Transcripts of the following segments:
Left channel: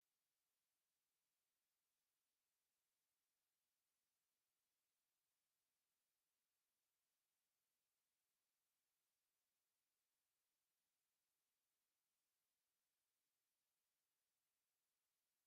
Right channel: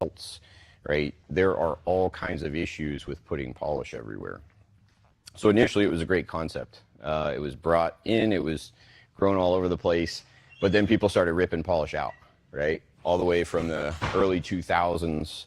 melts, right? There are all kinds of issues with putting polish everywhere. So initially it was a great concept. It was brought in, it was grown all over the place, but then people started ripping polish out, right? All the way from the early 2000s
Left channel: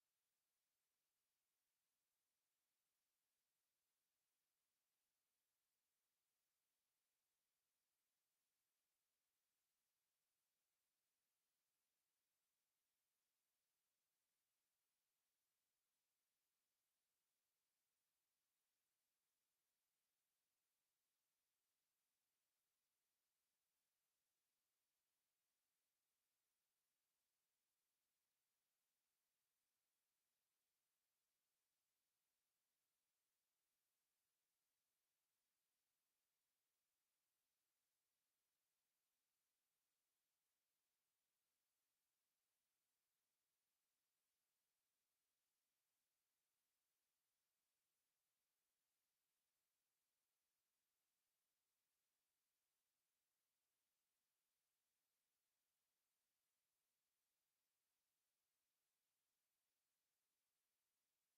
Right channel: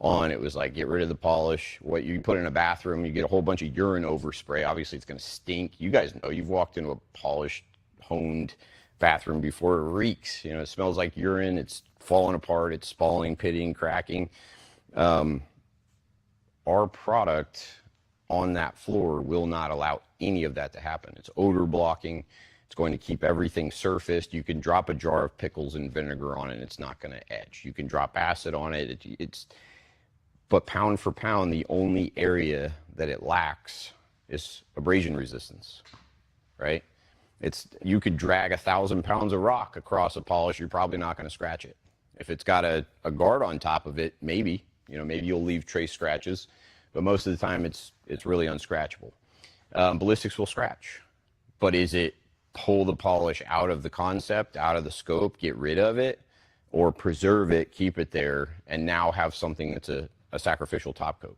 on, it was like, get rid of the polish. What you put in a bathroom, you get a whole bunch of urine overspray. Obviously it's gonna stink. You guys know, you've walked into a polished, honed bathroom before. It reeks, you know, it smells like urine, it's falling apart, it's spalling, pitting, cracking. Our product on that floor will not allow any of that to happen. It's odor blocking. It's going to keep everything surfaced. You can drop a jar of pickles and vinegar on it and it's not going to edge. You can drop acid on it. But pound for pound, the only area that it lacks is abrasion resistance, right? You could drag 1,000 pounds of rock across a polish, you're probably not going to scratch it. If it's got a guard on top of it, maybe you'll leave trace scratches, but most of the time it's really unscratchable. Ballistics will scratch, but is it pull the polish out of the concept, out of the scope, get rid of it, or preserve it, keep it there, and now have something that's a sacrificial top coat?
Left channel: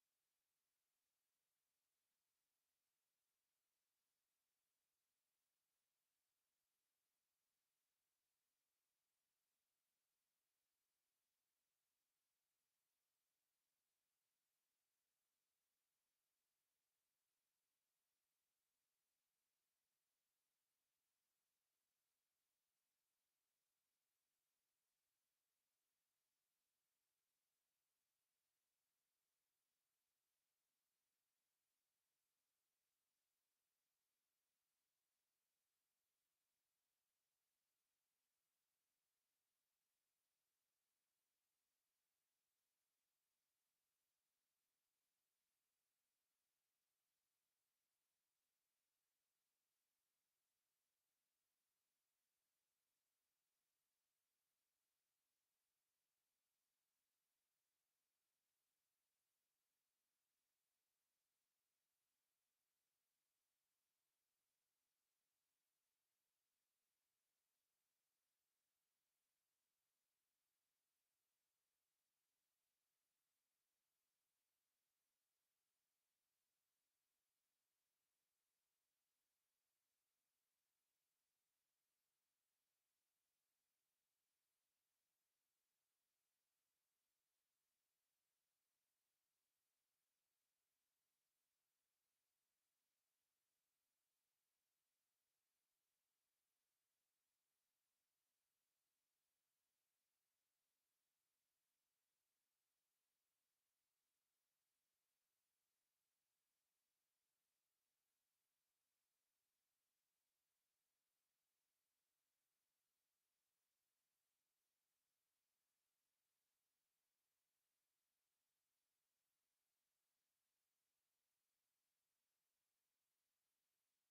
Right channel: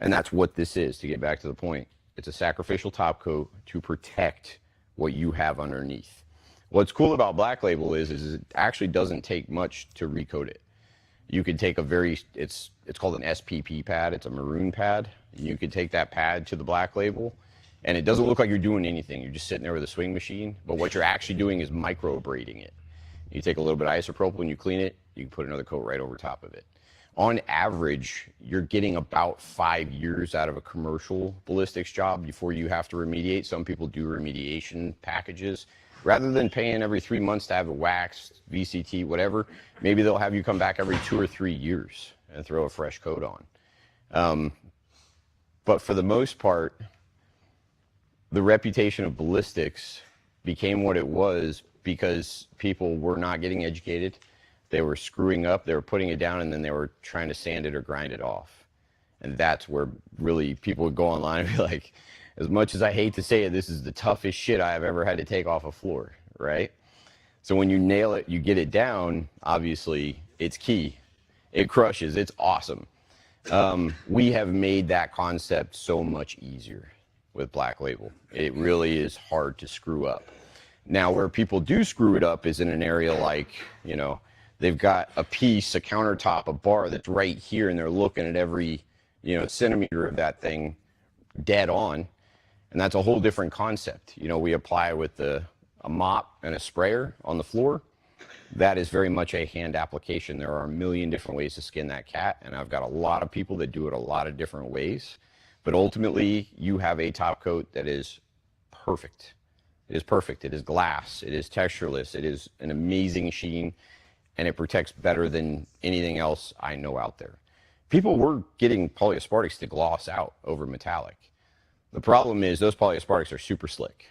And that's what this is, to get back to the point. It's a sacrificial top coat to protect what you have underneath. What's cool about Black Label is it actually doesn't take much to recoat it. You could take it's called an SPP pad. It's a maroon pad. You could take that pad to the Black Label, and it doesn't look like you're doing anything. You're just sitting there with a swing machine, but what you're actually doing is micro abrading it. You take a little bit of isopropyl and you clean it, you can put another coat right over top of it. On average, you're getting about 5 years out of a commercial ballistics job before you have to remediate. Some people do remediation packages. Rather than paying every 3 months to have it waxed, VCT, whatever, maybe they'll have you come back every 2 or 3 years and throw a fresh coat on. But for the most part, the reputation of ballistics became what it was because people were not getting educated. They were screwing up, they were putting it down, and then they were trying to sand it or grind it off. And that's where really people would go online and be like, as much as I hate to say it, this is the toughest shit I have ever had to take off a floor, right? So when you nail it, you get it down, obviously, it's key. It crushes, it's awesome. We have made that concept so much easier with Black Label. It really is hard to screw up. Now, where people do screw it up is in an area like, they've got a piece, a countertop, a bar that's right here, and they're looking at every, centimeter of that thing dead on. And that's a whole different concept. We apply with a mop and a sprayer on the floor. That is very much a hand application. There are a million different ways to skin that cat, and I've got a lot of people that do it a lot of different ways. But ultimately, you have a top coat that is perfect. It is perfect. It is glass. It is textureless. It is an amazing sheen, and it protects better than anything else I know out there. People were getting polyaspartics to gloss out over metallic. The problem is those polyaspartics are super slick.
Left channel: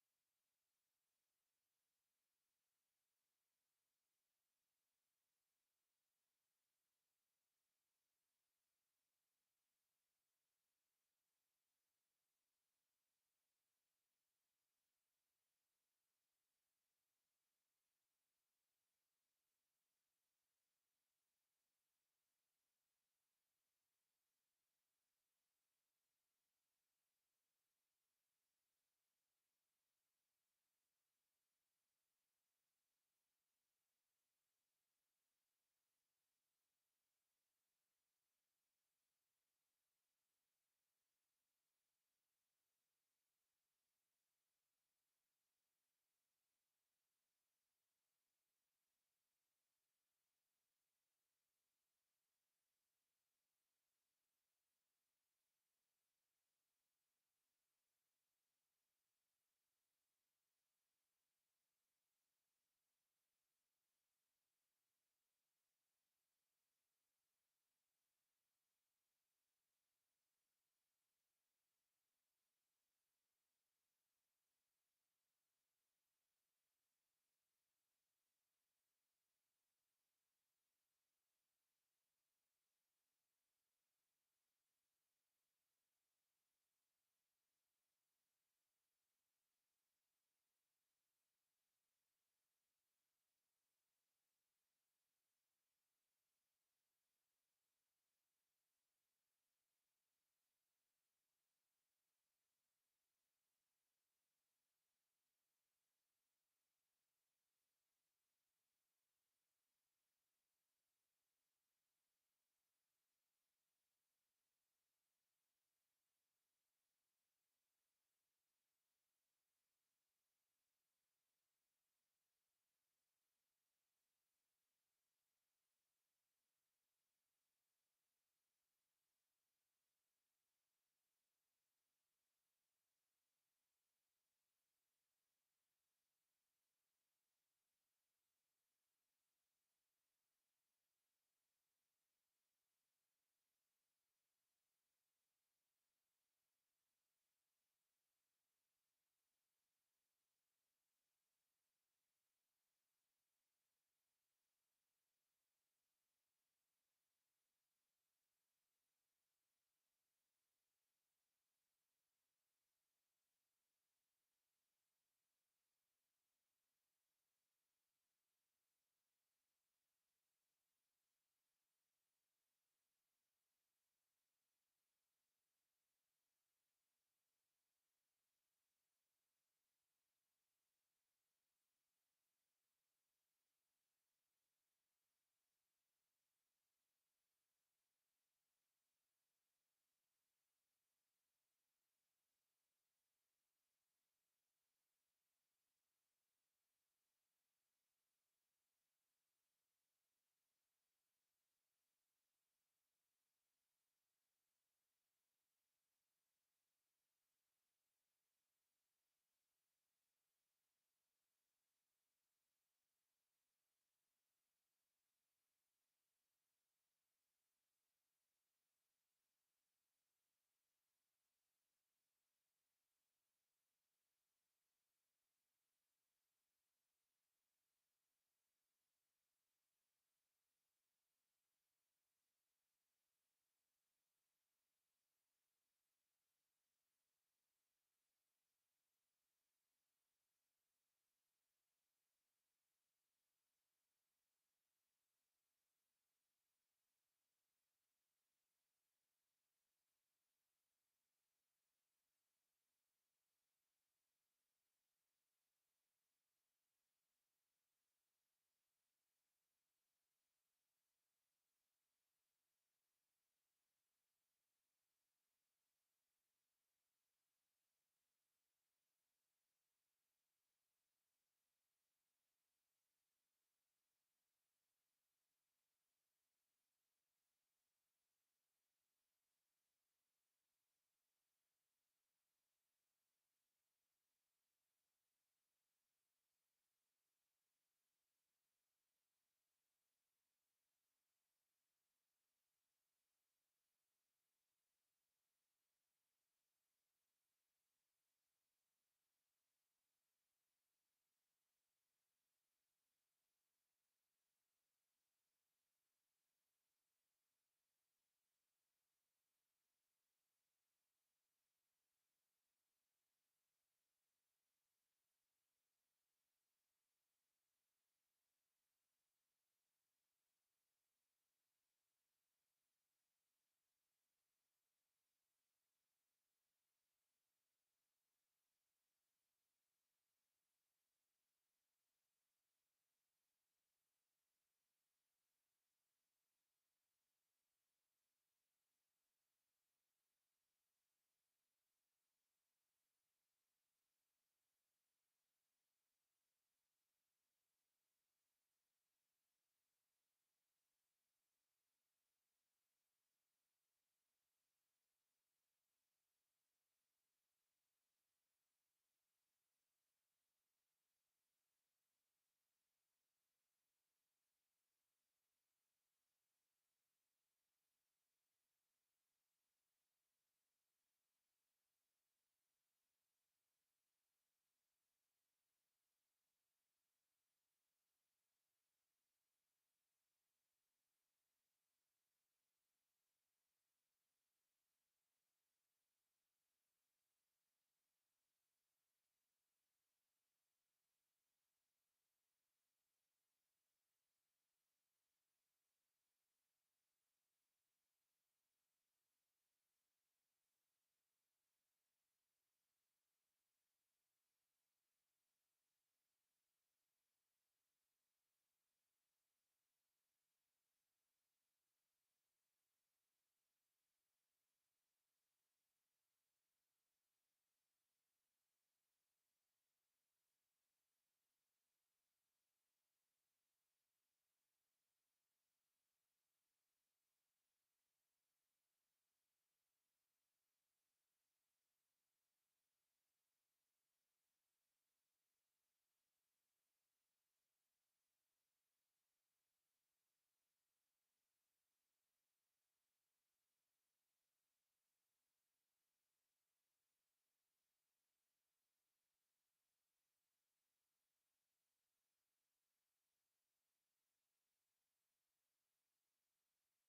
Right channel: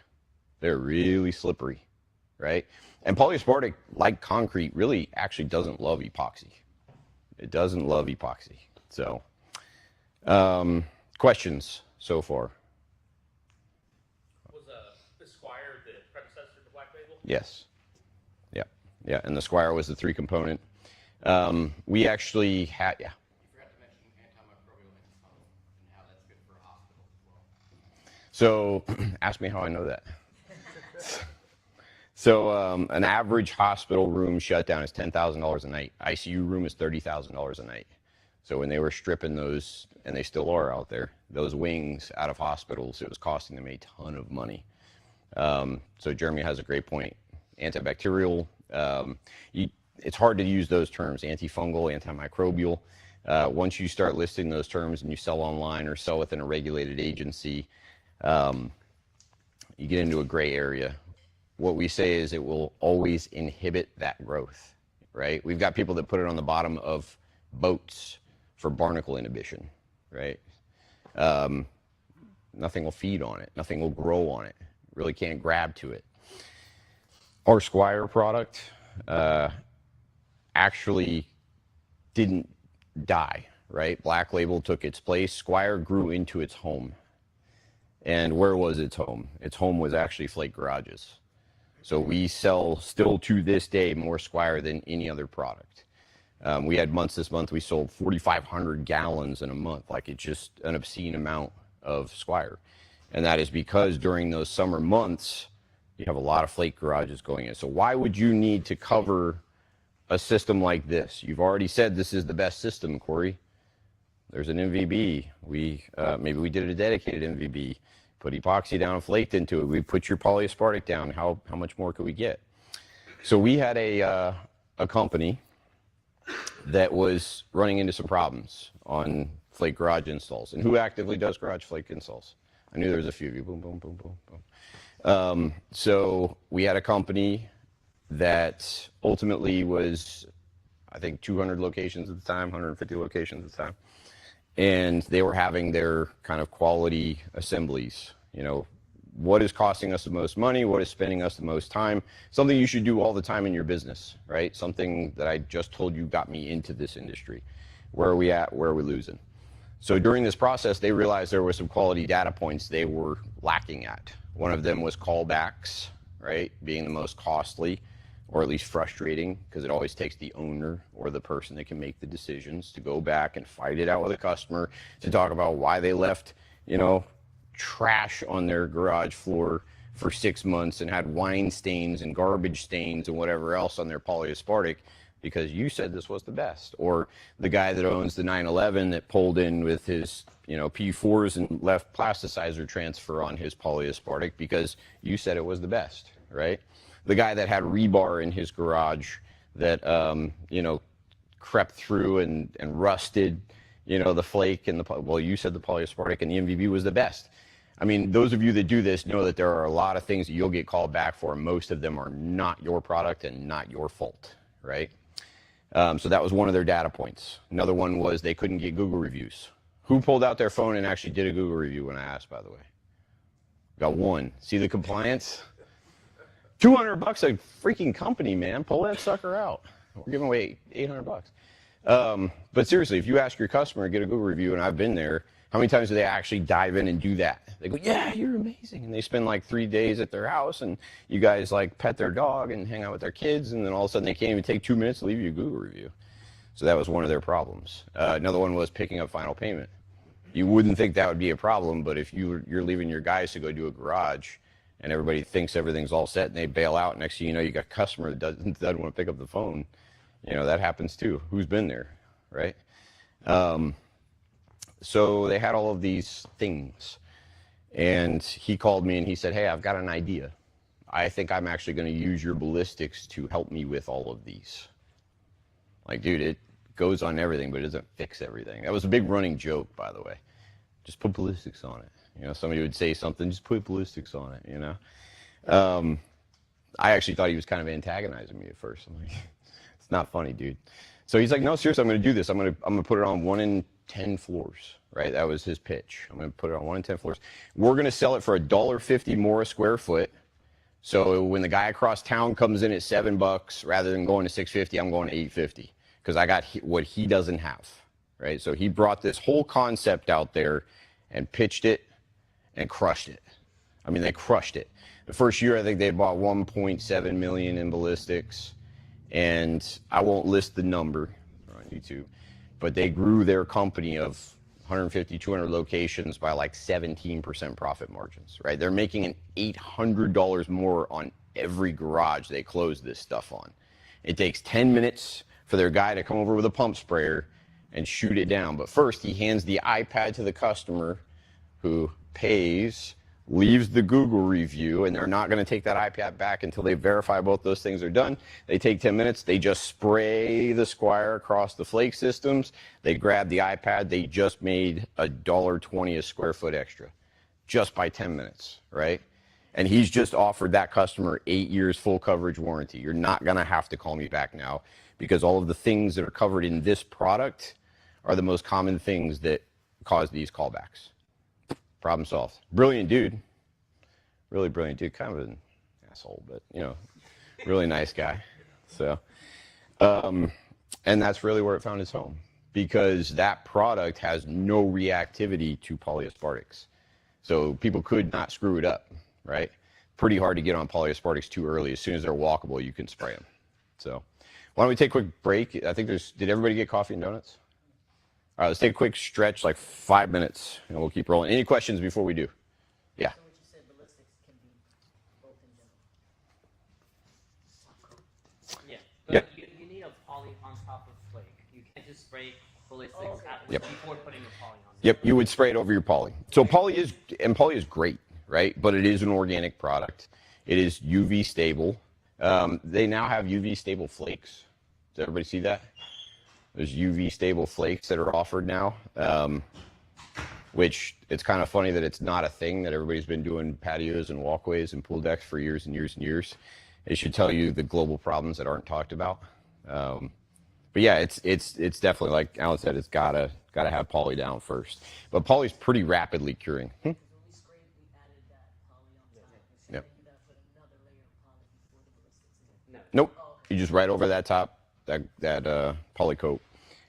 They're really slippery, right? And polyaspartic, like concrete, really actually doesn't love epoxy. It doesn't love epoxy. So, questions so far? Was the Squire the predecessor to Black Label? Yes. Yeah, and the Squire was the 3-component. We actually had, yeah. You forgot to mention antimicrobial antifungal and how that's good for hospitals as well. So, ask me how I know that. So, an average hospital room shutdown is $10,000 a night. ICU room is $30,000 a night. So when they were stripping those, and they still are out there, those wings out of hospitals, it was costing them a ton of money. So Jeremy has a great point. Antibacterial, it's hard to use those terms, antifungal, antimicrobial. Once you start listing those terms and you sell online or sell within a regulated agency, you get into a gray area. What we say is it will always inhibit that growth, right? We've got people that put it on the bottom of boats for barnacle inhibition, right? Nothing will feed on it. Nothing will grow on it. Really can't grab to it. Our Squire product actually didn't die, right? Black Label took its place. Squire grew into its home. And where was its home? Its home was actually flake garages. So we sell still to this day more Squire than any other product. We had months this month, we sold 4,500 gallons in a month. Like, it's just an obscene amount of Squire. And that is because during those summer months, you have a lot of flake garages going in. So why would you need to cover a system like this? You've already said this is the best system, Corey. There's an MVB. Maybe we did a dedicated MVB. Put epoxy down and flaked into it. We put your polyaspartic down. How much more could we get? So we had a company that was running into some problems on flake garage installs. And who actively does garage flake installs? I knew there was a few of you. Boom, boom, boom, boom, boom. So we had a company that ultimately was, I think, 200 locations at the time, 150 locations at the time. And they were having their kind of quality assemblies. You know, what is costing us the most money? What is spending us the most time? Something you should do all the time in your business, right? Something that I just told you got me into this industry. Where are we at? Where are we losing? So during this process, they realized there were some quality data points they were lacking at. One of them was callbacks, right? Being the most costly, or at least frustrating, because it always takes the owner or the person that can make the decisions to go back and fight it out with a customer to talk about why they left, you know, trash on their garage floor for 6 months and had wine stains and garbage stains and whatever else on their polyaspartic because you said this was the best. Or the guy that owns the 911 that pulled in with his, you know, P4s and left plasticizer transfer on his polyaspartic because you said it was the best, right? The guy that had rebar in his garage that, you know, crept through and rusted, you know, the flake and well, you said the polyaspartic and the MVB was the best. I mean, those of you that do this know that there are a lot of things that you'll get called back for. Most of them are not your product and not your fault, right? So that was one of their data points. Another one was they couldn't get Google reviews. Who pulled out their phone and actually did a Google review when I asked, by the way? Got one. See the compliance? $200 a freaking company, man. Pull that sucker out. We're giving away $800. But seriously, if you ask your customer to get a Google review, and I've been there, how many times do they actually dive in and do that? They go, yeah, you're amazing. And they spend like 3 days at their house, and you guys like pet their dog and hang out with their kids, and then all of a sudden they can't even take 2 minutes to leave you a Google review. So that was one of their problems. Another one was picking up final payment. You wouldn't think that would be a problem, but if you're leaving your guys to go do a garage, and everybody thinks everything's all set, and they bail out, next thing you know, you got a customer that doesn't want to pick up the phone. You know, that happens too. Who's been there, right? So they had all of these things. And he called me and he said, hey, I've got an idea. I think I'm actually going to use your ballistics to help me with all of these. Like, dude, it goes on everything, but it doesn't fix everything. That was a big running joke, by the way. Just put ballistics on it. You know, somebody would say something, just put ballistics on it, you know. I actually thought he was kind of antagonizing me at first. I'm like, it's not funny, dude. So he's like, no, seriously, I'm going to do this. I'm going to put it on 1 in 10 floors, right? That was his pitch. I'm going to put it on 1 in 10 floors. We're going to sell it for $1.50 more a square foot. So when the guy across town comes in at $7, rather than going to $6.50, I'm going to $8.50 because I got what he doesn't have, right? So he brought this whole concept out there and pitched it and crushed it. I mean, they crushed it. The first year, I think they bought 1.7 million in ballistics, and I won't list the number on YouTube, but they grew their company of 150, 200 locations by like 17% profit margins, right? They're making an $800 more on every garage they close this stuff on. It takes 10 minutes for their guy to come over with a pump sprayer and shoot it down. But first, he hands the iPad to the customer who pays, leaves the Google review, and they're not going to take that iPad back until they verify both those things are done. They take 10 minutes, they just spray the Squire across the flake systems, they grab the iPad, they just made $1.20 a square foot extra just by 10 minutes, right? And he's just offered that customer 8 years full coverage warranty. You're not going to have to call me back now because all of the things that are covered in this product are the most common things that cause these callbacks. Problem solved. Brilliant dude. Really brilliant dude. Kind of an asshole, but, you know, really nice guy. So, and that's really where it found its home because that product has no reactivity to polyaspartics. So people could not screw it up, right? Pretty hard to get on polyaspartics too early. As soon as they're walkable, you can spray them. So Why don't we take a quick break? I think did everybody get coffee and donuts? All right, let's take a quick stretch, like 5 minutes, and we'll keep rolling. Any questions before we do? Yeah. So what you said, ballistics can be both in general. Yeah. Yep. But you need a poly on top of flake. You can't just spray ballistics Yep. before putting a poly on. Yep, you would spray it over your poly. So poly is great, right? But it is an organic product. It is UV stable. They now have UV stable flakes. Does everybody see that? There's UV stable flakes that are offered now, which it's kind of funny that it's not a thing that everybody's been doing patios and walkways and pool decks for years and years and years. It should tell you the global problems that aren't talked about. But yeah, it's definitely, like Alan said, it's gotta have poly down first. But poly's pretty rapidly curing. When we sprayed, we added that poly on top. So Yep. then you gotta put another layer of poly before the ballistics. No. Nope. You just right over that top, that poly coat.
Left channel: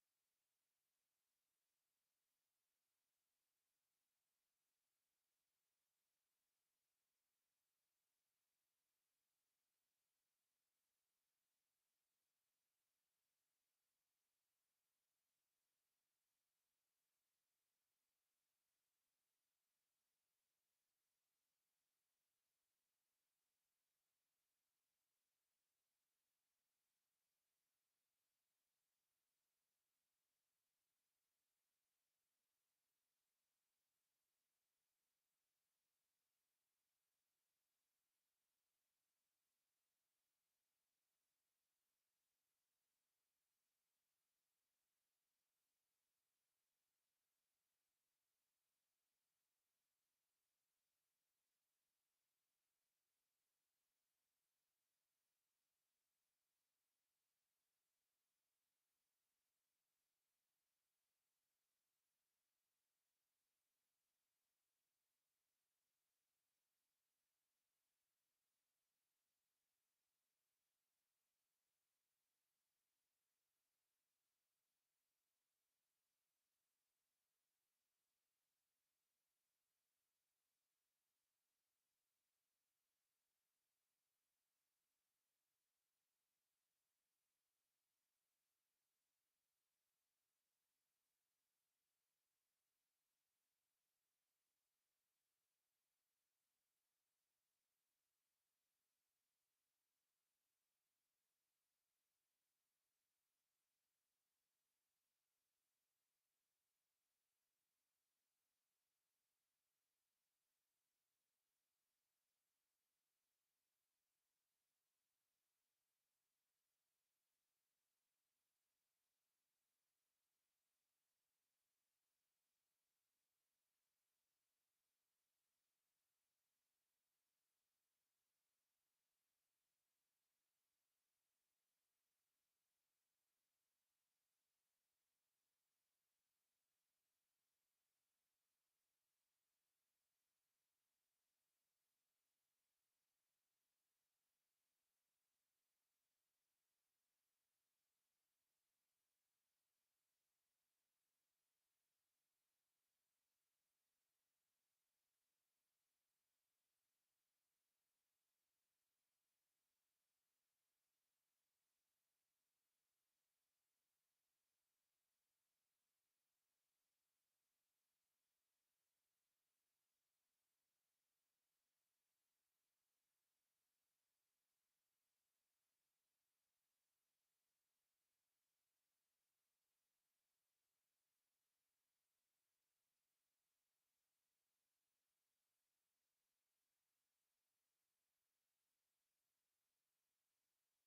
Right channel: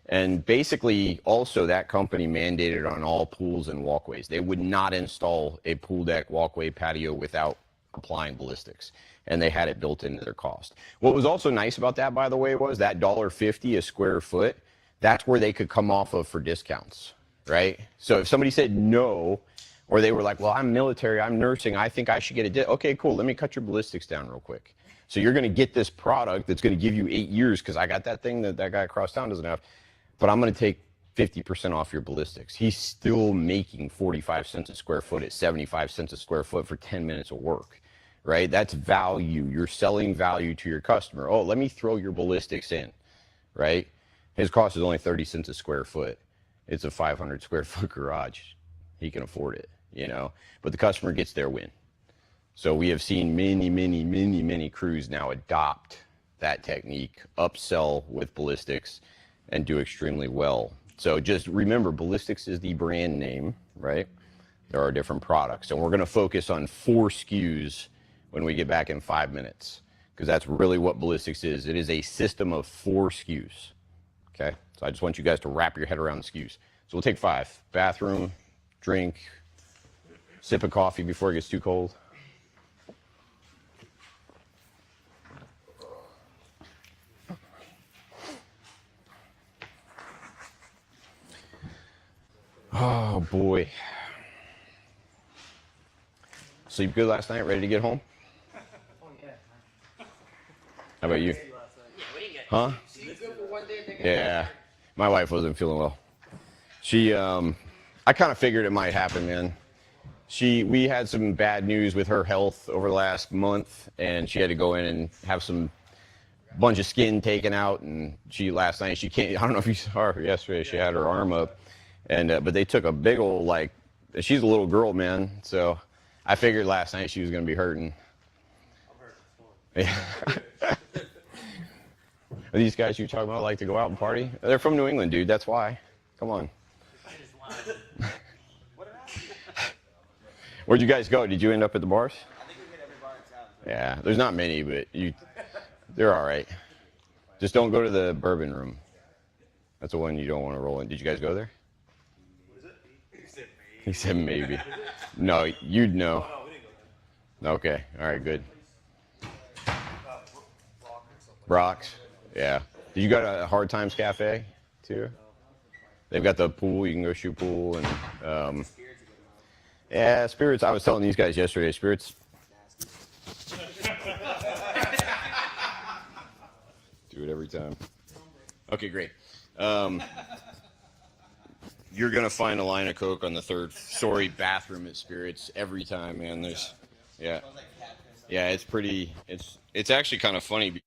And basically, also, that company mandated on all pools and walkways. They would not install a pool deck, walkway, patio without applying ballistics. And they had it built into their cost. What was also nice about that, by the way, was that $1.50 a square foot, that's where they could come off of for discounts, right? So if somebody said no, or they were like, well, I'm military, I'm nursing, I think I should get a okay, cool, let me cut your ballistics down real quick. So you're gonna get this product that's gonna give you 8 years, because I got that thing that guy across town doesn't have, but I'm gonna take 50% off your ballistics. He's still making 45 cents a square foot at 75 cents a square foot for 10 minutes of work, right? That's value. You're selling value to your customer. Oh, let me throw your ballistics in, right? His cost is only 30 cents a square foot. It's a 500 square foot garage. He can afford it, you know, but the customer gets their win. So we have seen many crews now adopt that technique, upsell with ballistics, and do extremely well. So just remember, ballistics is the brand name, right? There are different products, and we're going to focus on 4 SKUs when we get back in 5 minutes, because that's really what ballistics is. It is a system of 4 SKUs, okay? So I just want you guys to wrap your head around the SKUs. So we'll take 5. Bathroom, drink, sip of coffee before it gets too cold. Oh boy. Sleep good last night? Ready to get home? How about you? Huh? Yeah. My wife wasn't feeling well. She, I kind of figured it might happen, man. We had some bad news with her health over the last month, and she had to go in and have some bunch of skin taken out. And last night, she can't, I don't know if you saw her yesterday, she had her arm up. And, but they took a big old, like, she's a little girl, man. So I figured last night she was going to be hurting. I'm hurting. Yeah. Are these guys you're talking about like to go out and party? They're from New England, dude. That's why. Come on. Where'd you guys go? Did you end up at the bars? I think we hit every bar in town. So. Yeah, there's not many, but they're all right. Just don't go to the bourbon room. That's the one you don't want to roll in. Did you guys go there? What is it? He said maybe. No, you'd know. Oh, no, we didn't go there. Okay, all right, good. Brock or something. Brock's, yeah. Did you go to Hard Times Cafe too? They've got the pool. You can go shoot pool and yeah, spirits. I was telling these guys yesterday, spirits. Do it every time. Okay, great. You're gonna find a line of Coke on the 3rd story bathroom at Spirits every time, man. Yeah, it's pretty. It's actually kind of funny.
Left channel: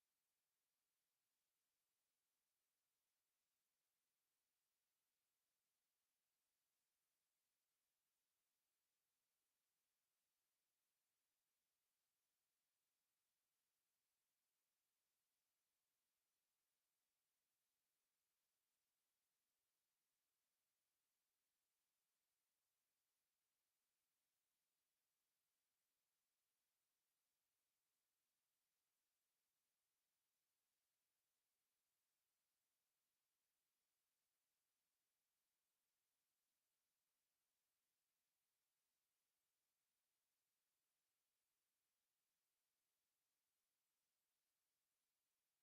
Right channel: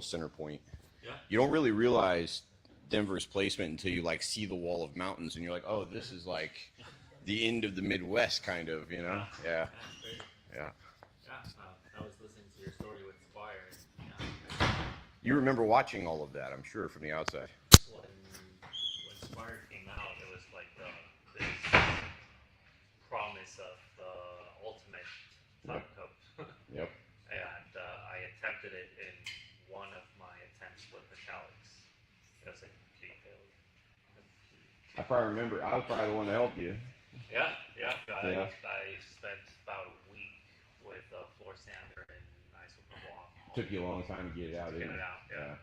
center point. Yeah. You don't really realize Denver's placement until you like see the wall of mountains and you're like, oh, this is like the end of the Midwest, kind of, you know? Yeah. Yeah. I was listening to your story with Squire. And, You remember watching all of that, I'm sure, from the outside. when Squire came out, it was like this promise of the ultimate top coat. Yep. And I attempted it in one of my attempts with metallics. It was a complete failure. I probably remember. I was probably the one to help you. Yeah. Yeah. I spent about a week with a floor sander and nice super block. Took you a long time to get it out, To get didn't it it? out, yeah.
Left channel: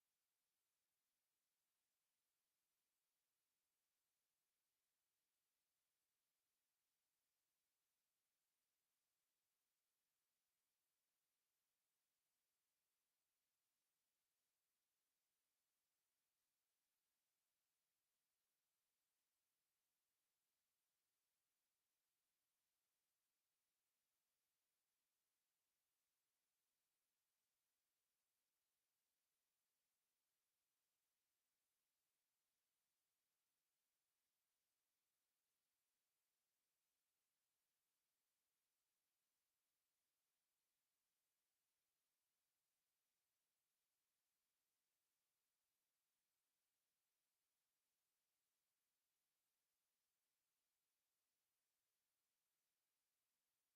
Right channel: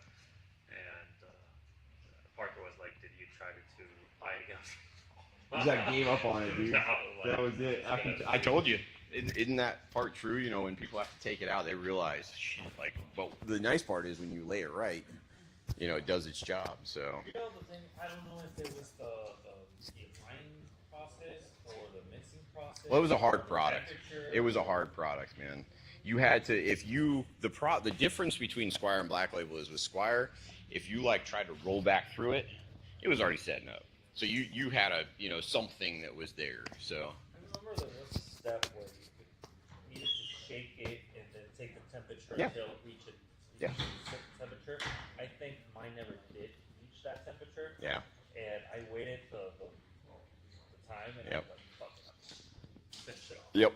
And Parker was like, "Did you try to buy it again?" You just gave up on it, dude. No, like, That was it. I told you. Isn't that part true? You know, when people have to take it out, they realize, shit, like, but the nice part is when you lay it right, you know, it does its job, so. You know the thing, I don't know if it was the aligning process or the mixing process. Well, it was a hard or the product. temperature. It was a hard product, man. You had to, the difference between Squire and Black Label is with Squire, if you like tried to roll back through it, it was already setting up. So you had a, you know, something that was there, so. I remember there was a step where you needed to shake it and then take the temperature Yeah. until it reached a Yeah. certain temperature. I think mine never did reach that temperature. Yeah. And I waited the time and Yep. I was like, fuck it. Finish it off. Yep.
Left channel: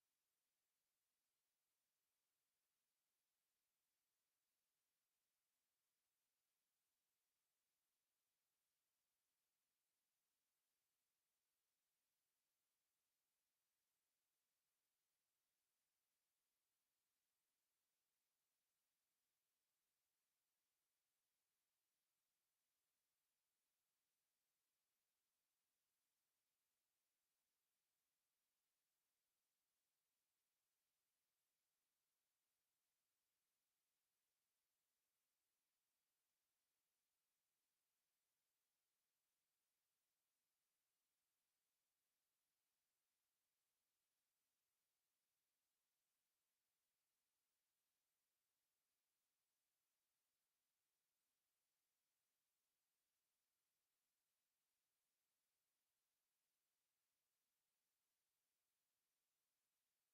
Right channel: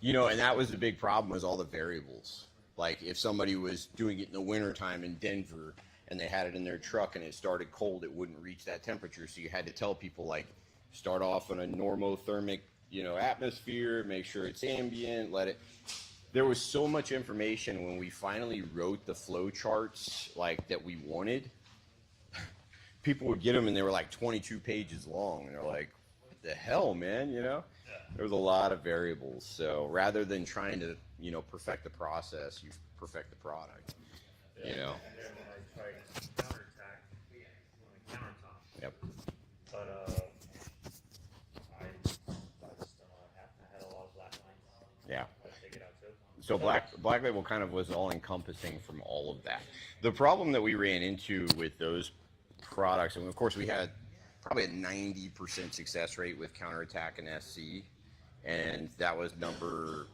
You know, and that was the big problem, was all the variables. Like if somebody was doing it in the wintertime in Denver and they had it in their truck and it started cold, it wouldn't reach that temperature. So you had to tell people, like, start off in a normothermic, you know, atmosphere, make sure it's ambient, let it. There was so much information when we finally wrote the flow charts, like, that we wanted. People would get them and they were like 22 pages long, and they're like, what the hell, man, you know? There was a lot of variables. So rather than trying to, you know, perfect the process, you perfect the product, you know? And then when I tried counterattack on a countertop, Yep. but I just don't know what happened. I had a lot of black lines. Yeah. I had to take it out too. So Black Label kind of was all encompassing from all of that. The problem that we ran into with those products, and of course we had probably a 90% success rate with Counterattack and SC, and that was number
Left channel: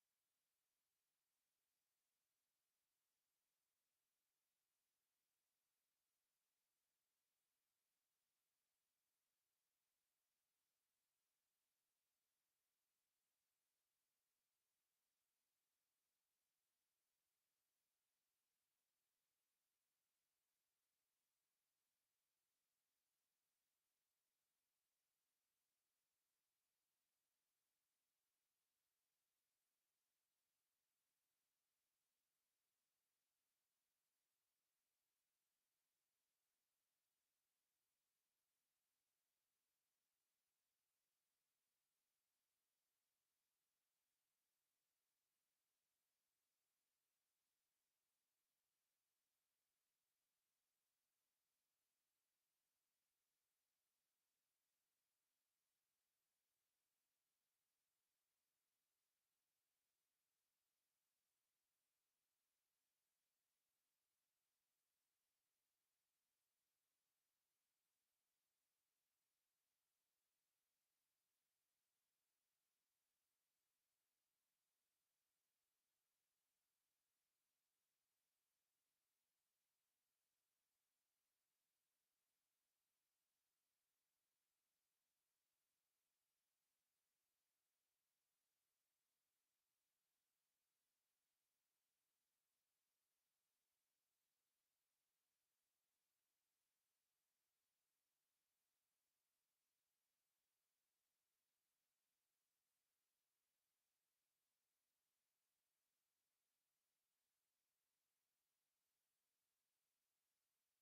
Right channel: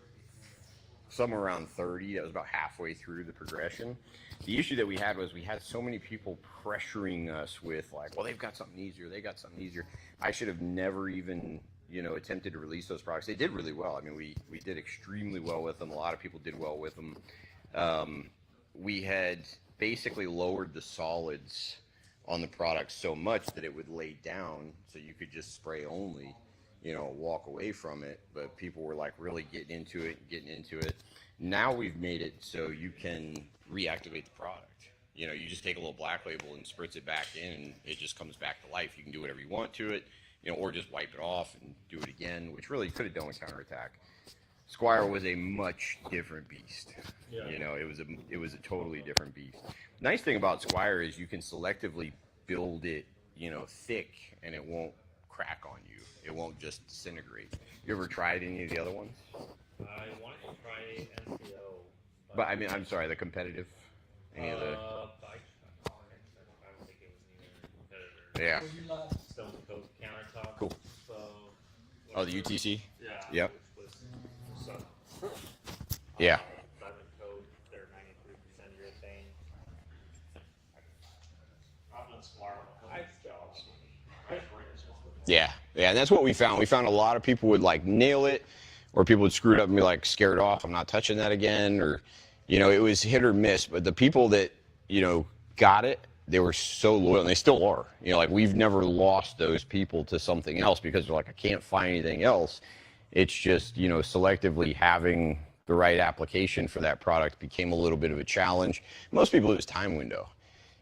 somewhere around 30. That was about halfway through the progression. The issue that we had was we had so many people pressuring us with, like, well, they've got something easier, they got something easier. I should have never even, you know, attempted to release those products. They did really well. I mean, we did extremely well with them. A lot of people did well with them. We had basically lowered the solids on the product so much that it would lay down, so you could just spray only, you know, walk away from it. But people were like really getting into it. Now we've made it so you can reactivate the product. You know, you just take a little Black Label and spritz it back in, and it just comes back to life. You can do whatever you want to it, you know, or just wipe it off and do it again, which really could have done with Counterattack. Squire was a much different beast. Yeah. You know, it was a totally different beast. Nice thing about Squire is you can selectively build it, you know, thick, and it won't crack on you. It won't just disintegrate. You ever tried any of the other ones? I wanted to try NCO. But I mean, I'm sorry, the competitive. Any of the? I don't think it was neither competitor. Yeah. Stone Coat countertop. Cool. So. Oh, the UTC. Yeah. Yep. Which was so. Yeah. Diamond Coat, they're 93% urethane. I've done Squire. Yeah, and that's what we found. We found a lot of people would like nail it, or people would screw it up and be like scared off. I'm not touching that again, or, you know, it was hit or miss. But the people that, you know, got it, they were so loyal, and they still are. You know, like we've never lost those people to something else because they're like, I can't find anything else. It's just, you know, selectively having the right application for that product became a little bit of a challenge. Most people, it was time window.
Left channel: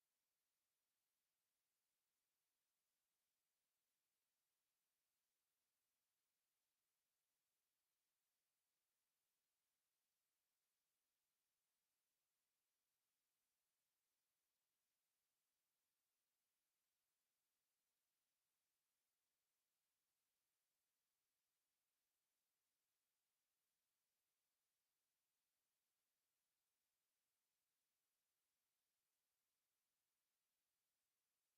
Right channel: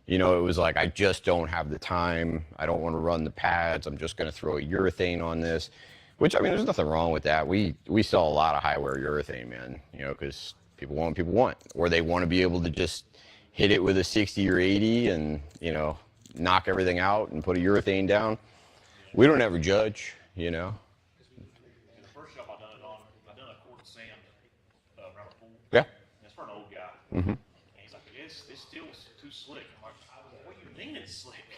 You know, it was like, I just don't have the time. I don't want to run the pads. I'm just going to throw a urethane on this, which, I mean, there's nothing wrong with that. We sell a lot of high wear urethane, man, you know, because people want what people want, or they want to be able to just hit it with a 60 or 80 and, you know, knock everything out and put a urethane down. We don't ever judge, you know. In the first shop I done it on, I done a quart of sand around a pool. Yeah. It's for an old guy. Mm-hmm. And he's like, it's slick. I'm like, what do you mean it's slick?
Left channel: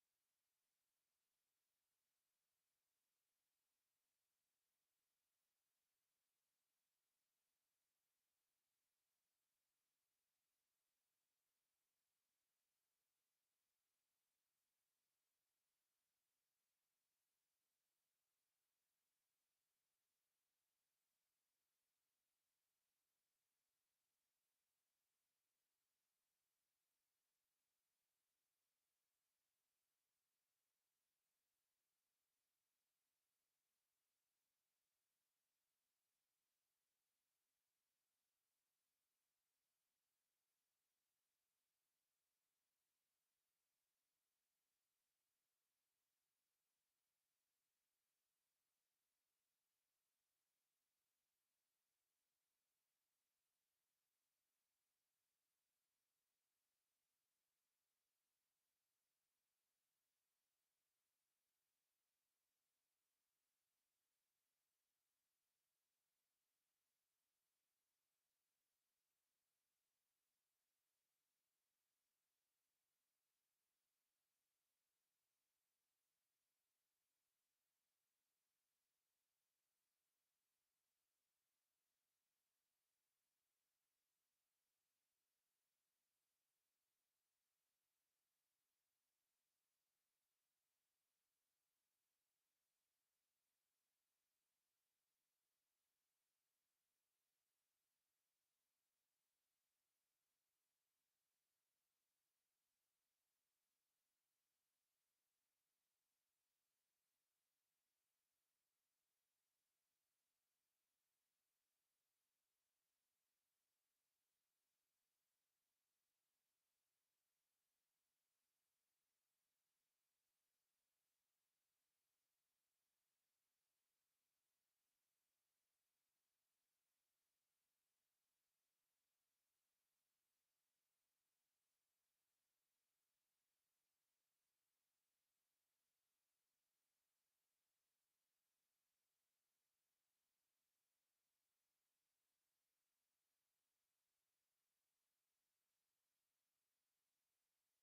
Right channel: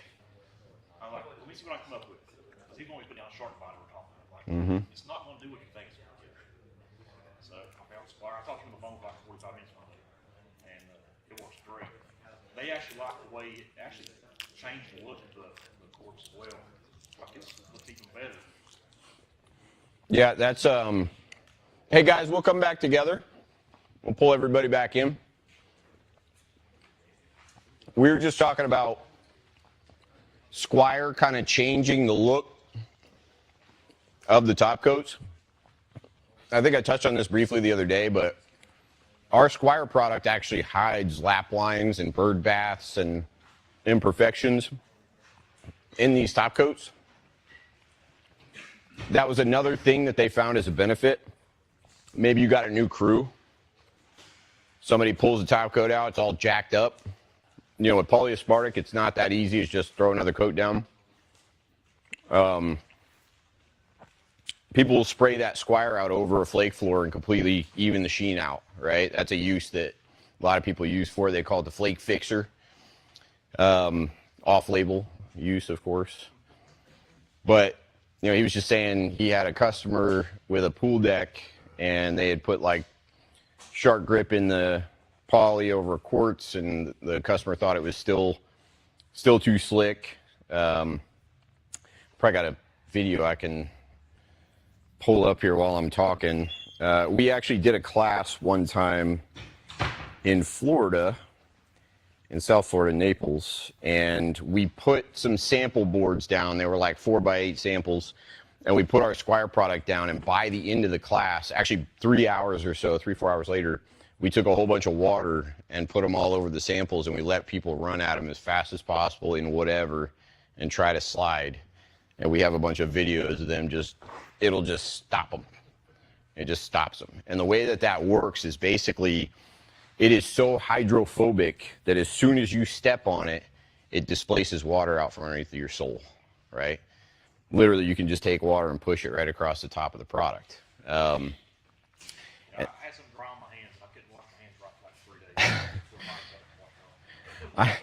I'm like, let me see what I come up with. Because he's going to be putting down shark body we're talking about. Like, it's not going to do what you think it's going to do. So I found Squire. I talked to him on the phone for like 45 minutes one day. And it works great. They actually like the way it actually changed the look of the corpse as well. Like it looks even better. Yeah, that's, hey guys, we'll come back together. We'll pull everybody back in. We were just talking about Squire kind of changing the look of the top coats. I think I touched on this briefly the other day, but our Squire product actually hides lap lines and bird baths and imperfections in these top coats. That was another thing that they found as a benefit. Maybe you got a new crew. Somebody pulls the top coat out, it's all jacked up. You know, with polyaspartic, it's not that easy. It's just throw another coat down. People will spray that Squire out over a flake floor and completely even the sheen out, right? That's a use that a lot of people use for. They call it the flake fixer. Off-label use, of course. But, you know, he was just saying he had a customer with a pool deck and they had put like shark grip in the poly over quartz, and the customer thought it was still too slick. Probably got a video I can pull up here while I'm talking. We actually did a class one time in Florida, in South Florida, Naples, and we put some sample boards down. They were like 4x8 samples, and we put our Squire product down, and by the end of the class, actually 3 hours or so, 3-4 hours later, we took a whole bunch of water and put them all over the samples, and we let people run at them as fast as possible in whatever and try to slide. And we have a bunch of videos of them it'll just stop them. It just stops them. And the way that that works is basically, it is so hydrophobic that as soon as you step on it, it displaces water out from underneath your sole, right? Literally, you can just take water and push it right across the top of the product. I had some dry on my hands, and I couldn't wash my hands right for like 3 days.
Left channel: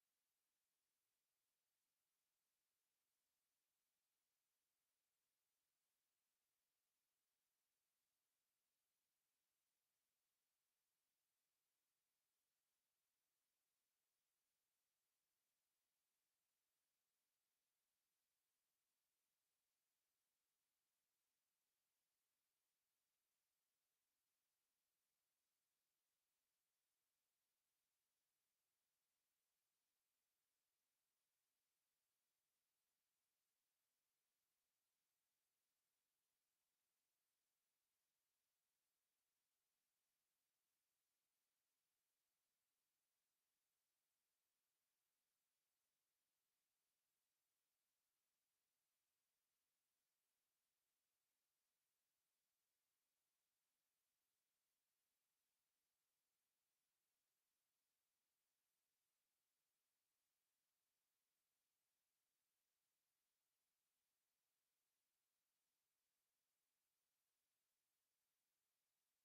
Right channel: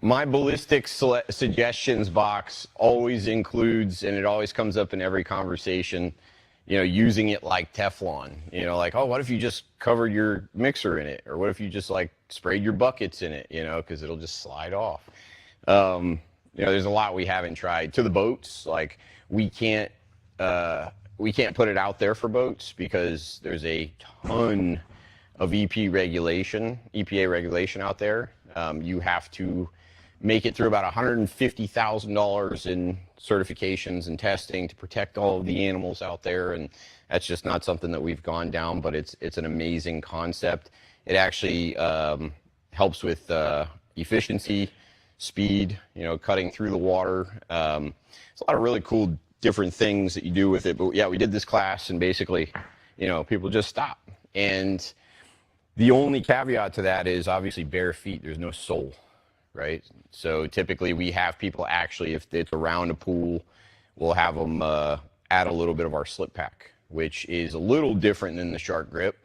My ballistics suggestions box always includes, and it always comes up in every conversation, you know, using it like Teflon. You know, like, oh, what if you just covered your mixer in it? Or what if you just like sprayed your buckets in it, you know, because it'll just slide off. You know, there's a lot we haven't tried. To the boats, like we can't put it out there for boats because there's a ton of EPA regulation out there. You have to make it through about $150,000 in certifications and testing to protect all of the animals out there, and that's just not something that we've gone down, but it's an amazing concept. It actually helps with efficiency, speed, you know, cutting through the water. It's a lot of really cool different things that you do with it. But yeah, we did this class, and basically, you know, people just stop. And the only caveat to that is obviously bare feet. There's no sole, right? So typically we have people actually, if it's around a pool, we'll have them add a little bit of our slip pack, which is a little different than the shark grip.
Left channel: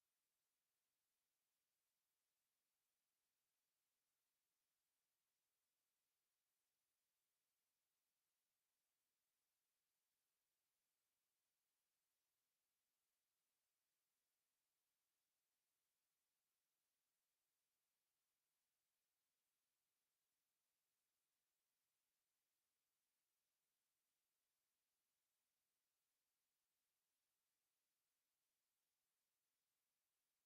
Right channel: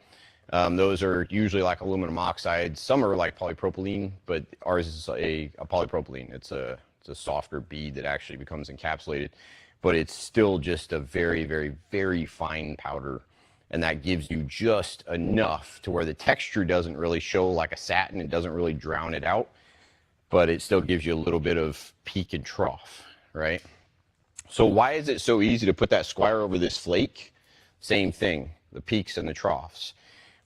Those are usually like aluminum oxide. Some are like polypropylene, but ours is a polypropylene. It's a softer bead that actually becomes encapsulated, but it's still just a very, very, very fine powder. And that gives you just enough to where the texture doesn't really show like a satin. It doesn't really drown it out, but it still gives you a little bit of peak and trough, right? So why is it so easy to put that Squire over this flake? Same thing, the peaks and the troughs.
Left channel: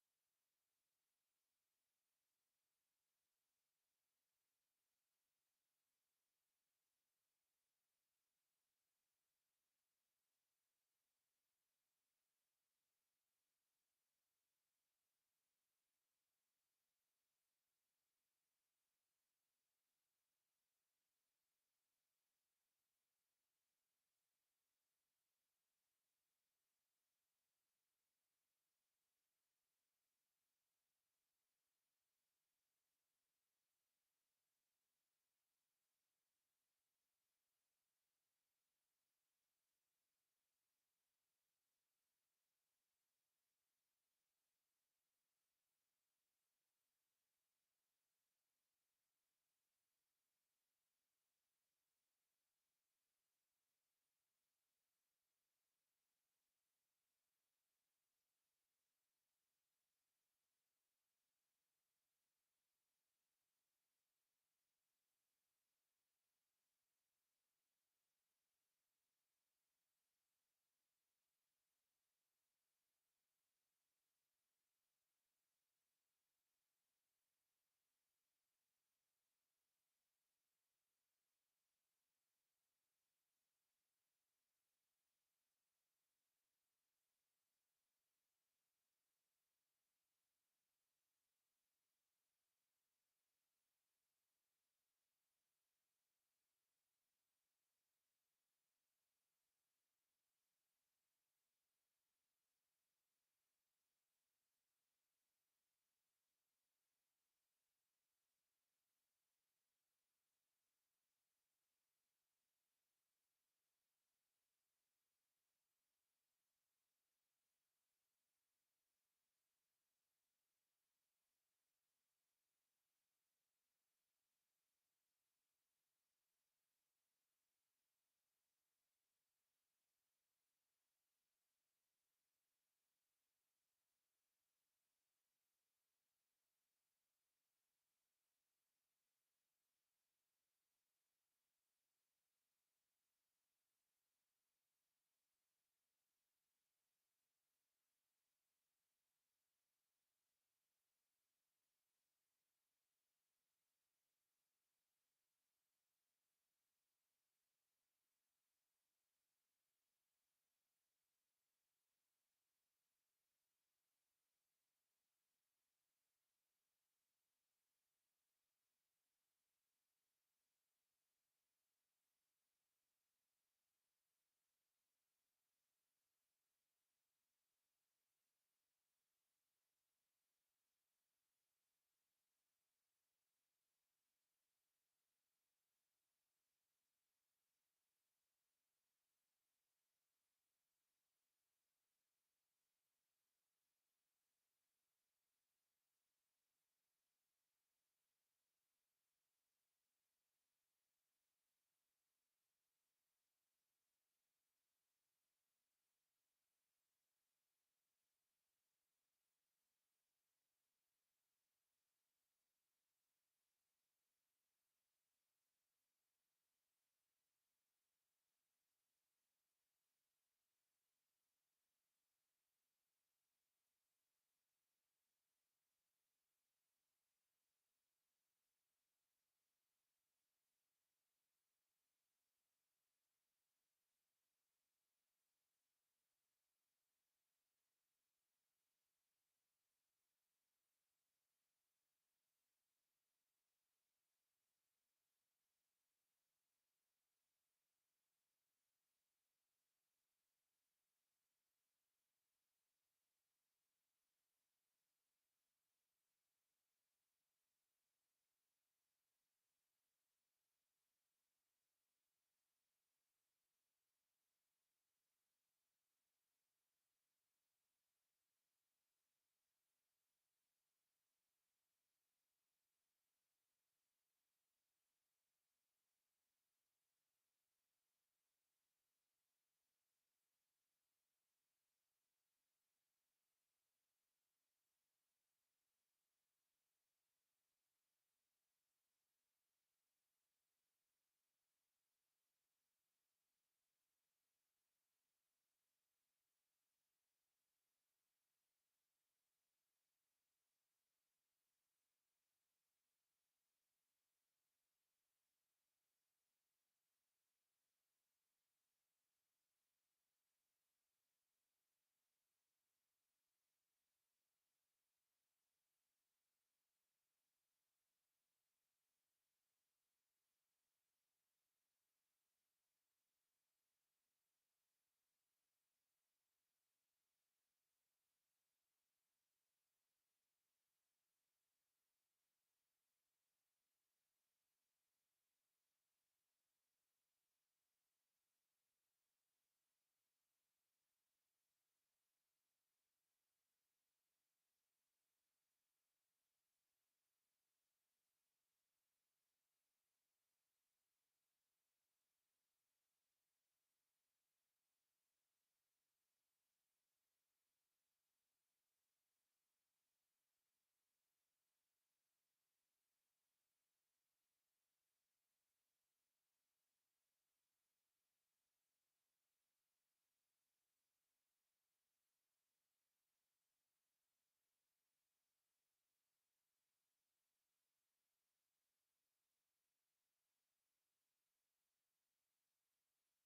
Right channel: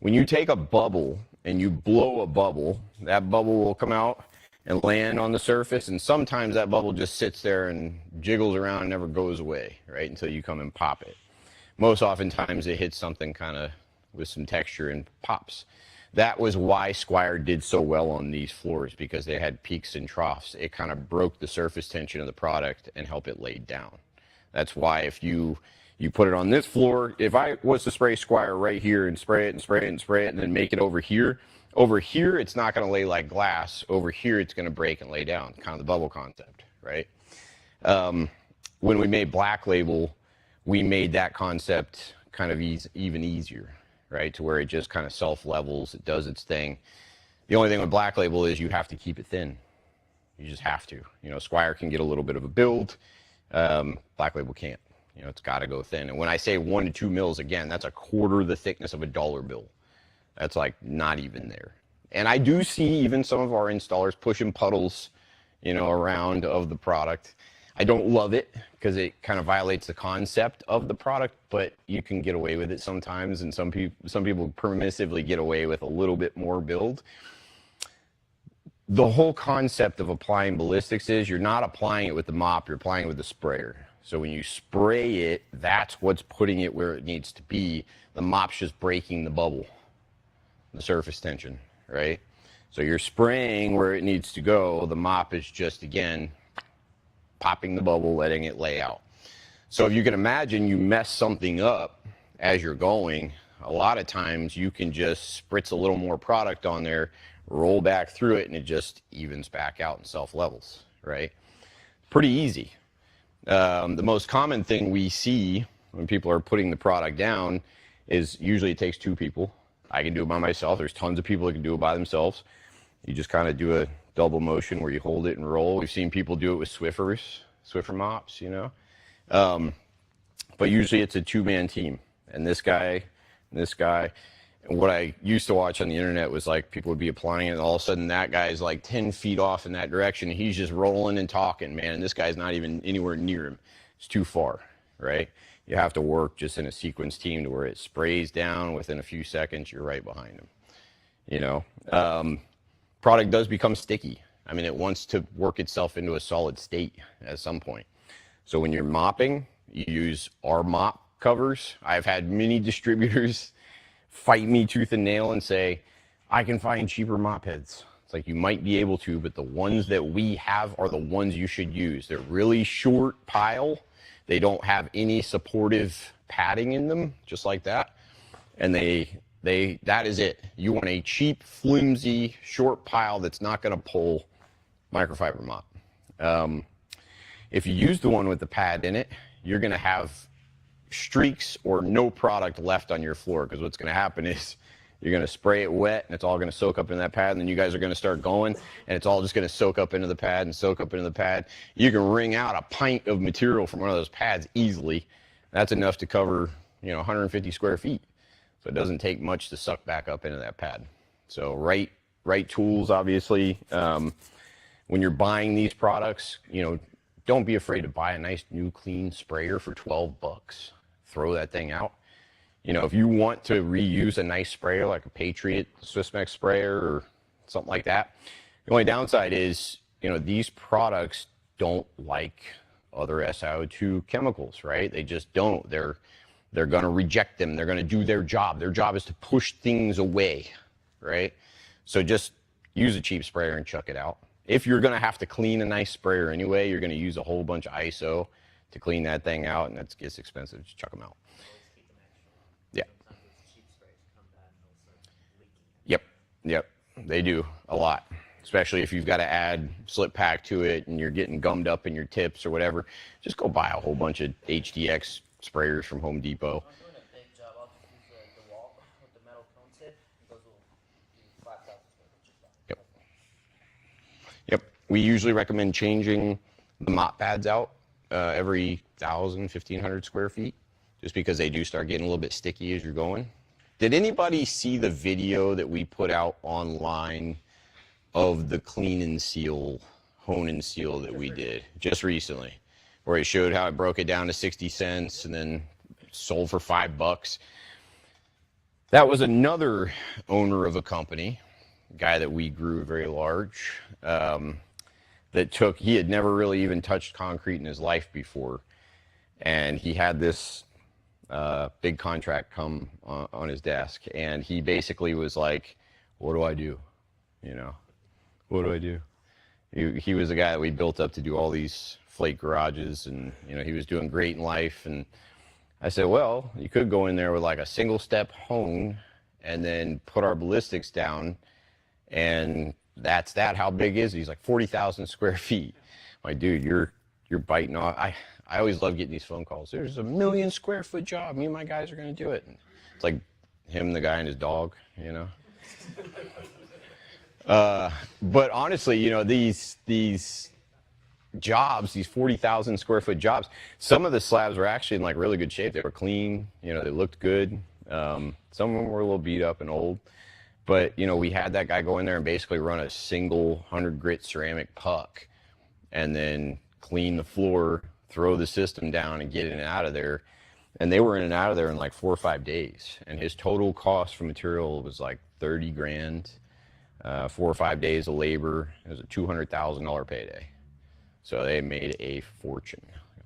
When you take a bubble and you blow a bubble, that bubble will come out and land on the surface, and sometimes that bubble just sits there and jiggles around and never goes away, right, until you come and pop it. Most oftentimes it hits something kind of with some texture and pops. That was why Squire did so well on these floors, because they had peaks and troughs. It kind of broke the surface tension of the product and helped it lay down. That's why if you put it on this floor, if I was to spray Squire right here and spray it and spray it and spray it and then make it over here it's not going to lay like glass. Over here it's going to break and lay down, kind of the bubble concept, right? When we made Black Label, we made that concept kind of even easier, right? To where it just kind of self-levels, it does its thing. The only thing with Black Label is you have to keep it thin. You just have to. You know, Squire can get a little bit of a build. Black Label can't. You know, it's got to go thin. And when I say 1 to 2 mils, again, that's a quarter the thickness of a dollar bill. That's like not even there. And I do see even some of our installers pushing puddles, you know, around of the product. I don't love it because it kind of violates the concept of the product, but you can get away with it sometimes. And some people permissively get away with a little bit more build. The whole concept of applying ballistics is you're not applying it with the mop, you're applying it with the sprayer. So when you spray it, that's what's putting it where it needs to be. The mop's just breaking the bubble, the surface tension, right? So you're spraying where it needs to go. The mop is just, again, popping the bubble, letting it lay out. So if you can imagine you mess something up as you're going, a lot of times you can just spritz a little more product on there, roll back through it, and it just evens back out and self-levels, right? Pretty easy. The most common thing we see when people are putting the product down is usually it takes 2 people. I can do it by myself. There's tons of people that can do it by themselves. You just kind of do a double motion where you hold it and roll. We've seen people do it with Swiffer mops, you know. But usually it's a 2-man team. And this guy, and this guy. And what I used to watch on the internet was like people would be applying it, and all of a sudden that guy is like 10 feet off in that direction. He's just rolling and talking, man. And this guy's not even anywhere near him. It's too far, right? You have to work just in a sequence team to where it sprays down within a few seconds. You're right behind him, you know. Product does become sticky. I mean, it wants to work itself into a solid state at some point. So when you're mopping, you use our mop covers. I've had many distributors fight me tooth and nail and say, I can find cheaper mop heads. It's like, you might be able to, but the ones that we have are the ones you should use. They're really short pile. They don't have any supportive padding in them, just like that. And that is it. You want a cheap, flimsy, short pile that's not going to pull microfiber mop. If you use the one with the pad in it, you're going to have streaks or no product left on your floor, because what's going to happen is you're going to spray it wet and it's all going to soak up in that pad, and then you guys are going to start going and it's all just going to soak up into the pad and soak up into the pad. You can wring out a pint of material from one of those pads easily. That's enough to cover, you know, 150 square feet. So it doesn't take much to suck back up into that pad. So right tools, obviously. When you're buying these products, you know, don't be afraid to buy a nice new clean sprayer for 12 bucks. Throw that thing out. You know, if you want to reuse a nice sprayer like a Patriot Swissmec sprayer or something like that, the only downside is, you know, these products don't like other SiO2 chemicals, right? They just don't. They're going to reject them. They're going to do their job. Their job is to push things away, right? So just use a cheap sprayer and chuck it out. If you're going to have to clean a nice sprayer anyway, you're going to use a whole bunch of ISO to clean that thing out, and that gets expensive. Just chuck them out. Yeah. Yep. They do a lot, especially if you've got to add slip pack to it and you're getting gummed up in your tips or whatever. Just go buy a whole bunch of HDX sprayers from Home Depot. I'm doing a big job. I'll just use the wall with the metal cone tip. Those will be 5,000 square feet. Yep. We usually recommend changing the mop pads out every 1,000, 1,500 square feet, just because they do start getting a little bit sticky as you're going. Did anybody see the video that we put out online of the clean and seal, hone and seal that we did just recently, where it showed how it broke it down to 60 cents and then sold for $5? That was another owner of a company, a guy that we grew very large, he had never really even touched concrete in his life before. And he had this big contract come on his desk, and he basically was like, what do I do? You know, what do I do? He was a guy that we built up to do all these flake garages, and, you know, he was doing great in life. And I said, well, you could go in there with like a single step hone and then put our ballistics down, and that's that. How big is it? He's like 40,000 square feet. I'm like, dude, you're biting off. I always love getting these phone calls. There's a 1 million square foot job. Me and my guys are going to do it. And it's like him, the guy, and his dog, you know. But honestly, you know, these jobs, these 40,000 square foot jobs, some of the slabs were actually in like really good shape. They were clean, you know, they looked good. Some of them were a little beat up and old, but you know, we had that guy go in there and basically run a single 100 grit ceramic puck and then clean the floor, throw the system down and get in and out of there. And they were in and out of there in like 4 or 5 days. And his total cost for material was like 30 grand, 4 or 5 days of labor. It was a $200,000 payday. So they made a fortune,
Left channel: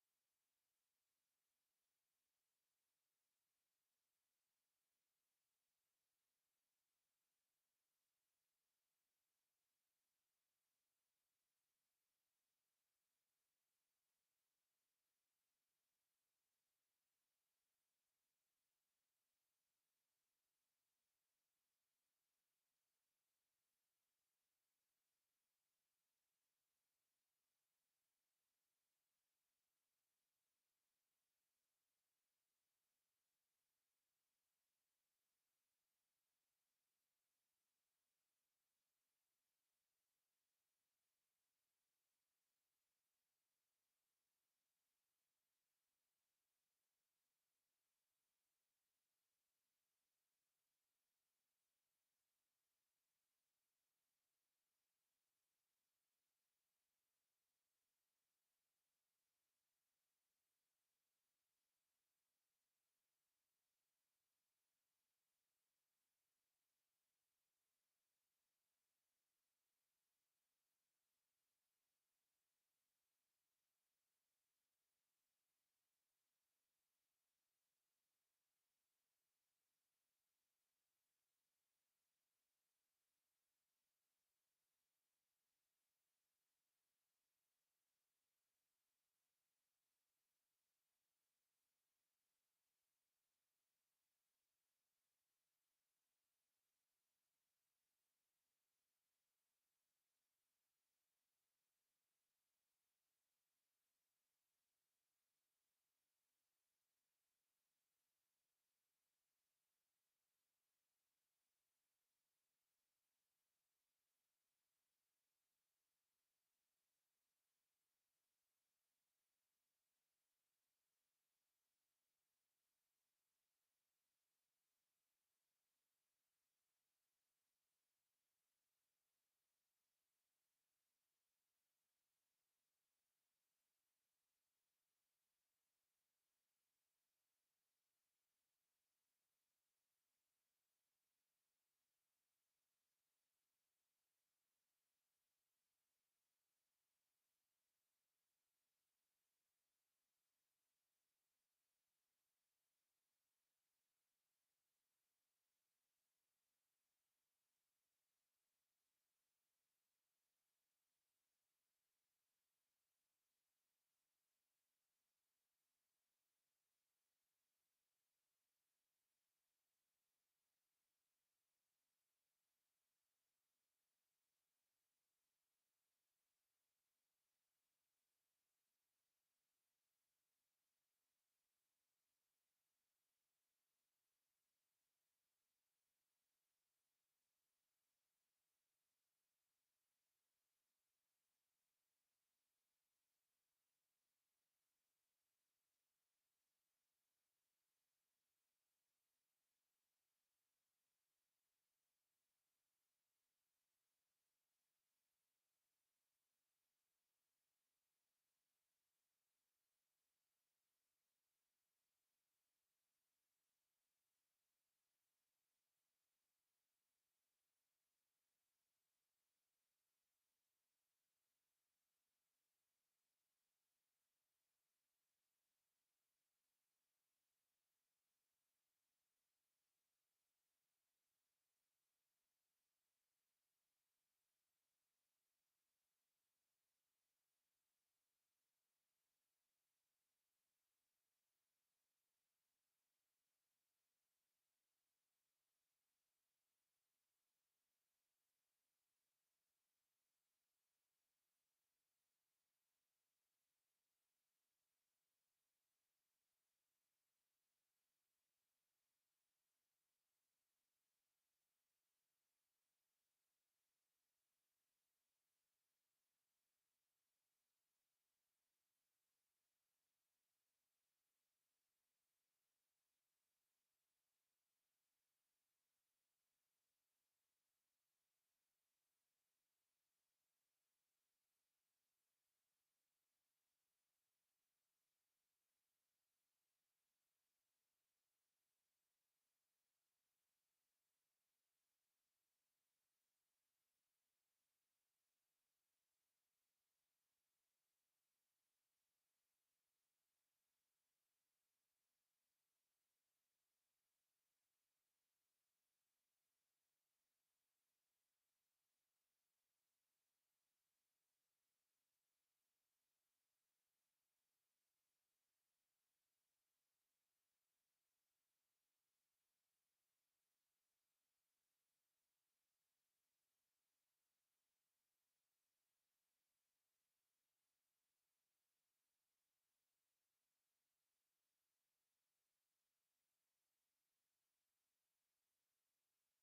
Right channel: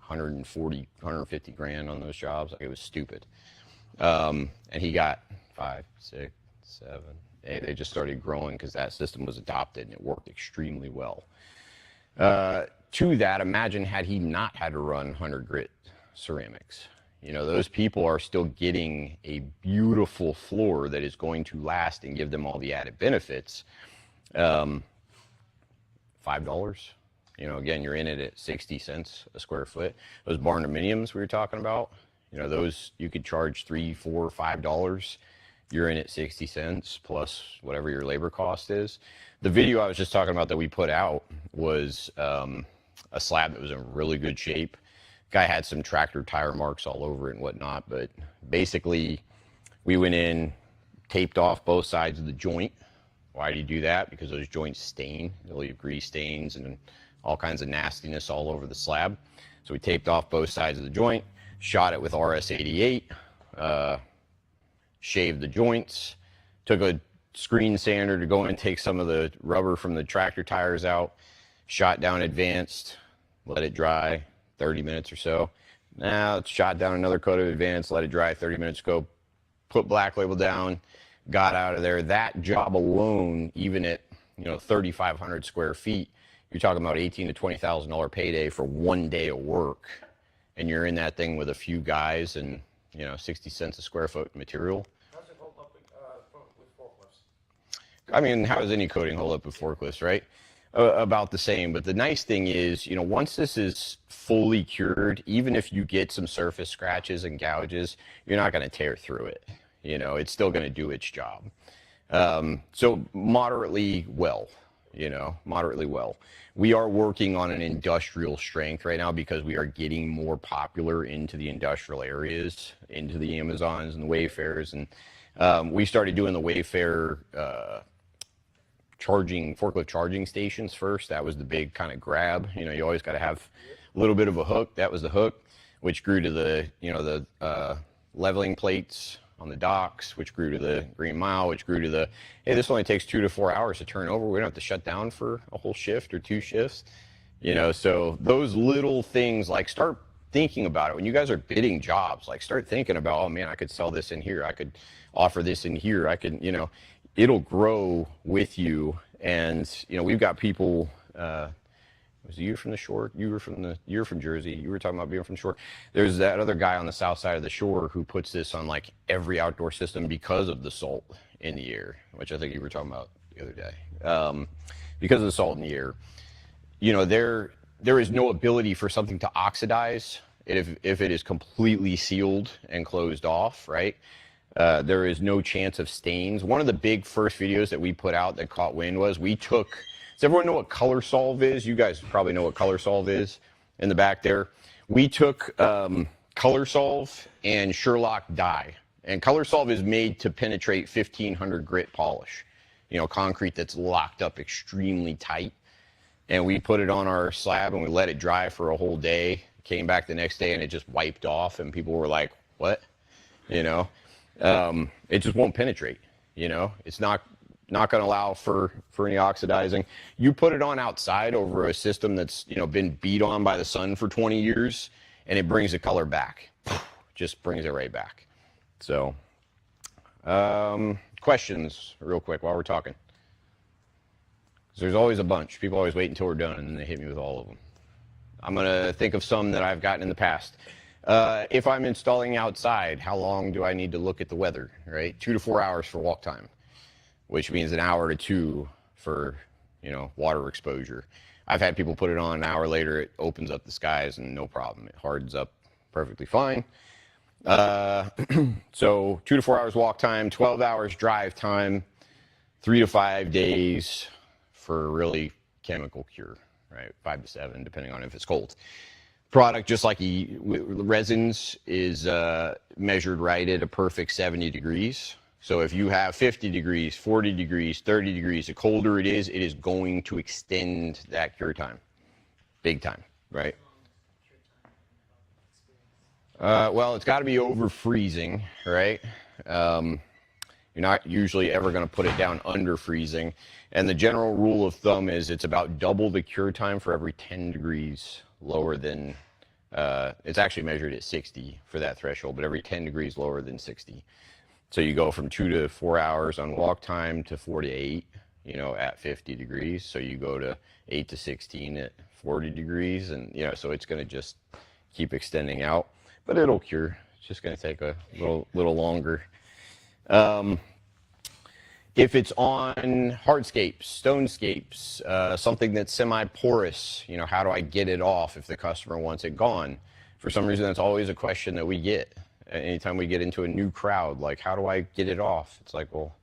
140, 150 grand on those jobs. Like, it was stupid. And he got 5, 6, 7, 8. They just started growing because that system was adopted and it worked extremely well. To that, imagine had he not had to run 100 grit ceramics. You know, those people are still getting a beautiful floor that is going to last and give them all the added benefits. $5. You know, again, you're in it at 60 cents a square foot. Those barn dominiums we were talking about, you know, those you could charge $3, $4, $5. You're in at 60 cents plus whatever your labor cost is. The video I was just talking about that we put out was a slab that was in really good shape. Guy had some tractor tire marks all over it and whatnot, but basically we went in, taped off both sides of the joint. Why do you do that? Because those joints stain. They'll leave grease stains and all kinds of nastiness all over the slab. So we taped off both sides of the joint, shot it with RS-88, shaved the joints, took a screen sander to go in and take some of the rubber from the tractor tires out, shot down advanced, let it dry 30 minutes or so. Now it's shot down another coat of advanced, let it dry 30 minutes ago, put black label down, got out of there. That job alone, even at, you know, 3,500 square feet, you're talking about $18,000 to $20,000 payday for 1 day of work. And you're in that thing with a few guys and, you know, 60 cents a square foot material. How's it hold up with forklifts? I mean, how does any coating hold up with forklifts, right? About the same. But the nice thing is, you know, once this is fully cured, even if you get some surface scratches and gouges, you're not going to tear through it. You know, it's still going to do its job. So moderately well, you know, moderately well. We are working on an industrial strength right now because we are getting more popular into the industrial areas, into the Amazons and the Wayfarers. And we started doing the Wayfair forklift charging stations first. That was the big kind of grab. You know, you always got to have a little bit of a hook. That was the hook, which grew to the, you know, the leveling plates on the docks, which grew to the Green Mile, which grew to the, hey, this only takes 2 to 4 hours to turn over. We don't have to shut down for a whole shift or 2 shifts. You know, so those little things, like, start thinking about it. When you guys are bidding jobs, like, start thinking about, oh man, I could sell this in here. I could offer this in here. I could, you know, it'll grow with you. And, you know, we've got people, was you from the shore? You're from Jersey. You were talking about being from the shore. There's that other guy on the south side of the shore who puts this on like every outdoor system because of the salt in the air, which I think you were talking about the other day. Because of the salt in the air, you know, there is no ability for something to oxidize if it is completely sealed and closed off, right? There is no chance of stains. One of the big first videos that we put out that caught wind was we took, does everyone know what color solve is? You guys probably know what color solve is in the back there. We took color solve and Sherlock dye. And color solve is made to penetrate 1500 grit polish. You know, concrete that's locked up extremely tight. And we put it on our slab and we let it dry for a whole day. Came back the next day and it just wiped off and people were like, what? You know, it just won't penetrate. You know, it's not going to allow for any oxidizing. You put it on outside over a system that's, you know, been beat on by the sun for 20 years and it brings the color back. Just brings it right back. So, questions real quick while we're talking. 'Cause there's always a bunch. People always wait until we're done and then they hit me with all of them. I'm going to think of some that I've gotten in the past. If I'm installing outside, how long do I need to look at the weather, right? 2 to 4 hours for walk time, which means an hour to 2 for, you know, water exposure. I've had people put it on an hour later, it opens up the skies and no problem. It hardens up perfectly fine. So 2 to 4 hours walk time, 12 hours drive time, 3 to 5 days for really chemical cure, right? 5 to 7, depending on if it's cold. Product, just like resins, is measured right at a perfect 70 degrees. So if you have 50 degrees, 40 degrees, 30 degrees, the colder it is going to extend that cure time. Big time, right? Well, it's got to be over freezing, right? You're not usually ever going to put it down under freezing. And the general rule of thumb is it's about double the cure time for every 10 degrees lower than, it's actually measured at 60 for that threshold, but every 10 degrees lower than 60. So you go from 2 to 4 hours on walk time to 4 to 8, you know, at 50 degrees. So you go to 8 to 16 at 40 degrees. And, you know, so it's going to just keep extending out. But it'll cure. It's just going to take a little longer. If it's on hardscapes, stonescapes, something that's semi-porous, you know, how do I get it off if the customer wants it gone? For some reason, that's always a question that we get. Anytime we get into a new crowd, like, how do I get it off? It's like, well,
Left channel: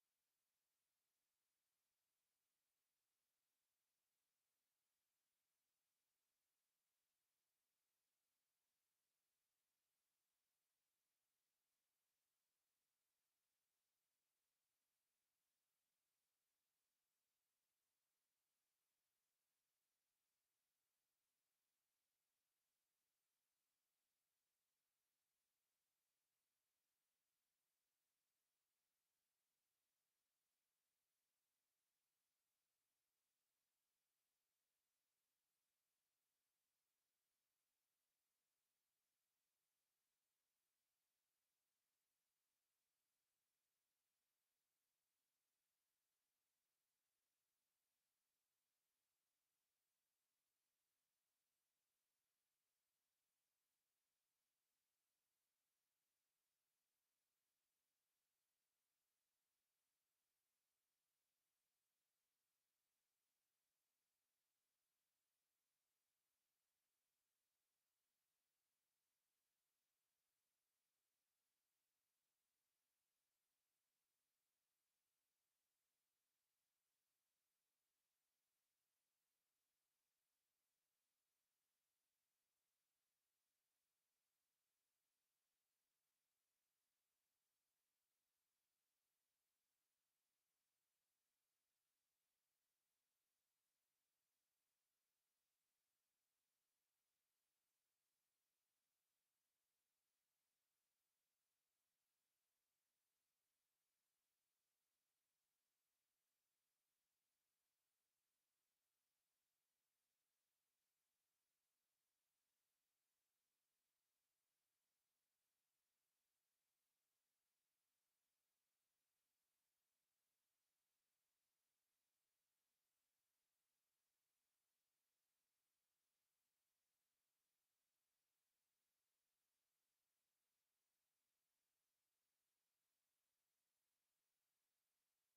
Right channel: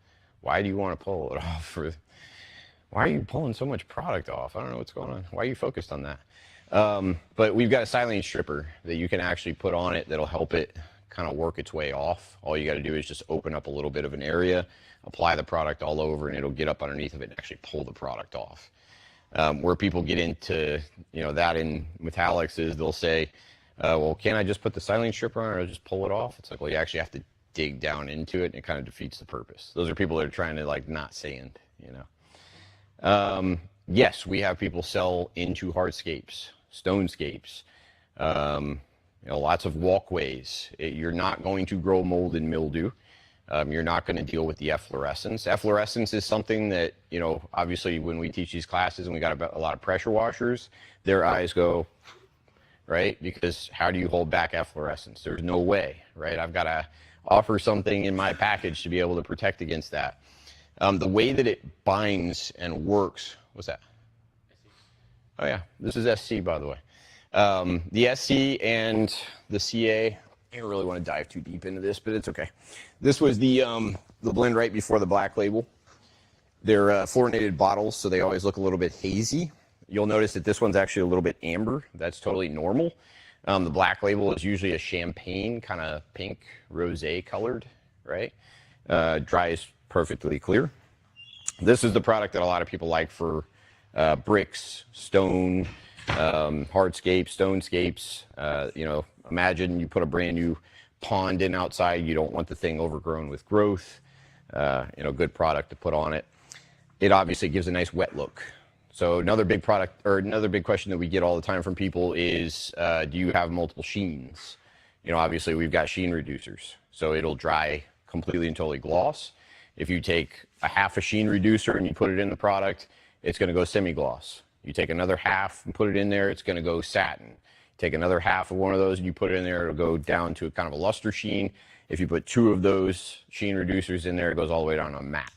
why do you want to pull it off? Why are you pulling so much product off? I don't know what's going on. Why are you focused on that? But we've got a silane stripper that you can actually put on it that'll help it kind of work its way off. All you got to do is just open up a little bit of an area, apply the product all over, and it'll get up underneath of it and actually pull the product off. Where people get into, you know, that in metallics is they'll say, well, can't I just put the silane stripper on or just pull it off? It's like, well, you actually have to dig down into it, and it kind of defeats the purpose. Those are people that are trying to, like, not sand, you know. Yes, we have people sell into hardscapes, stonescapes, you know, lots of walkways. You're not going to grow mold and mildew. You're not going to deal with the efflorescence. Efflorescence is something that, you know, obviously when we teach these classes and we got a lot of pressure washers, their eyes go, right? Because how do you hold back efflorescence? There's no way, right? I've got to offer something in my package to be able to protect against that. The way that it binds and works, what's that? Oh yeah, this is SC, by the way. The SC and the CA, I don't really want to dive too deep into this, but it's okay. This was the blend right before the black label. They're fluorinated bottles, so they always look a little bit hazy. You'll notice that this one's actually a little bit amber. That's totally normal. The black label is usually a champagne, kind of pink, rosé colored, right? Dries perfectly clear. This is the product that a lot of people like for bricks, stone, hardscapes, stonescapes. You know, imagine you put a brand new pond in outside. You don't want the thing overgrown with growth. You know, good product to put on it. It obviously gives a nice wet look. So another big product, or another big question that we get all the time from people is, do you have multiple sheens? You know, obviously we've got sheen reducers, so it'll dry completely and totally gloss. If you take a half a sheen reducer and you put it in the product, it's going to go semi-gloss. You take another half and put it in there, it's going to go satin. Take another half of one of those and you put it in there, it'll go down to a kind of a luster sheen. If you put 2 of those sheen reducers in there, it goes all the way down to matte.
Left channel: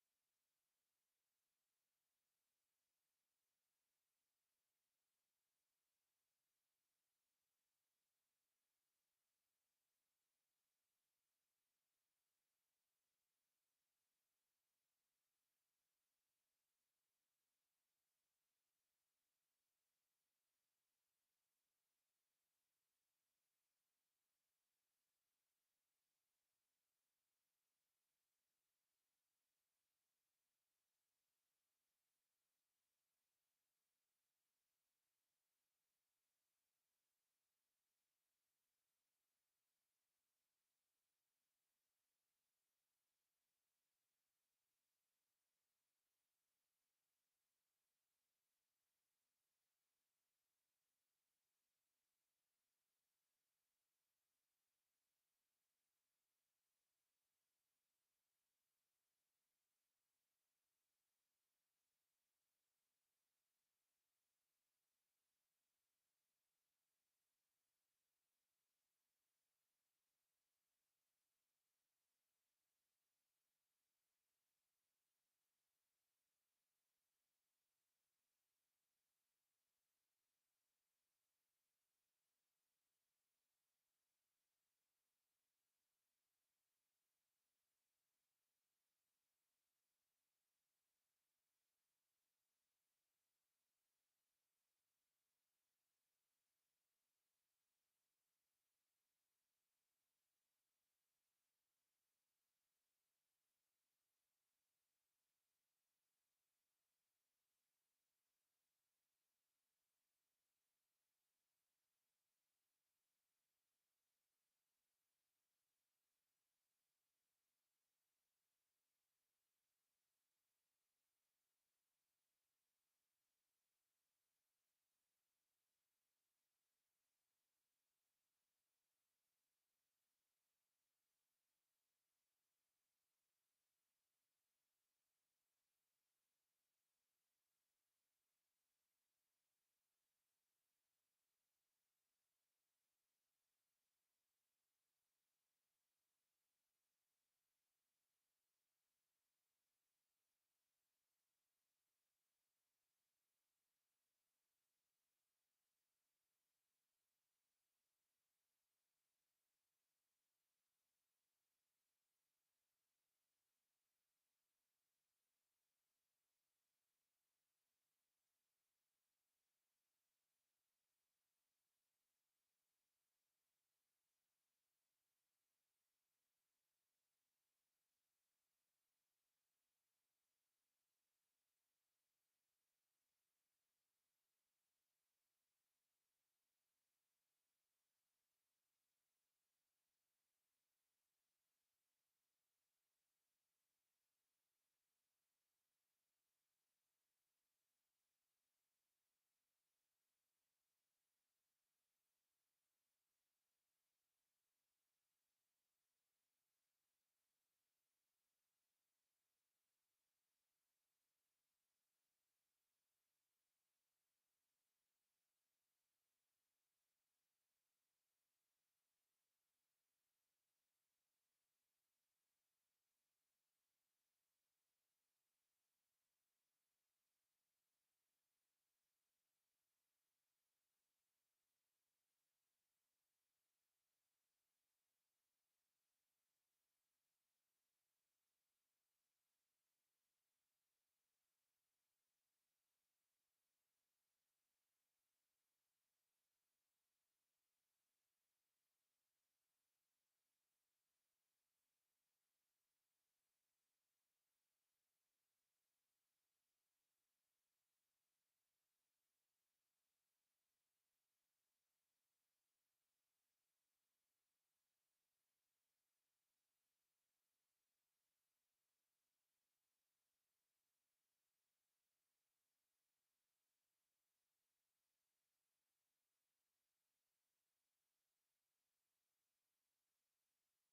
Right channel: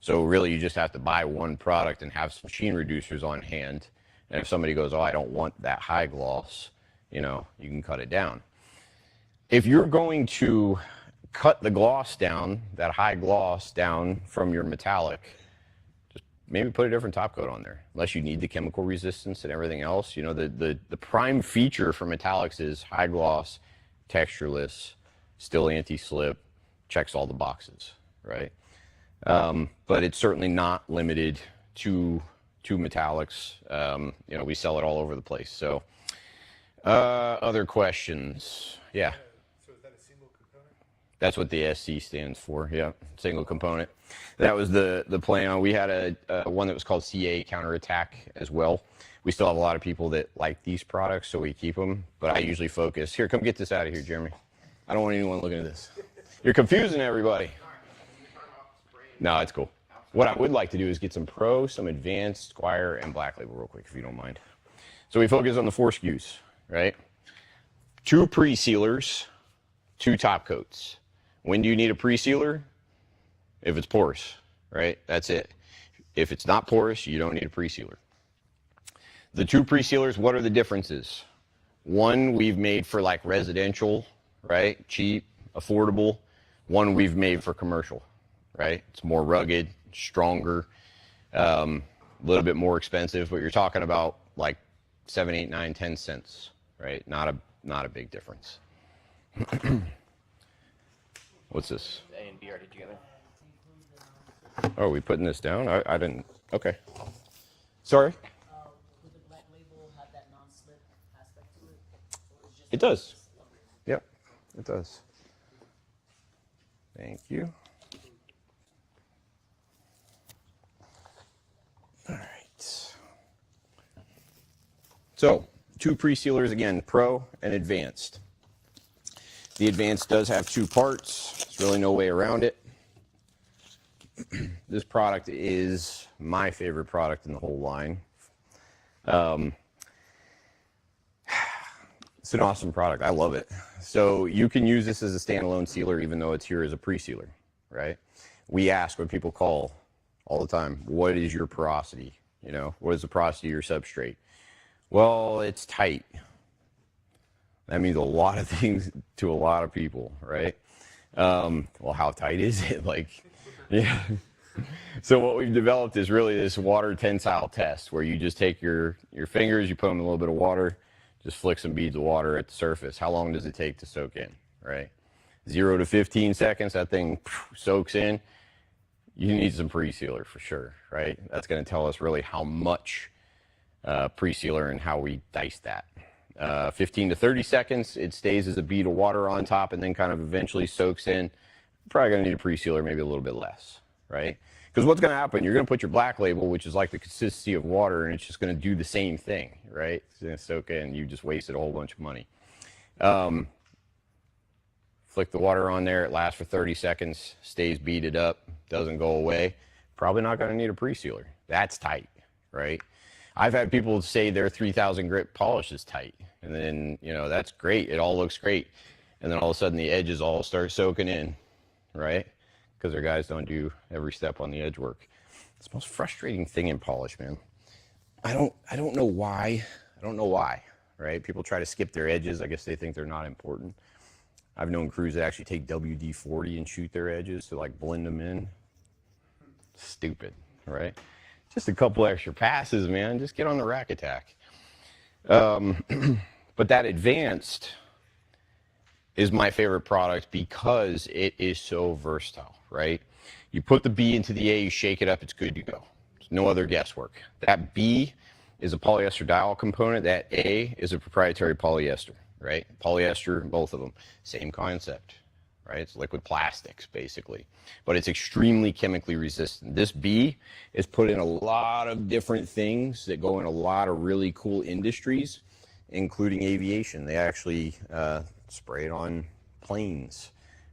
So really you just have to buy one product and have some sheen reducers on hand. And if somebody goes, oh, I don't want that high gloss, you know, you can cut it down. If you're going to cut the gloss down, that high gloss down from your metallic, just maybe put a different top coat on there, unless you need the chemical resistance and everything else. You know, the prime feature for metallics is high gloss, textureless, still anti-slip, checks all the boxes, right? But it's certainly not limited to metallics. You know, we sell it all over the place. So, other questions? Yeah. So is that a single component? That's what the SC stands for. Yeah, single component. That was the plan. We had a one that was called CA Counterattack as well. We still have a lot of people that like these products, so we keep them. But I usually focus. Here, come get this out of here, Jeremy. I don't want anyone looking at this. You're confusing everybody. No, it's cool. What I would like to do is get some Pro, some Advanced, Squire, and Black Label real quick, if you don't mind. So we focus on the 4 SKUs, right? 2 pre-sealers, 2 top coats. When do you need a pre-sealer? If it's porous, right? That's it. If it's not porous, you don't need a pre-sealer. The 2 pre-sealers, what are the differences? One we've made for like residential, right? Cheap, affordable. One we've made for commercial, right? It's more rugged, stronger, a little bit more expensive, but you're talking about like 7, 8, 9, 10 cents, right? Not a big difference. What's this? A and B already together. Oh, are we putting this down? I didn't. Okay. Sorry. Would the black label have that non-slip aspect to it? Or is just It does. Yep, it does. Thank you. All right. So, 2 pre-sealers again, Pro and Advanced. The Advanced does have 2 parts. There's really no way around it. This product is my favorite product in the whole line. It's an awesome product. I love it. So you can use this as a standalone sealer, even though it's here as a pre-sealer, right? We ask when people call all the time, what is your porosity? You know, what is the porosity of your substrate? Well, it's tight. That means a lot of things to a lot of people, right? Well, how tight is it? Like, yeah. So what we've developed is really this water tensile test where you just take your fingers, you put them in a little bit of water, just flick some beads of water at the surface. How long does it take to soak in, right? 0 to 15 seconds, that thing soaks in. You need some pre-sealer for sure, right? That's going to tell us really how much pre-sealer and how we dice that. 15 to 30 seconds, it stays as a bead of water on top and then kind of eventually soaks in. Probably going to need a pre-sealer, maybe a little bit less, right? Because what's going to happen, you're going to put your black label, which is like the consistency of water, and it's just going to do the same thing, right? It's going to soak in. You just wasted a whole bunch of money. Flick the water on there. It lasts for 30 seconds, stays beaded up, doesn't go away. Probably not going to need a pre-sealer. That's tight, right? I've had people say their 3000 grit polish is tight. And then, you know, that's great. It all looks great. And then all of a sudden the edges all start soaking in, right? Because their guys don't do every step on the edge work. It's the most frustrating thing in polish, man. I don't know why. I don't know why, right? People try to skip their edges. I guess they think they're not important. I've known crews that actually take WD-40 and shoot their edges to like blend them in. Stupid, right? Just a couple extra passes, man. Just get on the rack attack. But that Advanced is my favorite product because it is so versatile, right? You put the B into the A, you shake it up, it's good to go. There's no other guesswork. That B is a polyester diol component. That A is a proprietary polyester, right? Polyester, both of them, same concept, right? It's liquid plastics, basically. But it's extremely chemically resistant. This B is put in a lot of different things that go in a lot of really cool industries, including aviation. They actually spray it on planes,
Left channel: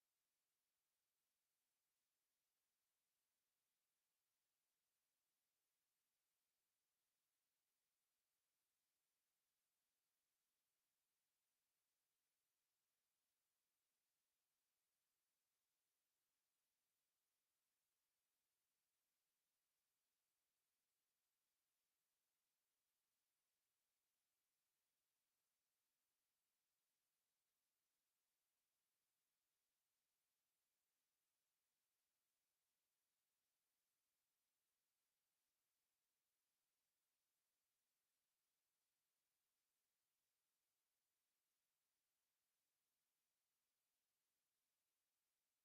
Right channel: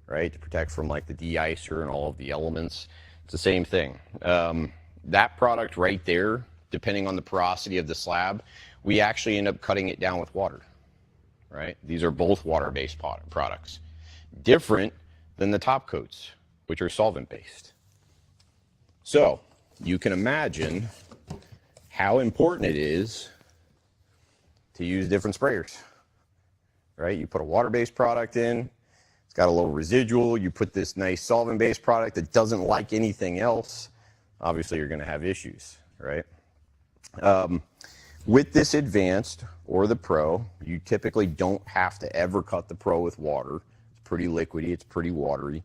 right, to protect from like the de-icer and all of the elements. It's the same thing. That product right there, depending on the porosity of the slab, we actually end up cutting it down with water, right? These are both water-based products. Different than the top coats, which are solvent-based. So you can imagine how important it is to use different sprayers, right? You put a water-based product in, it's got a little residual, you put this nice solvent-based product that doesn't like anything else, obviously you're gonna have issues, right? With this Advanced or the Pro, you typically don't have to ever cut the Pro with water. It's pretty liquidy, it's pretty watery.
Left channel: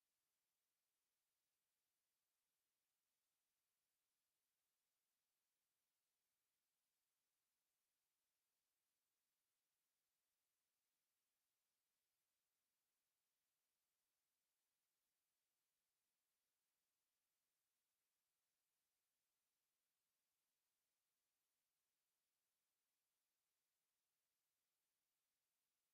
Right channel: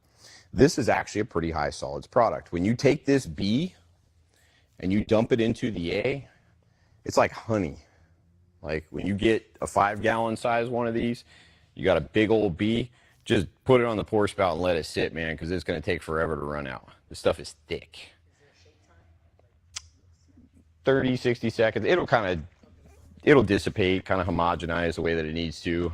This is actually a pretty high solids product. When you take this B and you dump it into the A, it's like honey. Like when you get a 5-gallon size one of these, you got a big old B, just put it on the pour spout and let it sit, man, because it's going to take forever to run out. This stuff is thick. 30, 60 seconds. It'll dissipate, kind of homogenize the way that it needs to.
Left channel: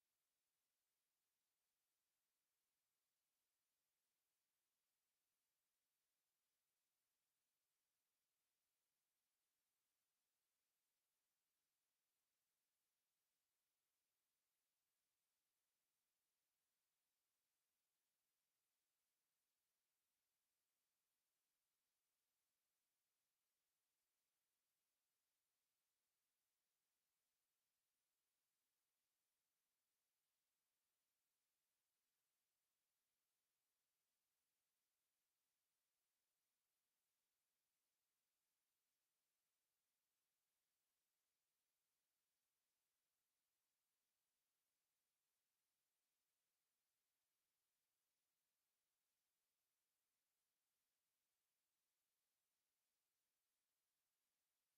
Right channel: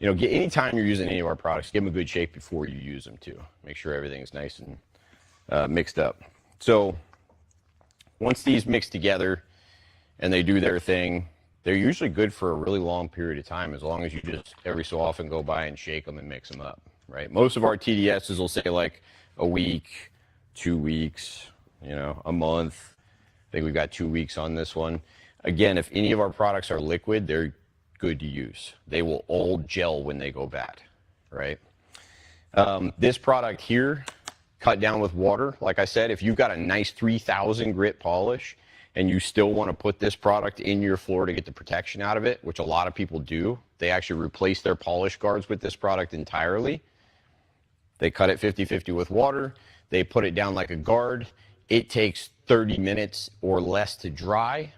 You know, anytime you're using any of our products, give them a good shake before you use them too. Make sure everything's nice and mixed up. So once these mix together and they do their thing, they're usually good for a really long period of time, as long as you just every so often go by and shake them and mix them up, right? Most of our TDSs will say like a week, 2 weeks, you know, a month. I think we've got 2 weeks on this one. Again, if any of our products are liquid, they're good to use. They will all gel when they go bad, right? This product here cut down with water. Like I said, if you've got a nice 3000 grit polish and you still want to put this product in your floor to get the protection out of it, which a lot of people do, they actually replace their polish guards with this product entirely. They cut it 50-50 with water. They put it down like a guard. It takes 30 minutes or less to dry.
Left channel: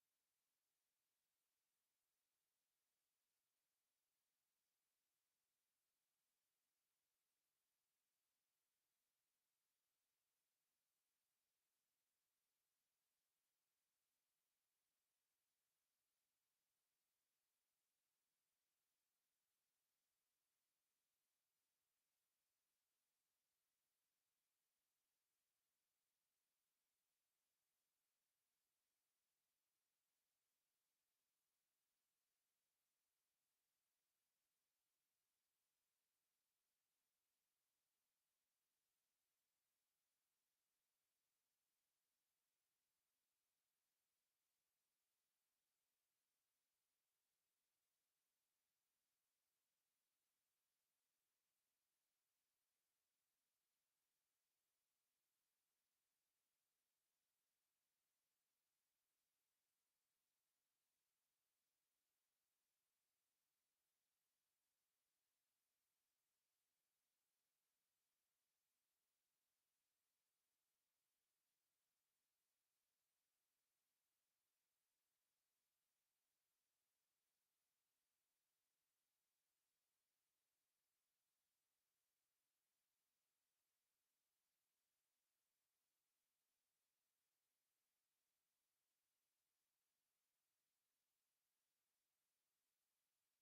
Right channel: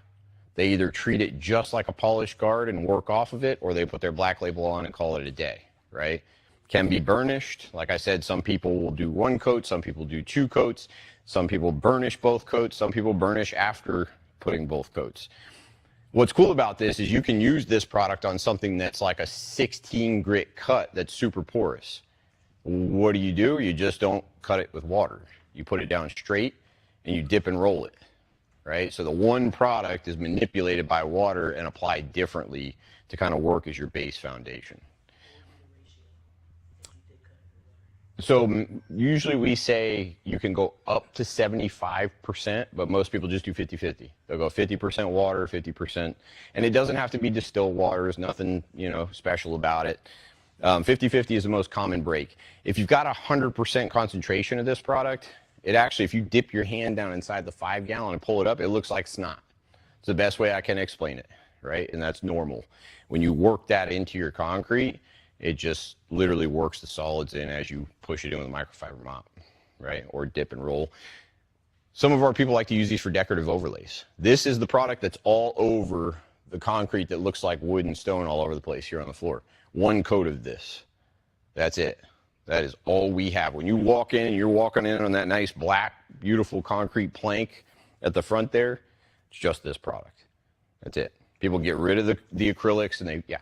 They either treat it just like a polish guard and work off of it, or they put their black label on and call it a day, right? Can be burnished. Like I said, some people will do 1 coat, some people do 2 coats, some people burnish both coats, some people burnish after putting both coats. What's cool about this is you can use this product on something that's like a 16 grit cut that's super porous. What do? You just don't cut it with water. You put it down straight and you dip and roll it, right? So the one product is manipulated by water and applied differently to kind of work as your base foundation. So usually we say you can go up to 75%, but most people just do 50-50. They'll go 50% water, 50%, and it doesn't have to be distilled water. There's nothing, you know, special about it. 50-50 is the most common break. If you've got 100% concentration of this product, it actually, if you dip your hand down inside the 5 gallon and pull it up, it looks like snot. It's the best way I can explain it, right? And that's normal. When you work that into your concrete, it just literally works the solids in as you push it in with a microfiber mop, right? Or dip and roll. Some of our people like to use these for decorative overlays. This is the product that's all over the concrete that looks like wood and stone all over the place here on the floor. 1 coat of this. That's it. That is all we have. When you walk in and you're walking in on that nice black, beautiful concrete plank at the front there, it's just this product. That's it. People get rid of the acrylics and they, yeah.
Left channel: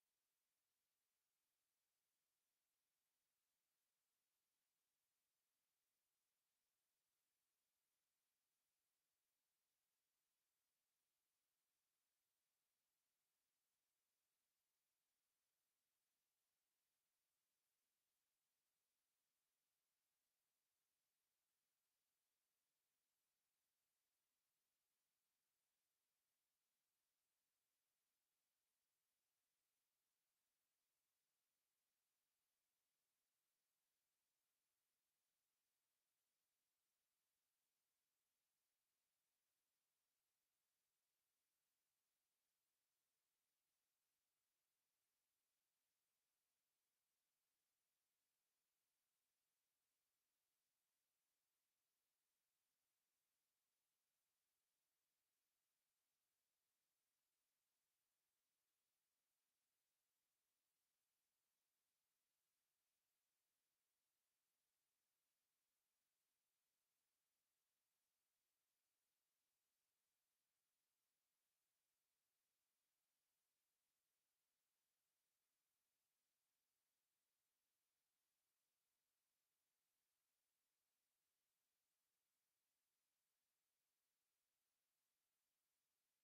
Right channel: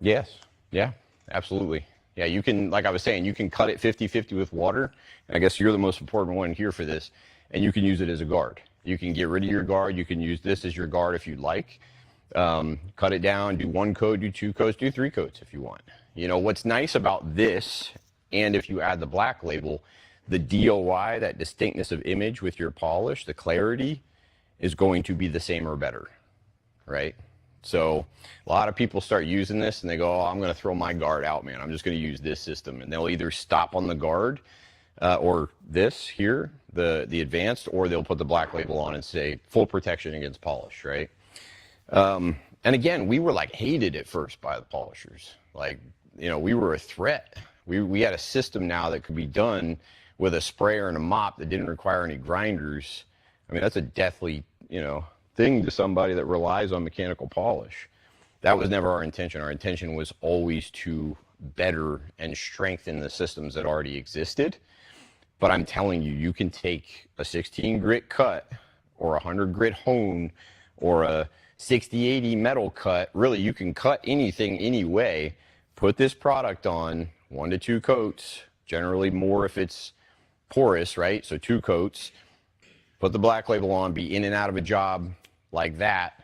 Yes. Yeah, absolutely. Yeah, you can, like I was saying, you can cut it 50-50 with water. And I guess you're the most important one here for this. And you can use it as a guard. You can get rid of your guard. You can use this as your guard if you'd like. Cut it down, do 1 coat, do 2 coats, do 3 coats if you want. You know, what's nice about this, and if you add the black label, the DOI, that distinctness of image with your polish, the clarity, is going to be the same or better, right? So a lot of people start using this and they go, oh, I'm going to throw my guard out, man. I'm just going to use this system. And they'll either stop on the guard or this here, the advanced, or they'll put the black label on and say full protection against polish, right? And again, we were like hated at first by the polishers. Like, you know, we were a threat. We had a system now that could be done with a sprayer and a mop that didn't require any grinders. I mean, that's a deathly, you know, thing to somebody that relies on mechanical polish. That was never our intention. Our intention was always to better and strengthen the systems that already existed. But I'm telling you, you can take a 16 grit cut or a 100 grit hone or a 60-80 metal cut. Really, you can cut anything anyway. Put this product on 1 to 2 coats, generally more if it's porous, right? So 2 coats, put the black label on, be in and out of a job like that,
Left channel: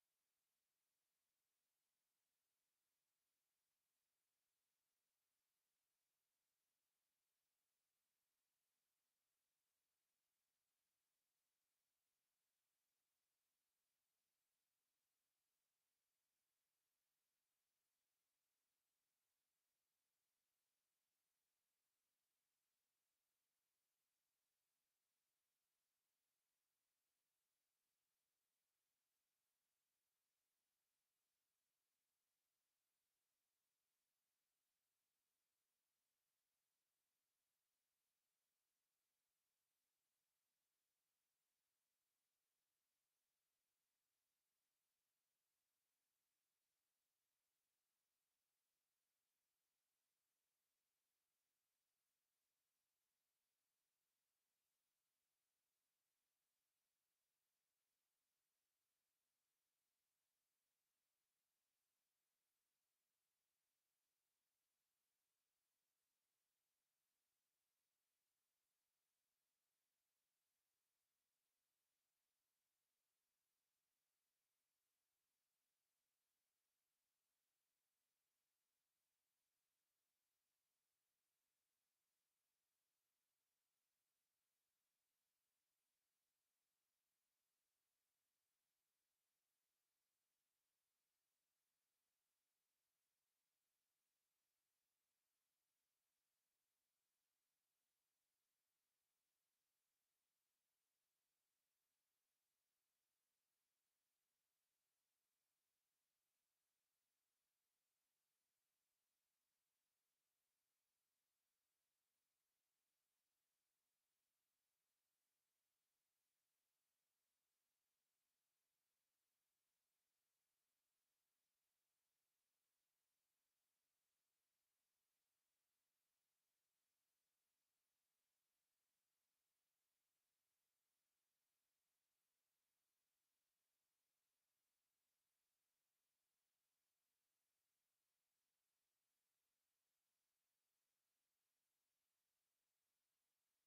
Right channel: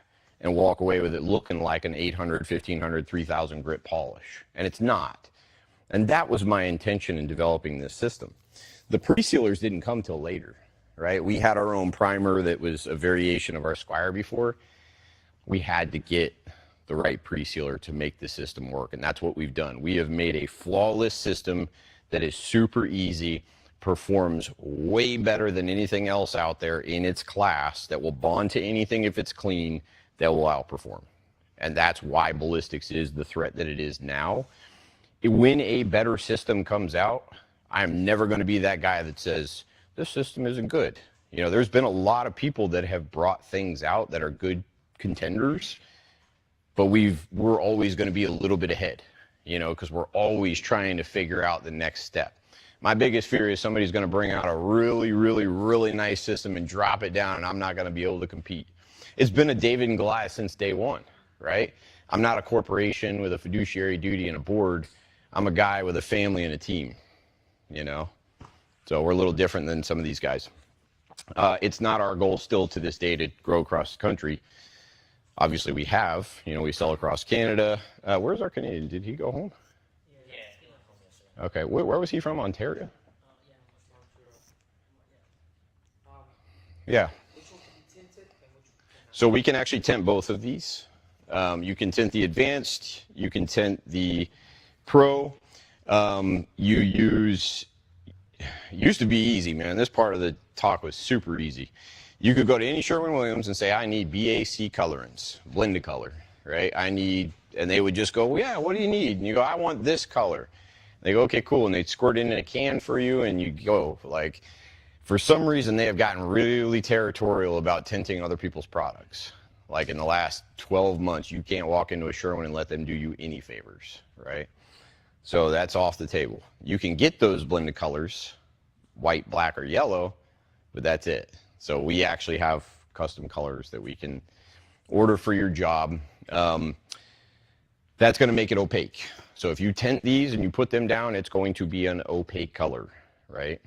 and walk away with it looking like an 800, 1500, 3000 grit polish. And it's not. And that was my intention in developing this system. The pre-sealers didn't come till later, right? We had our own primer that was a variation of our Squire before. We had to get the right pre-sealer to make the system work, and that's what we've done. We have made a flawless system that is super easy, performs way better than anything else out there in its class, that will bond to anything if it's clean, that will outperform. And that's why ballistics is the threat that it is now. When a better system comes out, I'm never going to be that guy that says, this system isn't good. You know, there's been a lot of people that have brought things out that are good contenders, but we're always going to be a little bit ahead, you know, because we're always trying to figure out the next step. My biggest fear is somebody's going to bring out a really, really, really nice system and drop it down, and I'm not going to be able to compete. It's been a David and Goliath since day one, right? I'm not a corporation with a fiduciary duty and a board. I'm a guy with a family and a team, you know? So we're a little different than some of these guys. It's not our goal still to this day to grow across the country. Obviously we have, you know, we sell across Canada. Where's our Canadian? Did he go home? Okay, where was he from? Ontario? Yeah. So we can actually tint both of these. You can tint the advanced, you can tint the pro. You use It used to be easy, man. This part of the talk was super easy. You could go to any Sherwin-Williams and say, I need BAC colorants, blend a color, right? And they would just go, well, yeah, what do you need? And you go, I want this color. They go, okay, cool. And they'd squirt it in a can for you, and you go. Like, for some reason, they have gotten really territorial about tinting other people's products. Like in the last 12 months, you can't walk into a Sherwin and let them do you any favors, right? So that's off the table. You can get those blended colors, white, black, or yellow, but that's it. So we actually have custom colors that we can order for your job. That's going to make it opaque. So if you tint these and you put them down, it's going to be an opaque color, right?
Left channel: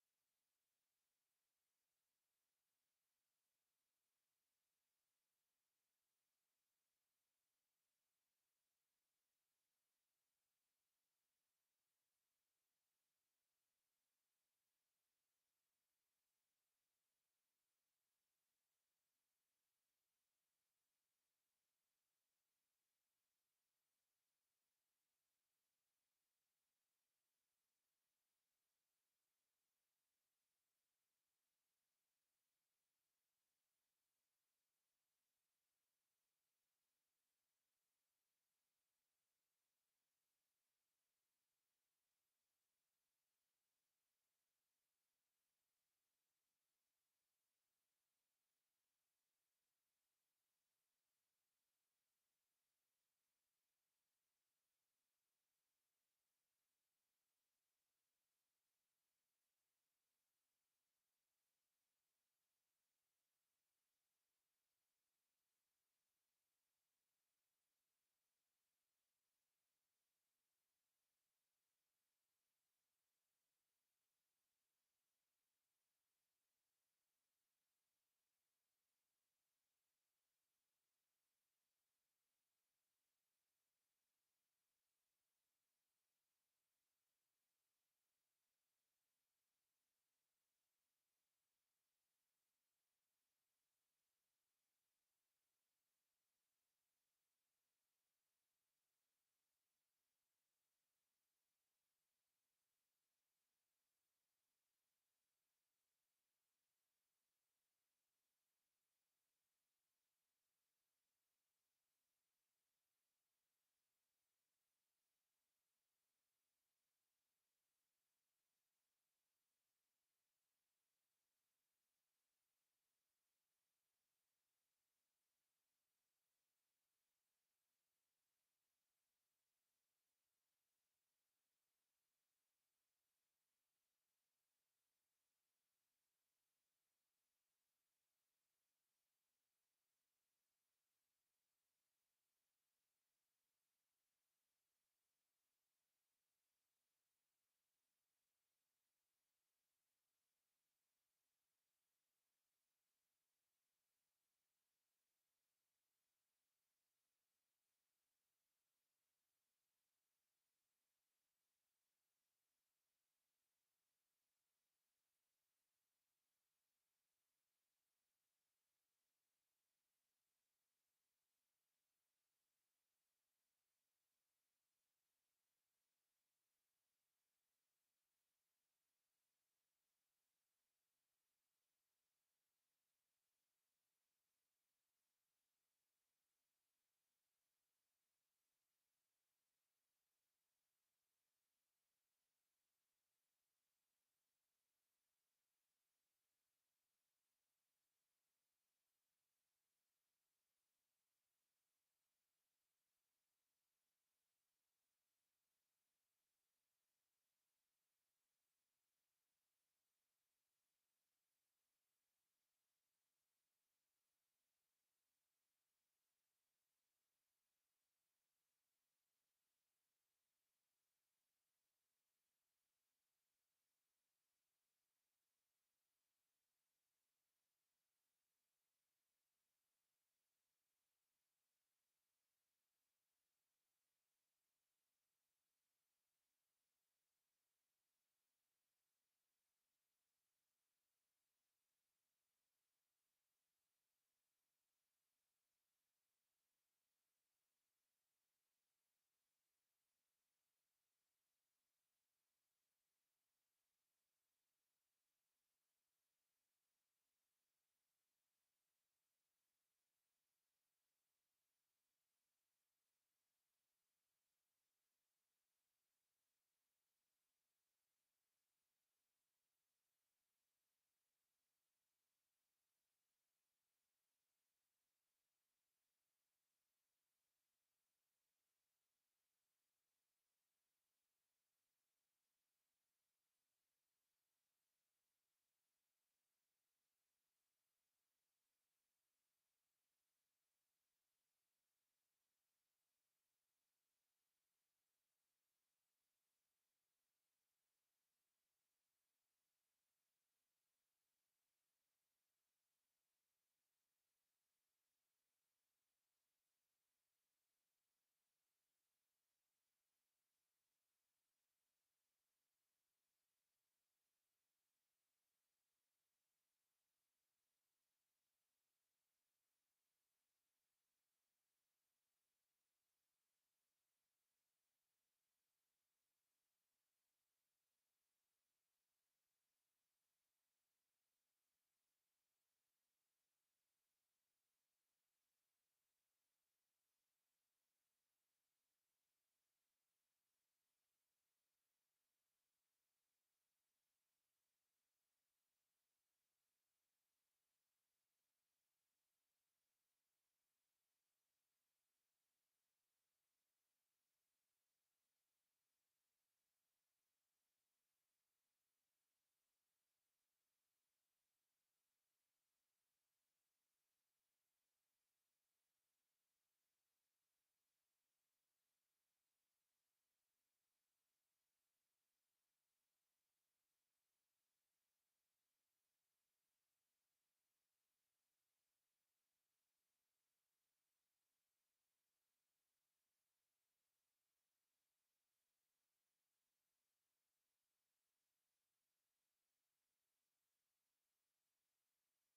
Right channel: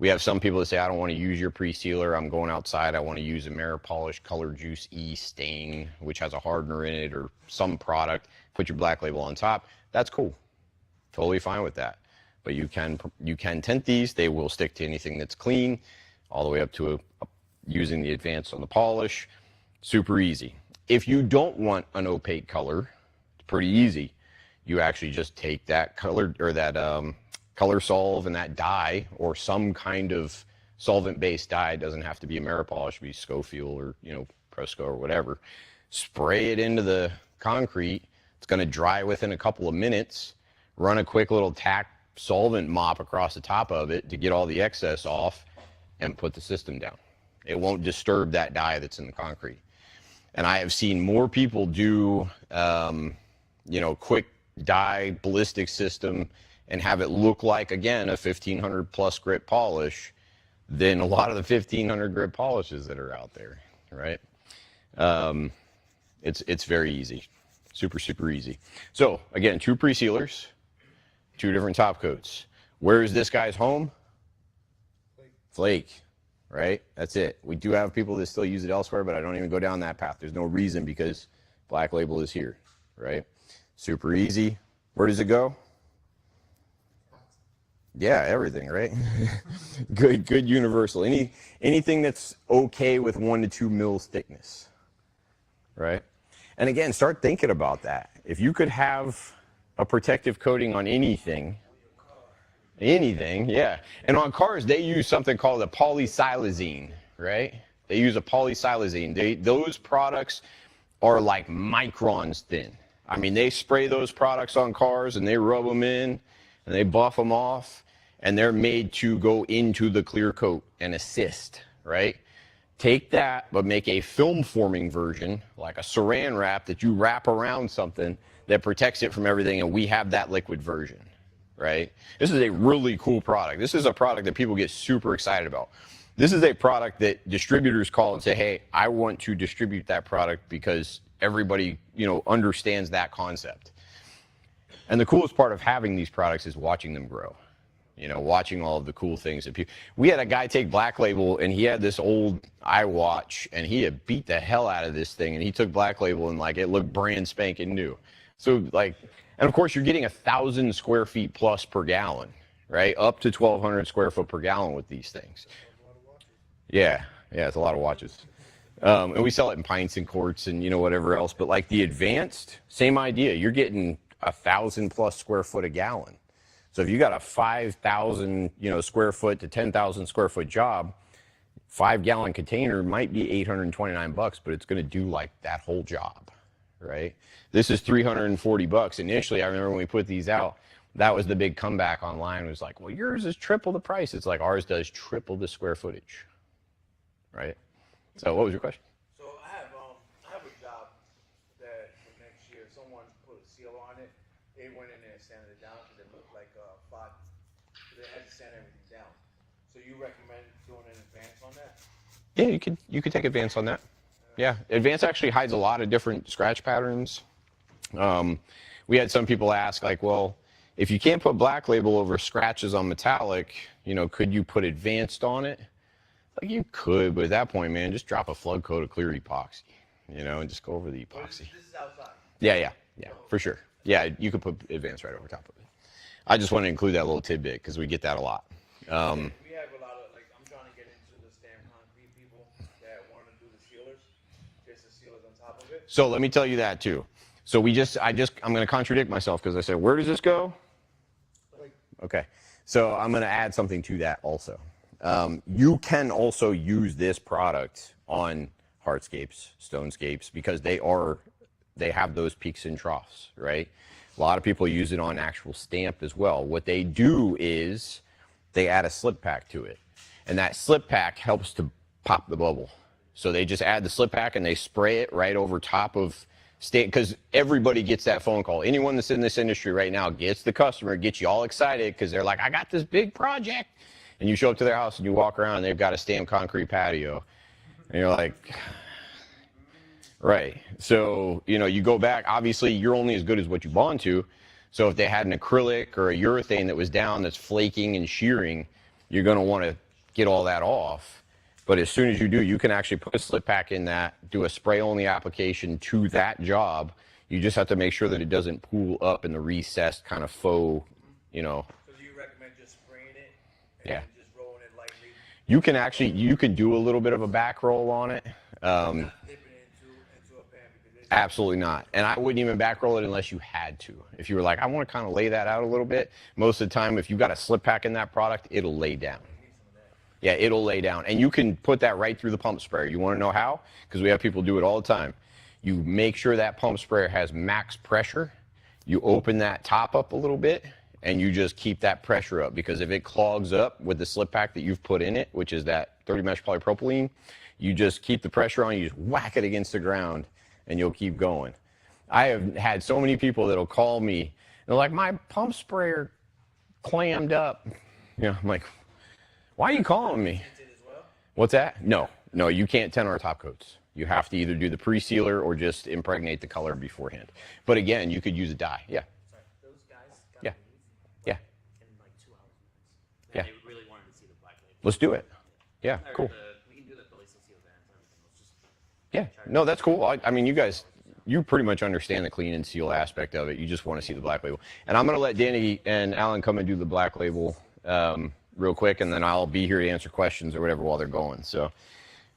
We have some people that say, I don't want to use your pre-sealer. I'm going outside. I want to use Ameripolish Color Juice E stain, which has a hardener in it or some product. Put your black label on top. That's cool. Totally fine with that. But you can tint these. They will stick to anything that's clean, all the way up to using the advanced on the polish. Super easy. If you don't want an opaque color, it's pretty easy. You actually just take that color or that color solve and that dye or some kind of solvent-based dye. It doesn't have to be Ameripolish, be Schofield or Presco or whatever. Spray it into the concrete. It's going to dry within a couple of minutes. Run a quick little tack solvent mop across the top of it to get all the excess off and put the system down. It won't disturb that dye that's in the concrete. And I have seen more people do, quick dye ballistic system and have it look like, again, a 1500 plus grit polish than a lot of the 1500 grit polishes that are out there, right? It's very easy, super easy. So again, 2 pre-sealers, 2 different top coats. Where is this guy's home? Flake, right? That's it. We do have people that still use it elsewhere, but I don't even go down that path. There's no reason because Black Label is here, right? Super easy. Where does it go? Yeah, everything, right? good universal. Anything that's okay with 1 to 2 mils thickness, right? And again, start thinking about that. If you could have a protective coating on anything, yeah. And on cars, they use something called a polysilazine, right? They use a polysilazine. Those products are like microns thin. I mean, they spray those products on cars and they rub them in and they buff them off, and they're made to go into the clear coat and assist, right? Take that, but make a film forming version, like a saran wrap that you wrap around something that protects it from everything, and we have that liquid version, right? This is a really cool product. This is a product that people get super excited about. This is a product that distributors call and say, hey, I want to distribute that product because everybody, understands that concept. And the coolest part of having these products is watching them grow. Watching all of the cool things that people. We had a guy take Black Label, and he had this old iWatch, and he had beat the hell out of this thing, and he took Black Label, and it looked brand spanking new. So and of course you're getting 1,000 square feet plus per gallon, right? Up to 1,200 square foot per gallon with these things. Yeah, it's a lot of watches. And we sell it in pints and quarts and whatever else. But like the advanced, same idea. You're getting 1,000 plus square foot a gallon. So if you got a 5,000 square foot to 10,000 square foot job, 5-gallon container might be $829, but it's going to do like that whole job, right? This is $340. Initially, I remember when we put these out, that was the big comeback online. It was like, well, yours is triple the price. It's like ours does triple the square footage, right? So what was your question? So I have a job that for next year, someone put a seal on it. They went in there and sanded it down because it looked like fog. So they had to sand everything down. So you recommend doing an advance on that? Yeah, you could take advance on that. Yeah, advance actually hides a lot of different scratch patterns. We had some people ask, well, if you can't put Black Label over scratches on metallic, could you put advanced on it? You could, but at that point, man, just drop a flood coat of clear epoxy, and just go over the epoxy. This is outside. Yeah, for sure. Yeah, you could put advanced right over top of it. I just want to include that little tidbit because we get that a lot. We have a lot of, I'm trying to get into the stamp concrete people that want to do the sealers, just the sealers on top of it. So let me tell you that too. So I'm going to contradict myself because I said, where does this go? Okay. So I'm going to add something to that also. You can also use this product on hardscapes, stonescapes, because they have those peaks and troughs, right? A lot of people use it on actual stamp as well. What they do is they add a slip pack to it, and that slip pack helps to pop the bubble. So they just add the slip pack and they spray it right over top of stamp, because everybody gets that phone call. Anyone that's in this industry right now gets the customer, gets you all excited because they're like, I got this big project. And you show up to their house and you walk around and they've got a stamped concrete patio. And you're like, right. So, you know, you go back, obviously you're only as good as what you bond to. So if they had an acrylic or a urethane that was down that's flaking and shearing, you're going to want to get all that off. But as soon as you do, you can actually put a slip pack in that, do a spray only application to that job. You just have to make sure that it doesn't pool up in the recessed kind of faux, you know. So do you recommend just spraying it and Yeah. just rolling it lightly? You can actually, you can do a little bit of a back roll on it. Not dipping it into a pan because it's Absolutely not. And I wouldn't even back roll it unless you had to. If you were like, I want to kind of lay that out a little bit, most of the time, if you've got a slip pack in that product, it'll lay down. Yeah, it'll lay down. And you can put that right through the pump sprayer. You want to know how? Because we have people do it all the time. You make sure that pump sprayer has max pressure. You open that top up a little bit, and you just keep that pressure up. Because if it clogs up with the slip pack that you've put in it, which is that 30 mesh polypropylene, you just keep the pressure on, you just whack it against the ground, and you'll keep going. I have had so many people that'll call me, they're like, my pump sprayer clammed up. You know, I'm like, why are you calling me? What's that? No, you can't tint our top coats. You have to either do the pre-sealer or just impregnate the color beforehand. But again, you could use a dye. Yeah. Those guys got Yeah. these, Yeah. in like 2 hours. Yeah. They really wanted to see the black label. Let's do it. Yeah, Or cool. we can do the ballistic seal bands and everything. Yeah, no, that's cool. I mean, you guys, you pretty much understand the clean and seal aspect of it. You just want to see the black label. And I'm going to let Danny and Alan come and do the black label real quick, and then I'll be here to answer questions or whatever while they're going. So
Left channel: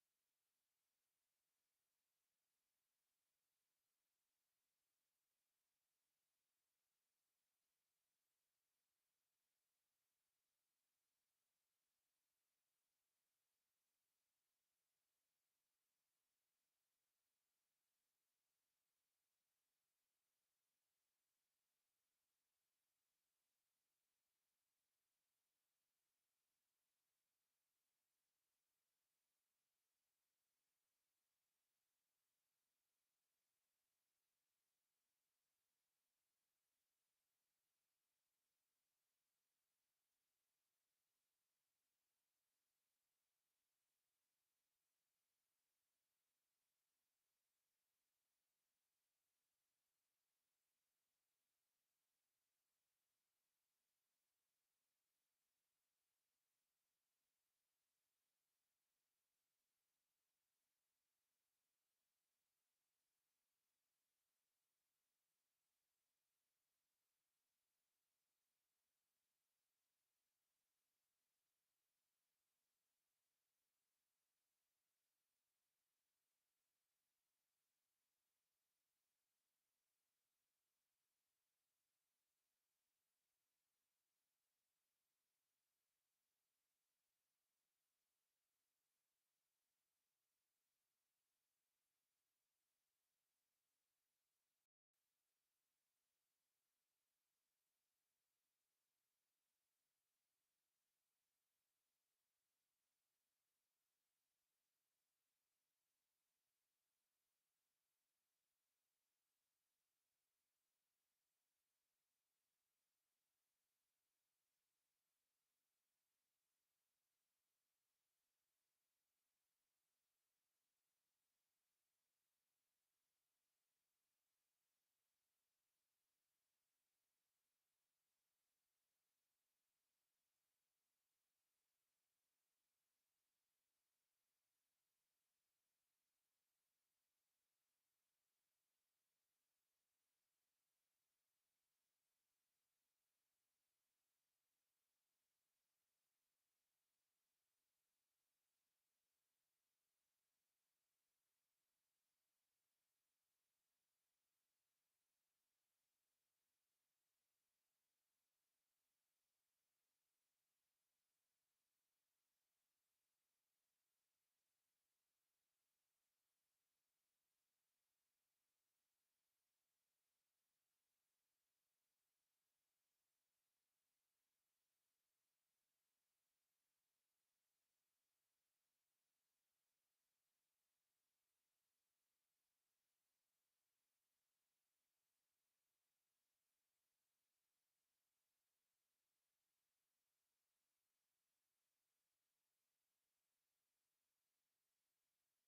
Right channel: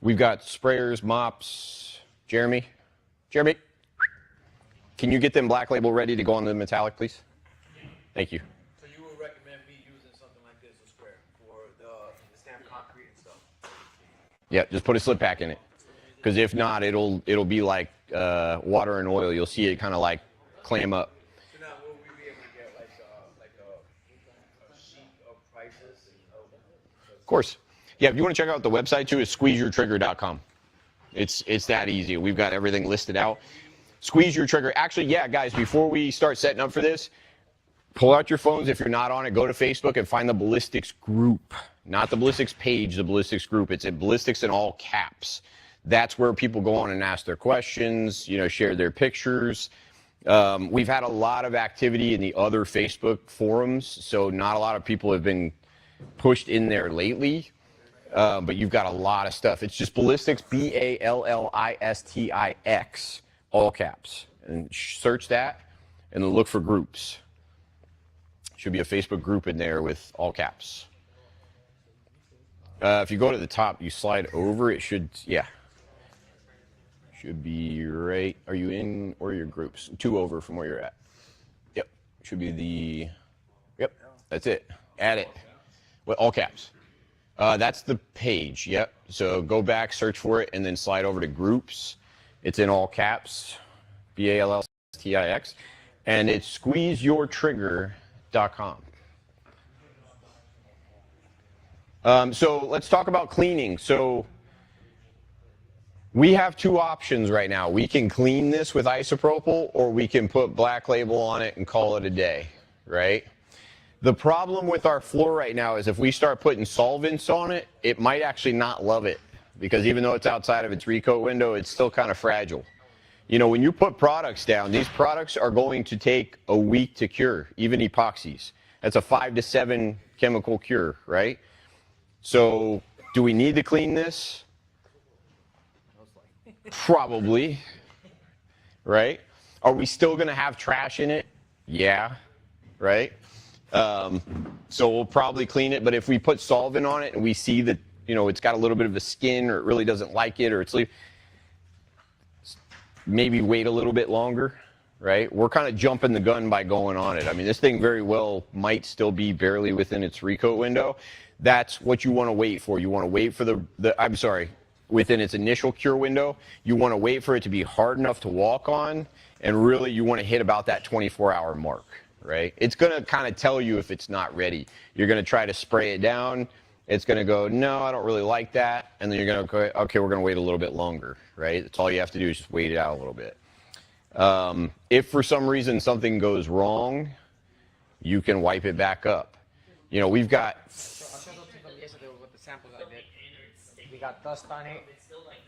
we've got sprayers, mops. Jeremy, can you get them black label ready to go on the metallic, please? Thank you. So you would recommend me using something like this, a square, for the stamped concrete and stuff? Yeah, just put a slip pack in it. Because if not, it'll be like water and oil. You'll see it kind of like clam up. So now will we be able to get like a sheet of prices? Of course. Yeah, if you want to check out the website too, it's squeezeyourtrigger.com. It's that easy. We've got everything listed out. Squeeze Your Trigger. Actually, yeah, guys, before we start setting up for this, pull out your phones. If you're not on it, go to Facebook and find the ballistics group. Not the ballistics page, the ballistics group. It's at ballistics in all caps. That's where people go on and ask their questions, you know, share their pictures. We've had a lot of activity in the other Facebook forums, so not a lot of people have been pushed in there lately. But you've got a lot of stuff. It's just ballistics, BALLISTIX, all caps. And search that and then look for groups. Should be a Facebook group in there with all caps. If you go to the top, you slide over, it should, yeah. Should be right. Are you in or your groups? 2 over from where you're at. Yep. Should be the, yep, that's it. Add it. With all caps. That's the page, yep. So go back, search for it, and then slide over to groups. It's in all caps, BALLISTIX, and it's squeezeyourtrigger.com. So let's talk about cleaning. So we have 2 options right now. We can clean this with isopropyl, or we can put black label on it and call it a day, right? The problem with our floor right now is if we start putting solvents on it, it might actually not love it, because even though it's outside of its recoat window, it's still kind of fragile. You know, when you put products down, these products are going to take a week to cure, even epoxies. That's a 5 to 7 chemical cure, right? So do we need to clean this? Probably, right? Are we still going to have trash in it? Yeah, right? So we'll probably clean it, but if we put solvent on it and we see that, you know, it's got a little bit of a skin, or it really doesn't like it, or it's maybe wait a little bit longer, right? We're kind of jumping the gun by going on it. I mean, this thing very well might still be barely within its recoat window. That's what you want to wait for. You want to wait for within its initial cure window. You want to wait for it to be hard enough to walk on, and really you want to hit about that 24-hour mark, right? It's going to kind of tell you if it's not ready. You're going to try to spray it down. It's going to go, no, I don't really like that. And then you're going to go, okay, we're going to wait a little bit longer, right? That's all you have to do is just wait it out a little bit. If for some reason something goes wrong, you can wipe it back up. You know, we've got... I showed up to them yesterday with the samples I did. We got dust on it.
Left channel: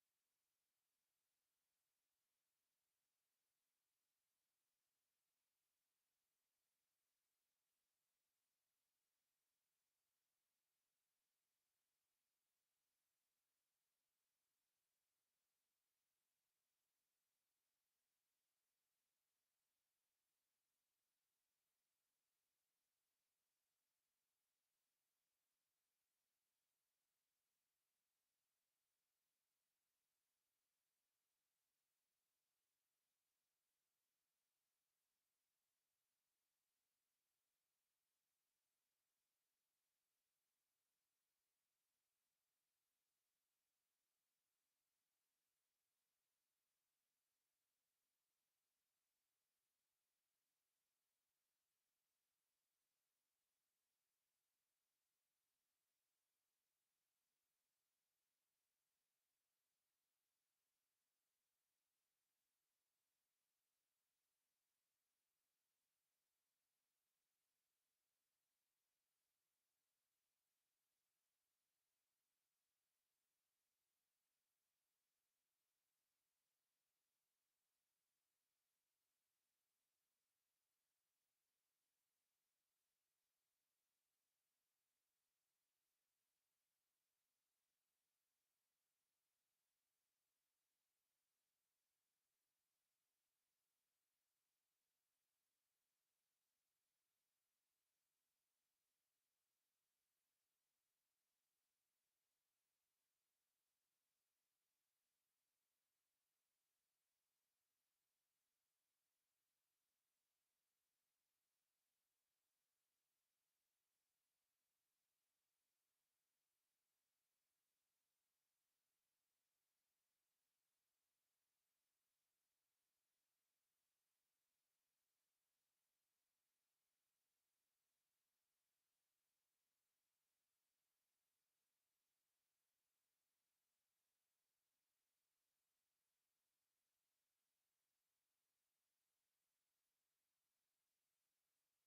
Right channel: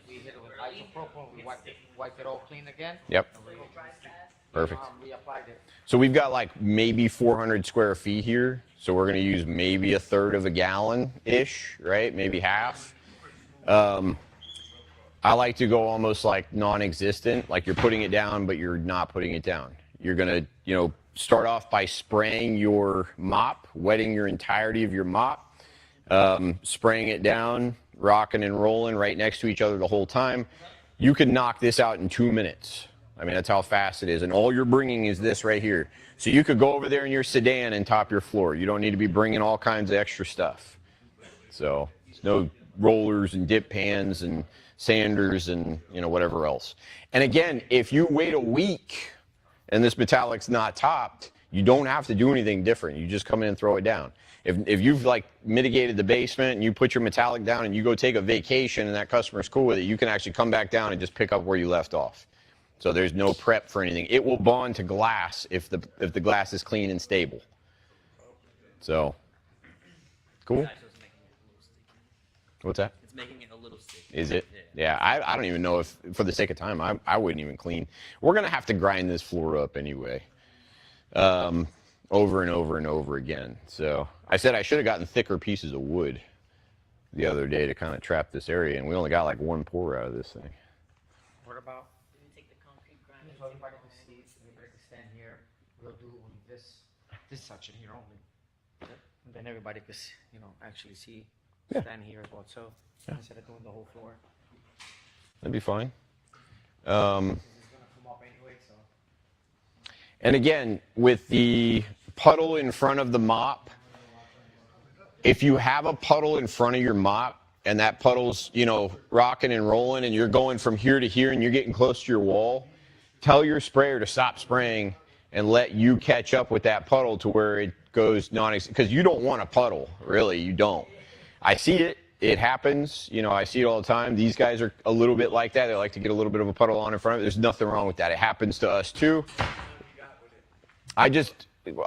We hit it with isopropyl. We wiped it all clean again. Yep. Perfect. Reapplied it. So we've got like maybe 400 square feet here. So we're going to use maybe 1/3 of a gallon-ish, right? Maybe half. I like to go almost like non-existent, like you're putting it down, but you're not putting it down. You're going to, you know, start off by spraying your mop, wetting your entirety of your mop, spraying it down, rocking and rolling right next to each other the whole time. You can knock this out in 2 minutes. I mean, that's how fast it is. And all you're bringing is this right here. So you could go over there in your sedan and top your floor. You don't need to be bringing all kinds of extra stuff. So there's no rollers and dip pans and sanders and, you know, whatever else. And again, if you wait a week and this metallic's not topped, you don't have to do anything different. You just come in and throw it down. If you've like mitigated the basement and you put your metallic down and you go take a vacation and that customer's cool with it, you can actually come back down and just pick up where you left off. So there's no prep for anything. It will bond to glass if the glass is clean and stable. So, cool. What's that? It's making it a little sticky. Is it? Yeah, I don't even know if, for the sake of time, I wouldn't even clean. We're going to have to grind this floor up anyway, over and over and over again. So I said I should have gotten thicker pieces of wood the other day to kind of trap this area, and we only got like 1 pour out of this thing. What about? So everybody can see, everybody can stand here. We'll do this section here only. And then everybody can, you know, actually see, stand here as well. So instead of doing the whole floor. That'd be fine. This is gonna come up anyway, so. And again, with the puddle in front of the mop, if you have a puddle in front of your mop and that puddle's, you know, rocking and rolling and you're going from here to here and you're getting close to your wall, tell your sprayer to stop spraying and let you catch up with that puddle to where it goes because you don't want a puddle, really, you don't. I see it. It happens, you know, I see it all the time. These guys are a little bit like that. They like to get a little bit of a puddle on in front of it. There's nothing wrong with that. It happens to us too. I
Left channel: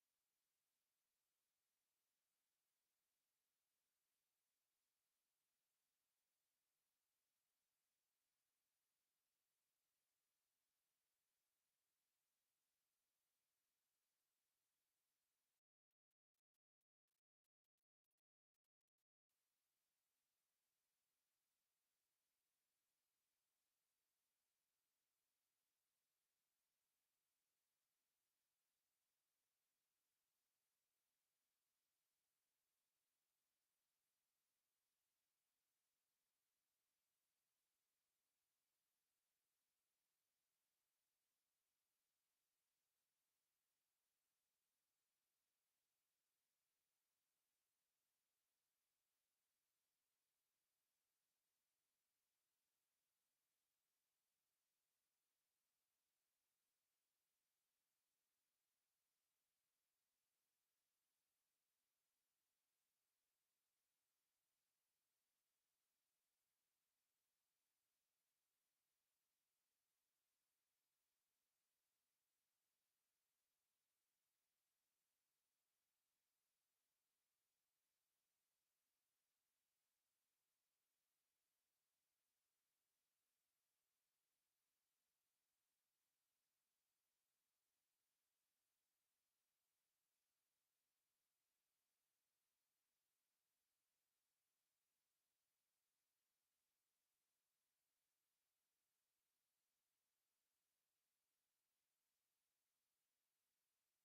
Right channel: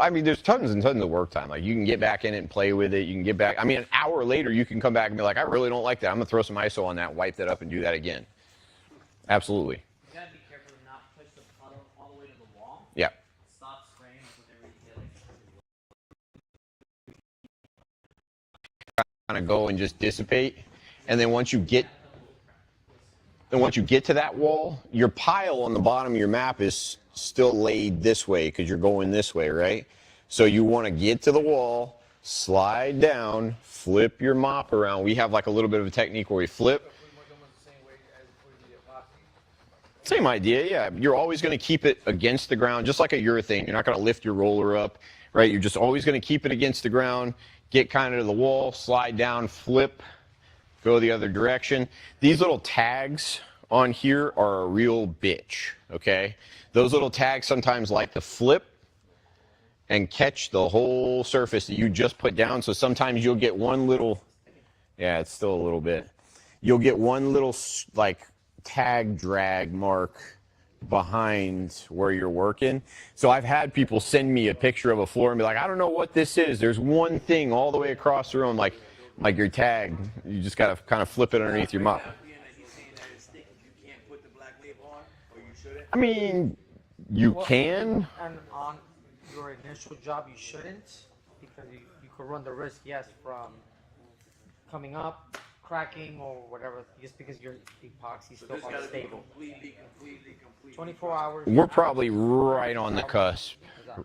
mean, there's tons and tons of work time. Like you can get back in it and play with it. You can get back. I mean, an hour later, you can come back and be like, I really don't like that. I'm going to throw some ISO on that, wipe that up and do that again. Absolutely. You gotta be careful to not push the puddle all the way to the wall. Yeah. Stop spraying whenever you feel like Kind of go and just dissipate. And then once you get to that wall, your pile on the bottom of your map is still laid this way because you're going this way, right? So you want to get to the wall, slide down, flip your mop around. We have like a little bit of a technique where we flip. Same idea, yeah. You're always going to keep it against the ground, just like a urethane. You're not going to lift your roller up, right? You're just always going to keep it against the ground, get kind of to the wall, slide down, flip, go the other direction. These little tags on here are a real bitch, okay? Those little tags sometimes like to flip and catch the whole surface that you just put down. So sometimes you'll get one little, yeah, it's still a little bit. You'll get one little like tag drag mark behind where you're working. So I've had people send me a picture of a floor and be like, I don't know what this is. There's one thing all the way across the room, like your tag. You just got to kind of flip it underneath your mop. I mean, you can. And on your initial job, you shouldn't, because you could run the risk, yes, from coming up, cracking, or whatever, just because your epoxy is still unstable. 24 hours. We're probably right on the cusp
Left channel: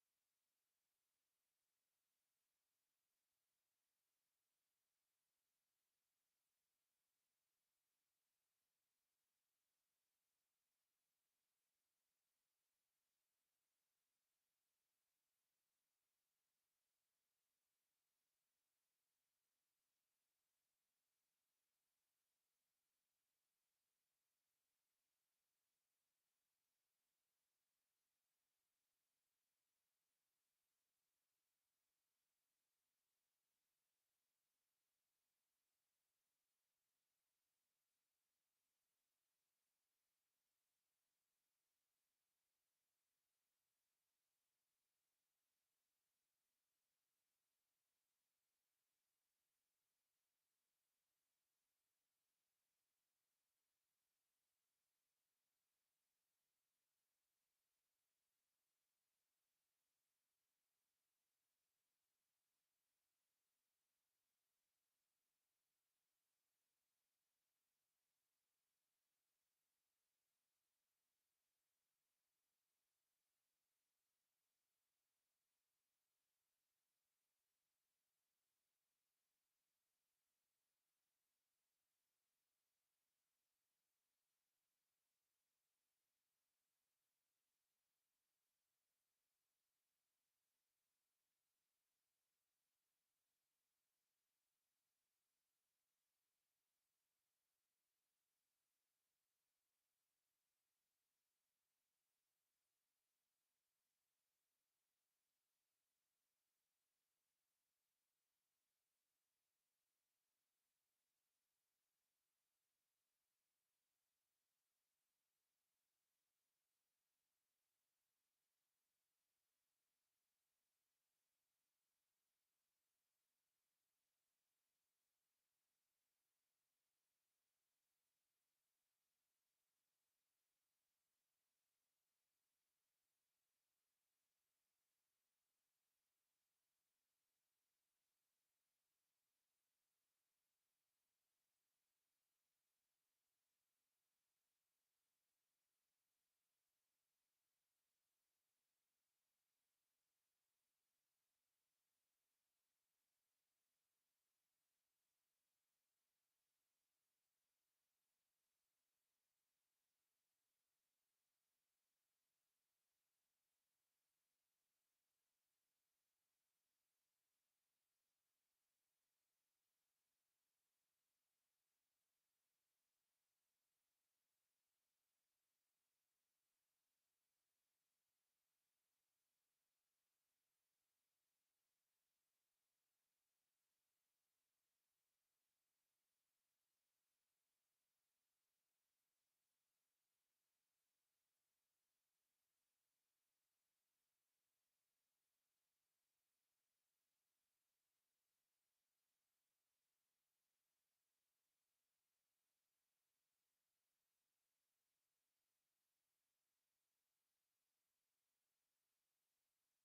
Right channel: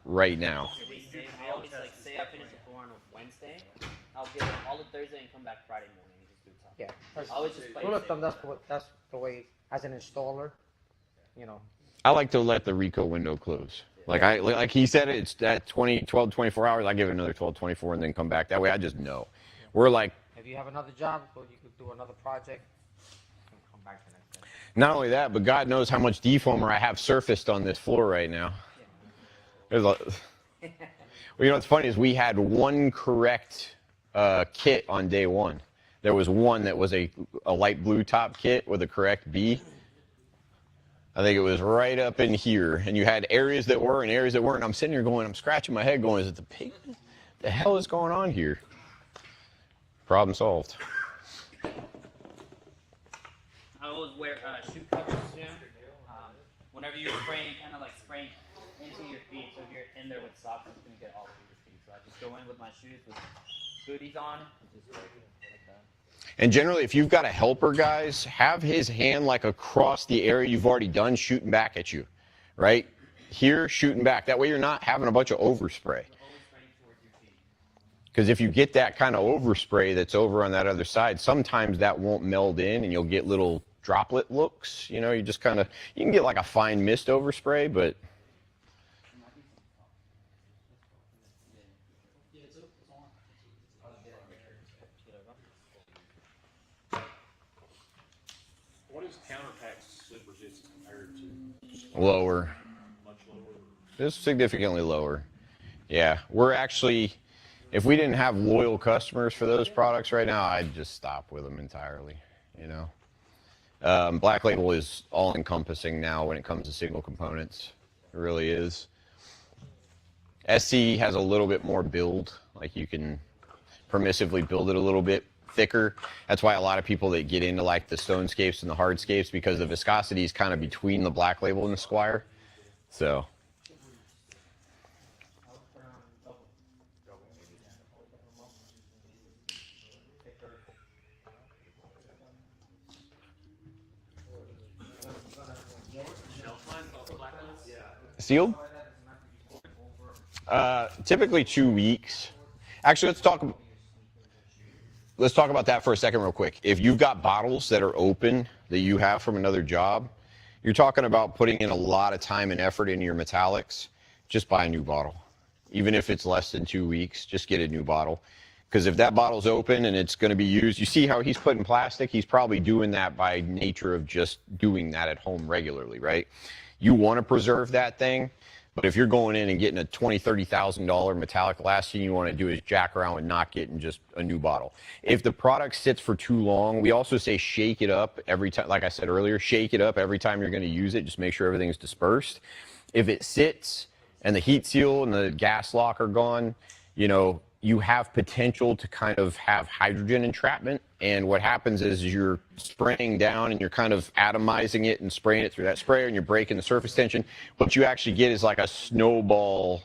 right now. I always like say I finish the floor on a Wednesday, I'll give it all of Thursday and come back Friday morning and just do top. Yeah. I always just play Rule of safe. thumb, that's the way, as an installer, you know, I like to let the Rico window close. Like he said, it's at 12, 24 hours. I give it another 12, 24, and then come back. That way, I just know. We're like, If you have another job, or you could do another project, you can come back the next day. not only that, but God knows how much defoamer I have surfaced on this floor right now. There's a, well, you know what's funny is we had one correct kit on day one. There was one that was a light blue top kit with a correct B. I think it was right up in here, and you had areas that were and areas that weren't. I'm sitting here going, I'm scratching my head going, is it the pigment? The hell is going on here? Problem solved. I always wear shoe covers too. Whenever you're spraying, kind of like spraying into your feet. So if you're in there with socks, it's gonna get all over your feet. So I just go in with my shoes with booties on, and just like that. And generally, if you've got a helper, guys, have his hand like across the area you've already done, shooting back at you, right? Here, shooting back. That way you're not having a bunch of overspray. Because if you get that kind of overspray that's over on that other side, sometimes that won't meld in and you'll get little droplet looks. You know, you just kind of, you can get like a fine mist overspray, but What is counterattack slip resistance compared to? lower. Much lower. It's significantly lower. Yeah, we're actually, if we didn't have loyal customers for those products right now, I'd just stop with them entirely, you know. Black Label is all-encompassing now when it comes to single components. It really is. SC has a little bit more build, like you can permissively build it a little bit thicker. That's why a lot of people that get into like the Stonescapes and the Hardscapes, because the viscosity is kind of between the Black Label and the Squire. So. Sealed? Typically 2 weeks. Actually, let's talk about that for a second real quick. If you've got bottles that are open that you have from another job, you're talking about putting in a lot of time and effort into your metallics. Just buy a new bottle. Even if it's less than 2 weeks, just get a new bottle. Because if that bottle's open and it's going to be used, you see how he's putting plastic? He's probably doing that by nature of just doing that at home regularly, right? You want to preserve that thing, but if you're going in and getting a $20,000, $30,000 metallic, last thing you want to do is jack around and not getting just a new bottle. If the product sits for too long, we also say shake it up every time, like I said earlier, shake it up every time you're going to use it. Just make sure everything's dispersed. If it sits and the heat seal and the gas lock are gone, you know, you have potential to kind of have hydrogen entrapment. And what happens is you're spraying down and you're kind of atomizing it and spraying it through that sprayer and you're breaking the surface tension. What you actually get is like a snowball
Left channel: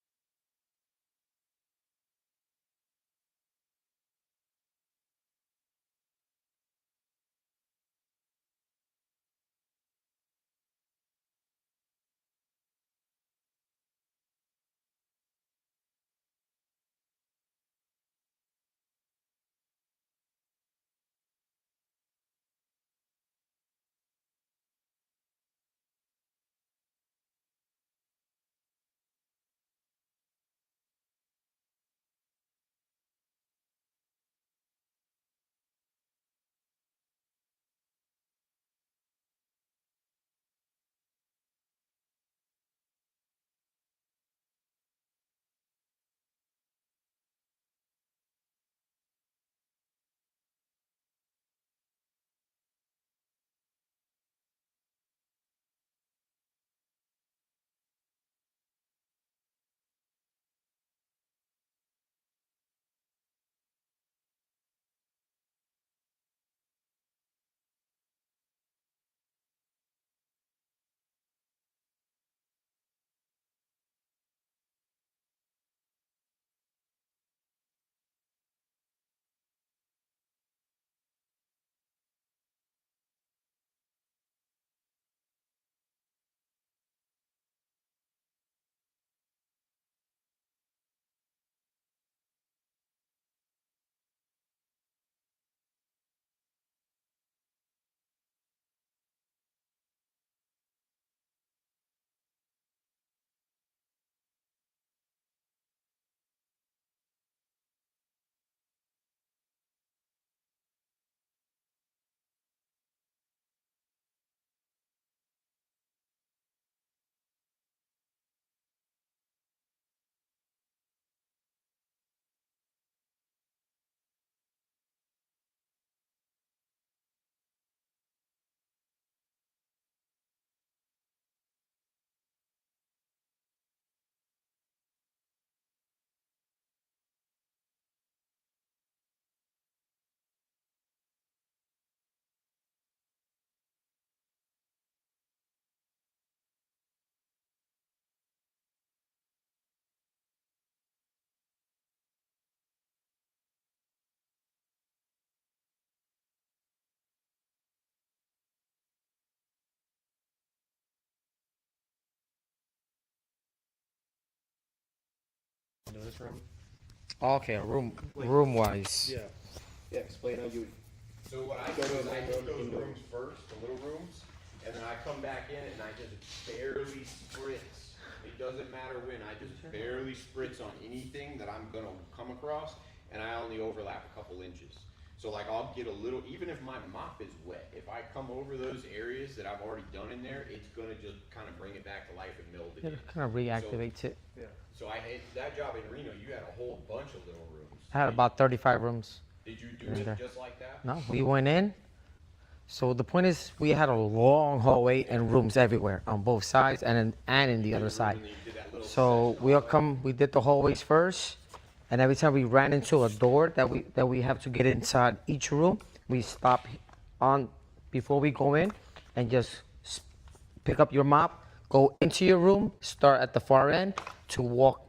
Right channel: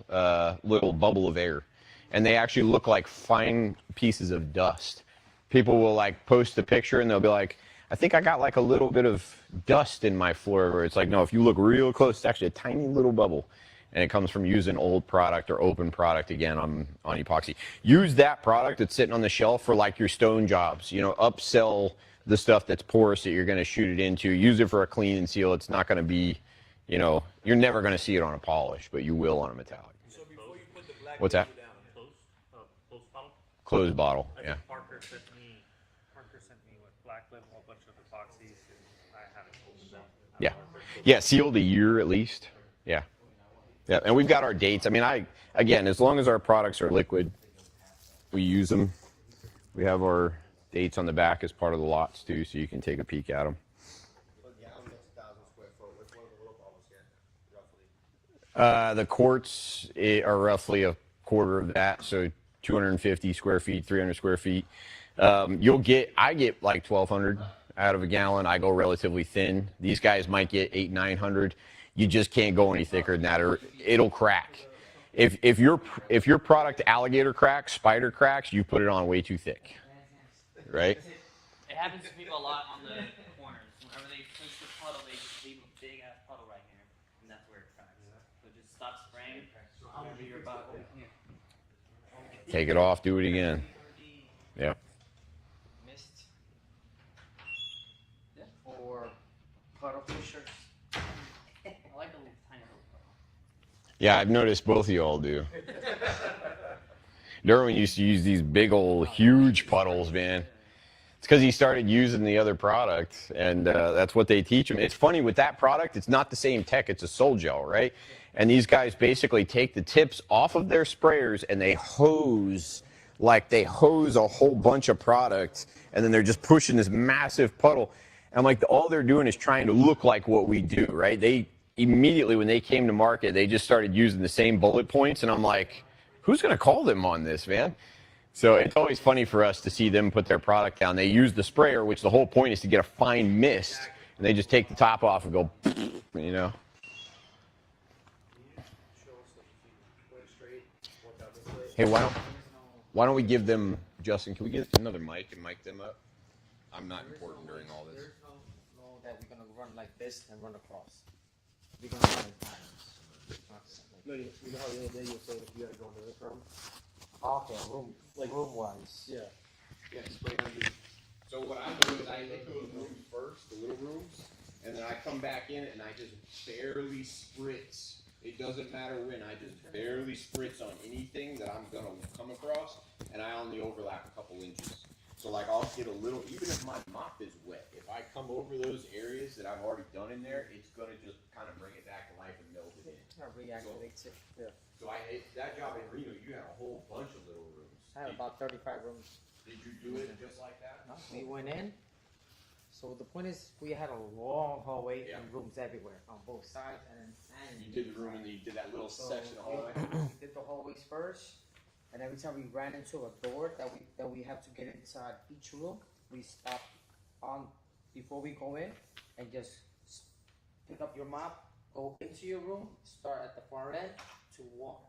little bubble of air. And they actually look like fine pieces of dust. People will like post a picture and they'll be like, I think I got like a little bit of dust in my floor. Where it's like, no, if you look real close, it's actually a tiny little bubble. And it comes from using old product or open product again on epoxy. Use that product that's sitting on the shelf for like your stone jobs. You know, upsell the stuff that's porous that you're going to shoot it into. Use it for a clean and seal. It's not going to be, you know, you're never going to see it on a polish, but you will on a metallic. So before you put the black What's that? label down, Close bottle? Closed bottle, I yeah. think Parker sent me with Black Label a bunch of epoxies, and I haven't opened them. Yeah. Yeah, sealed a year at least. Yeah. Yeah, and we've got our dates. I mean, again, as long as our products are liquid, we use them. We have our dates on the back as part of the lots too, so you can take a peek at them. The quarts are roughly a quarter of that, so 250 square feet, 300 square feet. I get like 1,200 out of a gallon. I go relatively thin. These guys might get 800, 900. You just can't go any thicker than that, or it'll crack. If your product alligator cracks, spider cracks, you put it on way too thick, right? It happens to people a lot on the corners. Whenever they push the puddle, they just leave a big ass puddle right here, and that's where it cracks. So just stop spraying. Whenever you're about to Take it off, do it again. Yeah. Mist. Or puddle pushers. I like Yeah, I've noticed both of you all do. Derwin used to use these big old huge puddles, man. It's because he started using the other product, and that's what they teach him. It's funny with that product, it's not the same tech, it's a sol gel, right? And these guys basically take the tips off of their sprayers and they hose a whole bunch of product, and then they're just pushing this massive puddle. And I'm like, all they're doing is trying to look like what we do, right? They immediately, when they came to market, they just started using the same bullet points, and I'm like, who's going to call them on this, man? So it's always funny for us to see them put their product down. They use the sprayer, which the whole point is to get a fine mist, and they just take the top off and go, you know. Hey, why don't we give them, Justin, can we get another mic and mic them up? I'm not important during all this. There's no that we're gonna run like this and run across. We're gonna run in patterns. No, you know how the other day you were saying if you had to go into this room? Okay, room wise. Yeah. Yeah, explain how you. So what I do is I hit those rooms first, the little rooms, and then I come back in and I just barely spritz. It doesn't matter when, I just barely spritz on anything that I'm gonna come across, and I only overlap a couple inches. So like I'll get a little, even if my mop is wet, if I come over those areas that I've already done in there, it's gonna just kind of bring it back to life and meld it in. It kind of reactivates it. So I hate that job in Reno, you had a whole bunch of little rooms. I had about 35 rooms. Did you do it just like that? No, we went in. So the point is, we had a long hallway and rooms everywhere on both sides and in the other side. So we did the hallways first, and every time we ran into a door that we have to get inside each room, we stop on before we go in and just pick up your mop, go into your room, start at the far end to walk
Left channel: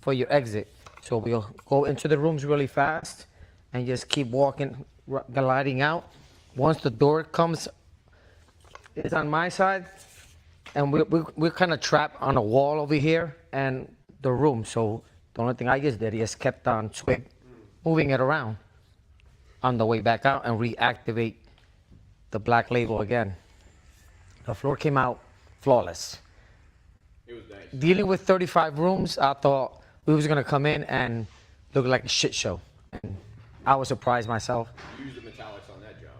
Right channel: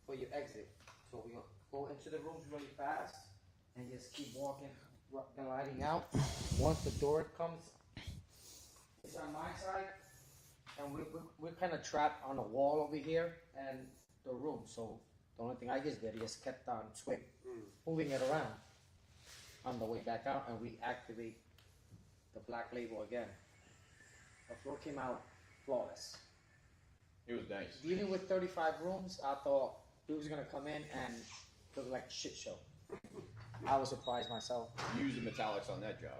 for your exit. So we'll go into the rooms really fast and just keep walking, gliding out. Once the door is on my side, and we're kind of trapped on a wall over here and the room. So the only thing I just did is kept on moving it around on the way back out and reactivate the black label again. The floor came out flawless. It was nice. Dealing with 35 rooms, I thought we was gonna come in and look like a shit show. And I was surprised myself. You used the metallics on that job.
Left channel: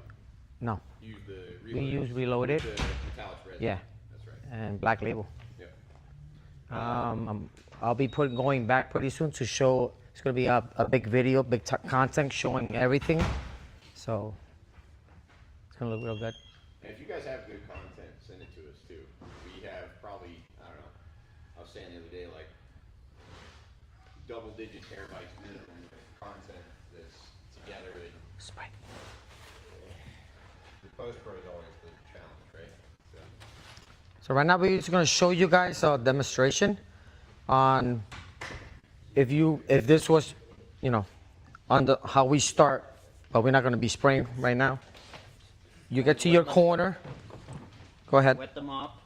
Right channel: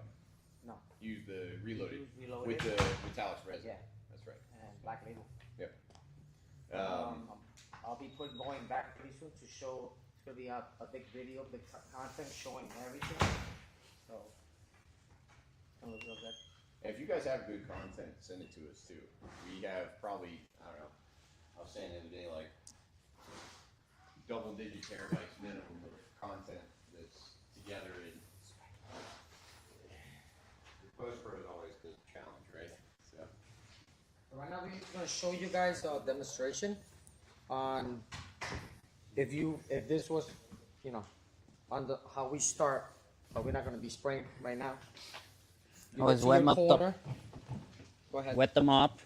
No, You used the we reloaded. used reloaded, The metallics resin. yeah, That's right. and black label. Yeah. I'll be going back pretty soon to show. It's gonna be a big video, big content showing everything. So it's gonna look real good. And if you guys have good content, send it to us too. We have probably, I don't know, I was saying the other day, like double-digit terabytes minimum of content that's together. The post-pro is always the challenge, right? So right now we're just gonna show you guys a demonstration on if this was, on how we start, but we're not gonna be spraying right now. You get Always to your warm up the- corner. Go ahead. Wet them up.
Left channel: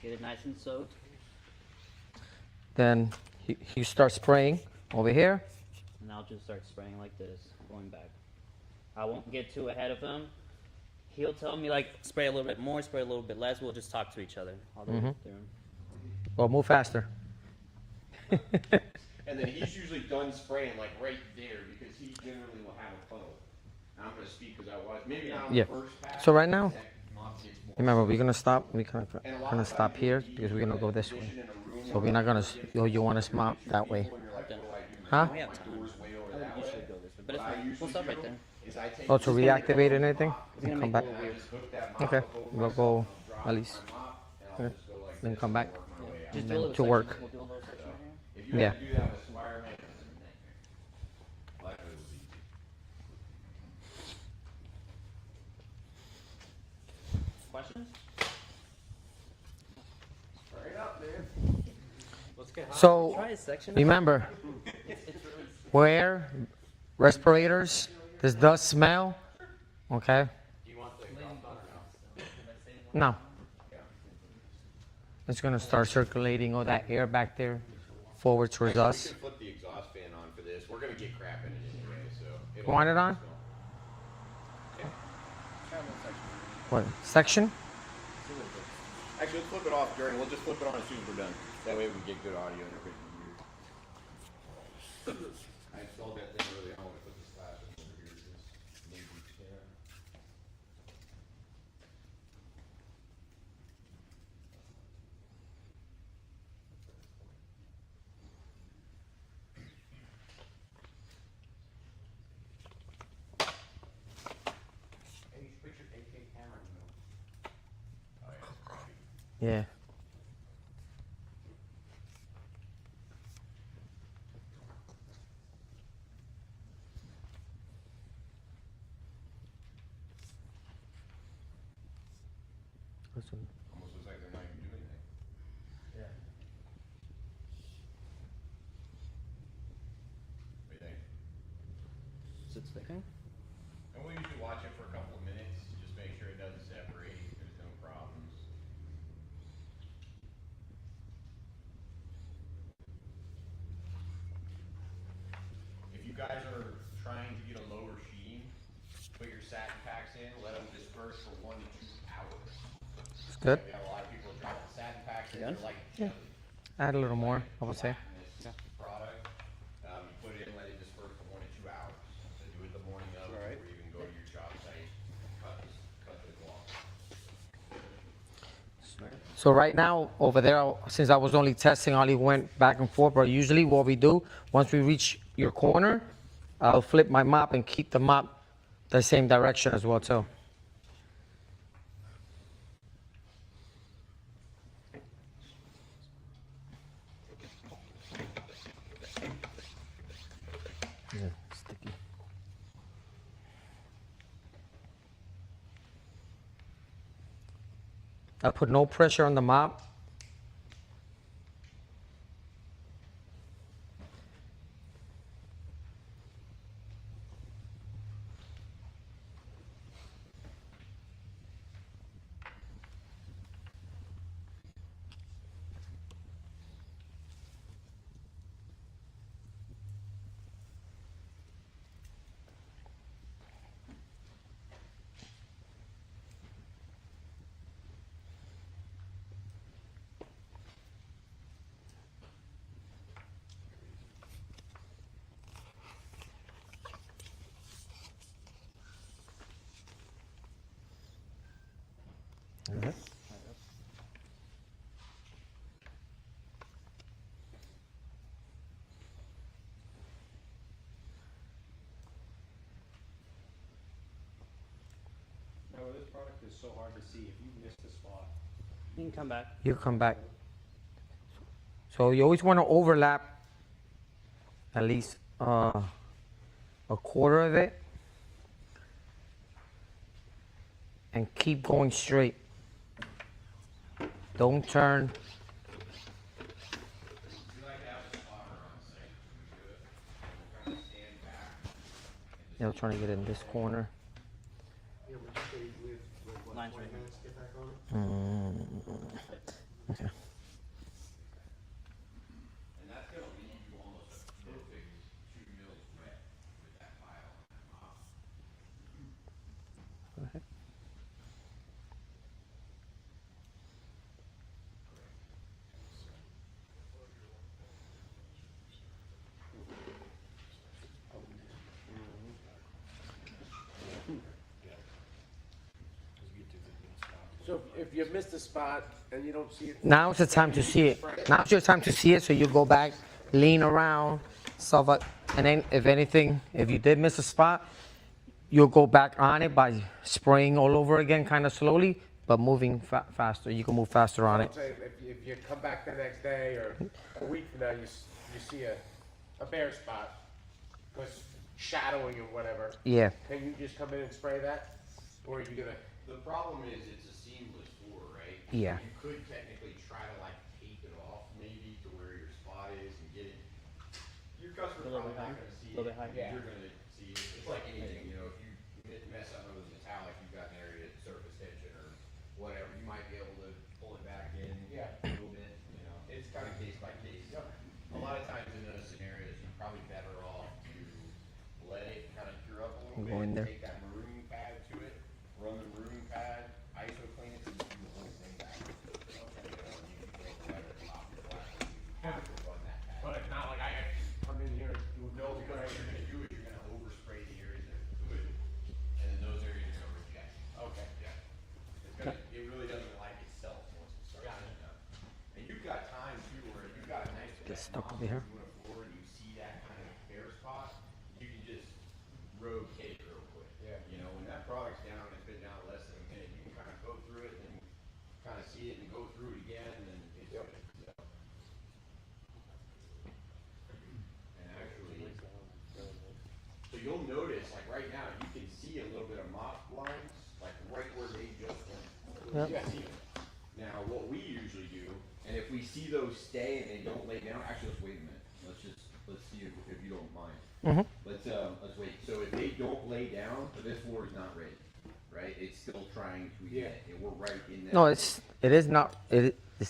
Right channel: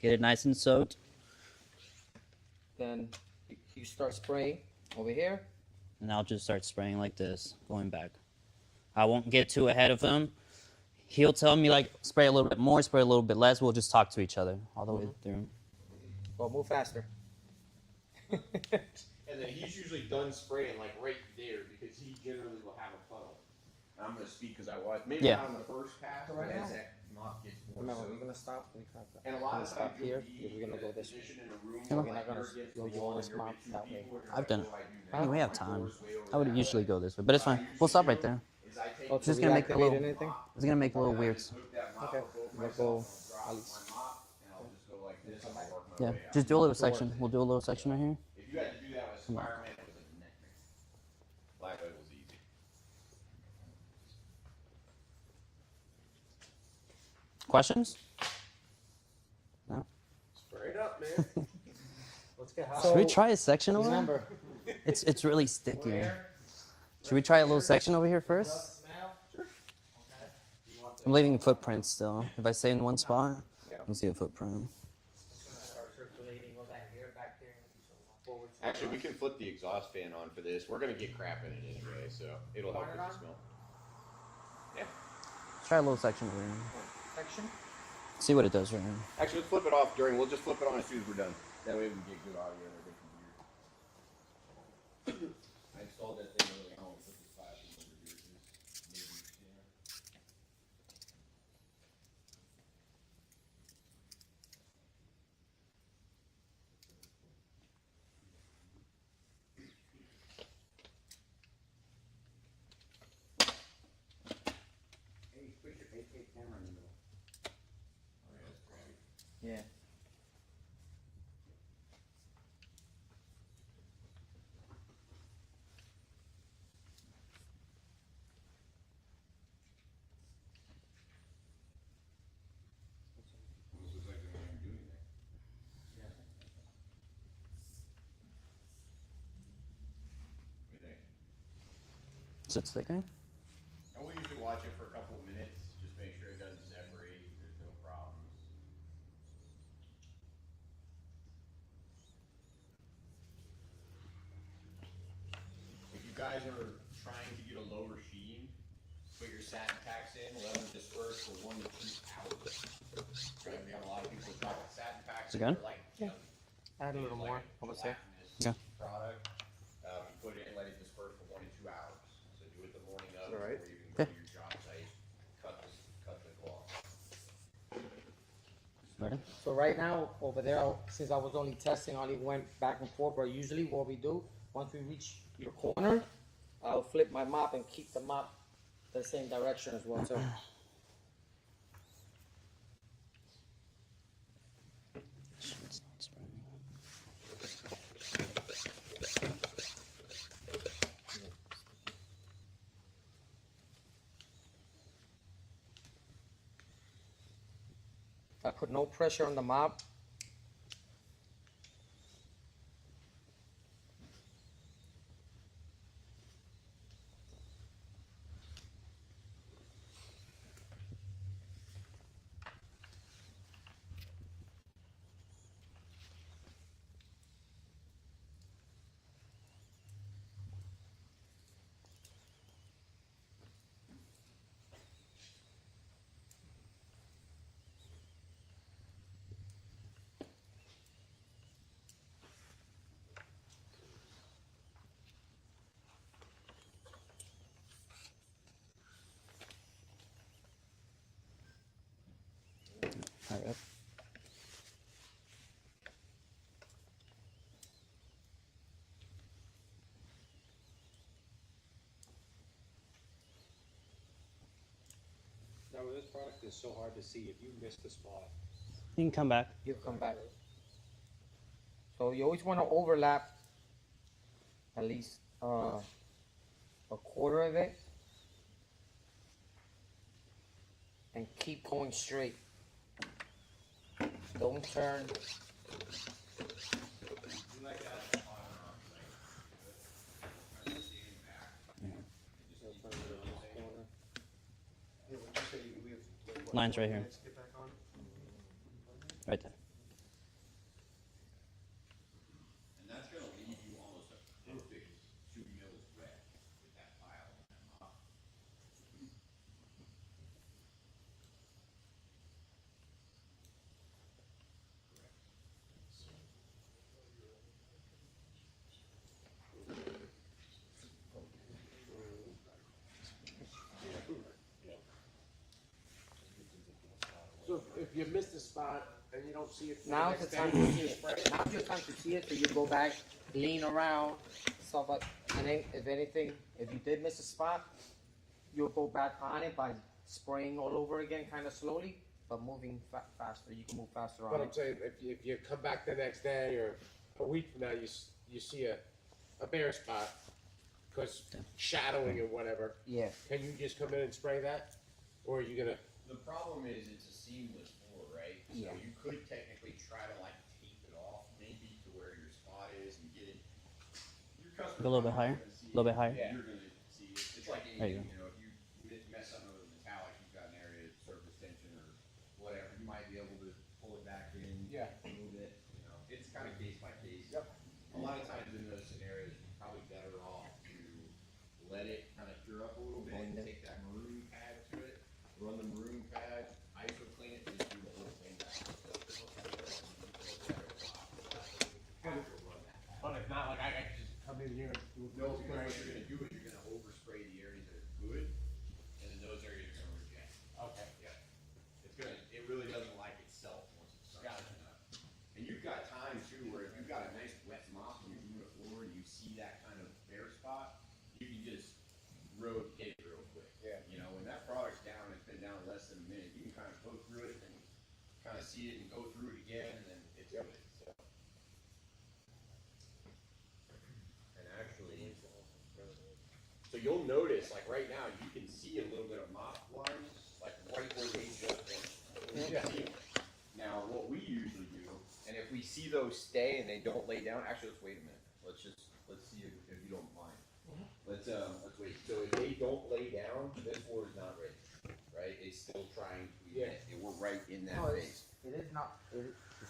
Get it nice and soaked. Then you start spraying over here. And I'll just start spraying like this, going back. I won't get too ahead of him. He'll tell me like spray a little bit more, spray a little bit less. We'll just talk to each other all the way through. Well, move faster. And then he's usually done spraying like right there because he generally will have a funnel. Now I'm gonna speak because I was maybe Yeah, not on yeah. the first pass. So right now, that mop gets more remember, we're gonna stop. We're gonna stop here because we're gonna go this way. So we're not gonna. You want to mop that way? I've done it. Huh? We have time. I would usually go this way, but it's fine. We'll stop right there. Oh, to Just gonna make a reactivate little- anything? It's gonna make a little weird. Okay, we'll go at least. Okay. Then come back. Yeah, just do a little To section. work. We'll do a little section right here. Yeah. Questions? Straight up, man. So Should we try a section? remember, It's really sticky. where Should we try a little respirators, section over here this first? does smell. Okay, I'm leaving footprints still. If I stay in one No. spot, you see a footprint. it's gonna start circulating all that air back there forward towards Actually, us. we can flip the exhaust fan on for this. We're gonna get crap in it anyway, so it'll Want it on? smell. Try a little section over here. What section? See what it does right now. Actually, let's flip it off during. We'll just flip it on as soon as we're done. That way we can get good audio and everything here. I installed that thing early on. I put the slashes over here. Maybe, yeah. Hey, you put your 8K camera in the middle. Oh, yeah, that's crazy. Yeah. Almost looks like they're not even doing that. Yeah. What do you think? Is it sticking? And we'll usually watch it for a couple of minutes to just make sure it doesn't separate. There's no problems. If you guys are trying to get a lower sheen, put your satin packs in, let them disperse for 1 to 2 hours. Good. We have a lot of people drop the satin packs in, Again? like, Add a little more, I would say. Yeah. Product, you put it in, let it disperse for 1 to 2 hours. So do it the morning of, All right. or even go to your job site, cut the cloth. So right now, over there, since I was only testing, I only went back and forth, but usually what we do, once we reach your corner, I'll flip my mop and keep the mop the same direction as well, too. I put no pressure on the mop. Alright. Now, with this product, it's so hard to see if you missed a spot. You can come back. You come back. So you always want to overlap at least a quarter of it and keep going straight. Don't turn. Yeah, I'm trying to get in this corner. Line's right here. Right. Okay. And that's gonna leave you almost a perfect 2 mils wet with that pile on that mop. Go ahead. So if you missed a spot and you don't see it. Now's the time to see it. Now's your time to see it, so you go back, lean around, stuff like, and then if anything, if you did miss a spot, you'll go back on it by spraying all over again, kind of slowly, but moving faster. You can move faster on I'm it. saying, if you come back the next day or a week from now, you see a bare spot, because shadowing or whatever, Yeah. can you just come in and spray that? Or are you gonna? The problem is it's a seamless floor, right? Yeah. You could technically try to like tape it off maybe to where your spot is and get it. Your customer Go a little bit higher. A little bit higher. Yeah. You're gonna see it. It's like There you anything, you know, if you mess up with a metallic, you've got an area of surface tension or whatever, you might be able to pull it back in Yeah. a little bit, you know. It's kind of case by case. Yep. A lot of times in those scenarios, you're probably better off to let it kind of cure up a little Go in bit, there. take that maroon pad to it, run the maroon pad, ISO clean it, and do the whole stuck over here. When a floor, you see that kind of bare spot, you can just rotate it real quick. Yeah. You know, when that product's down, it's been down less than a minute, you can kind of go through it and kind of see it and go through it again, and then it's Yep. good. So. And actually, so you'll notice, like right now, you can see a little bit of mop lines, like right where they just went. Yep. You can see them. Now, what we usually do, and if we see those stay and they don't lay down, actually, let's wait a minute. Let's see if you don't mind. Mhm. Let's wait. So if they don't lay down, this floor is not ready, right? It's still trying to emit. And we're right in that. No, it's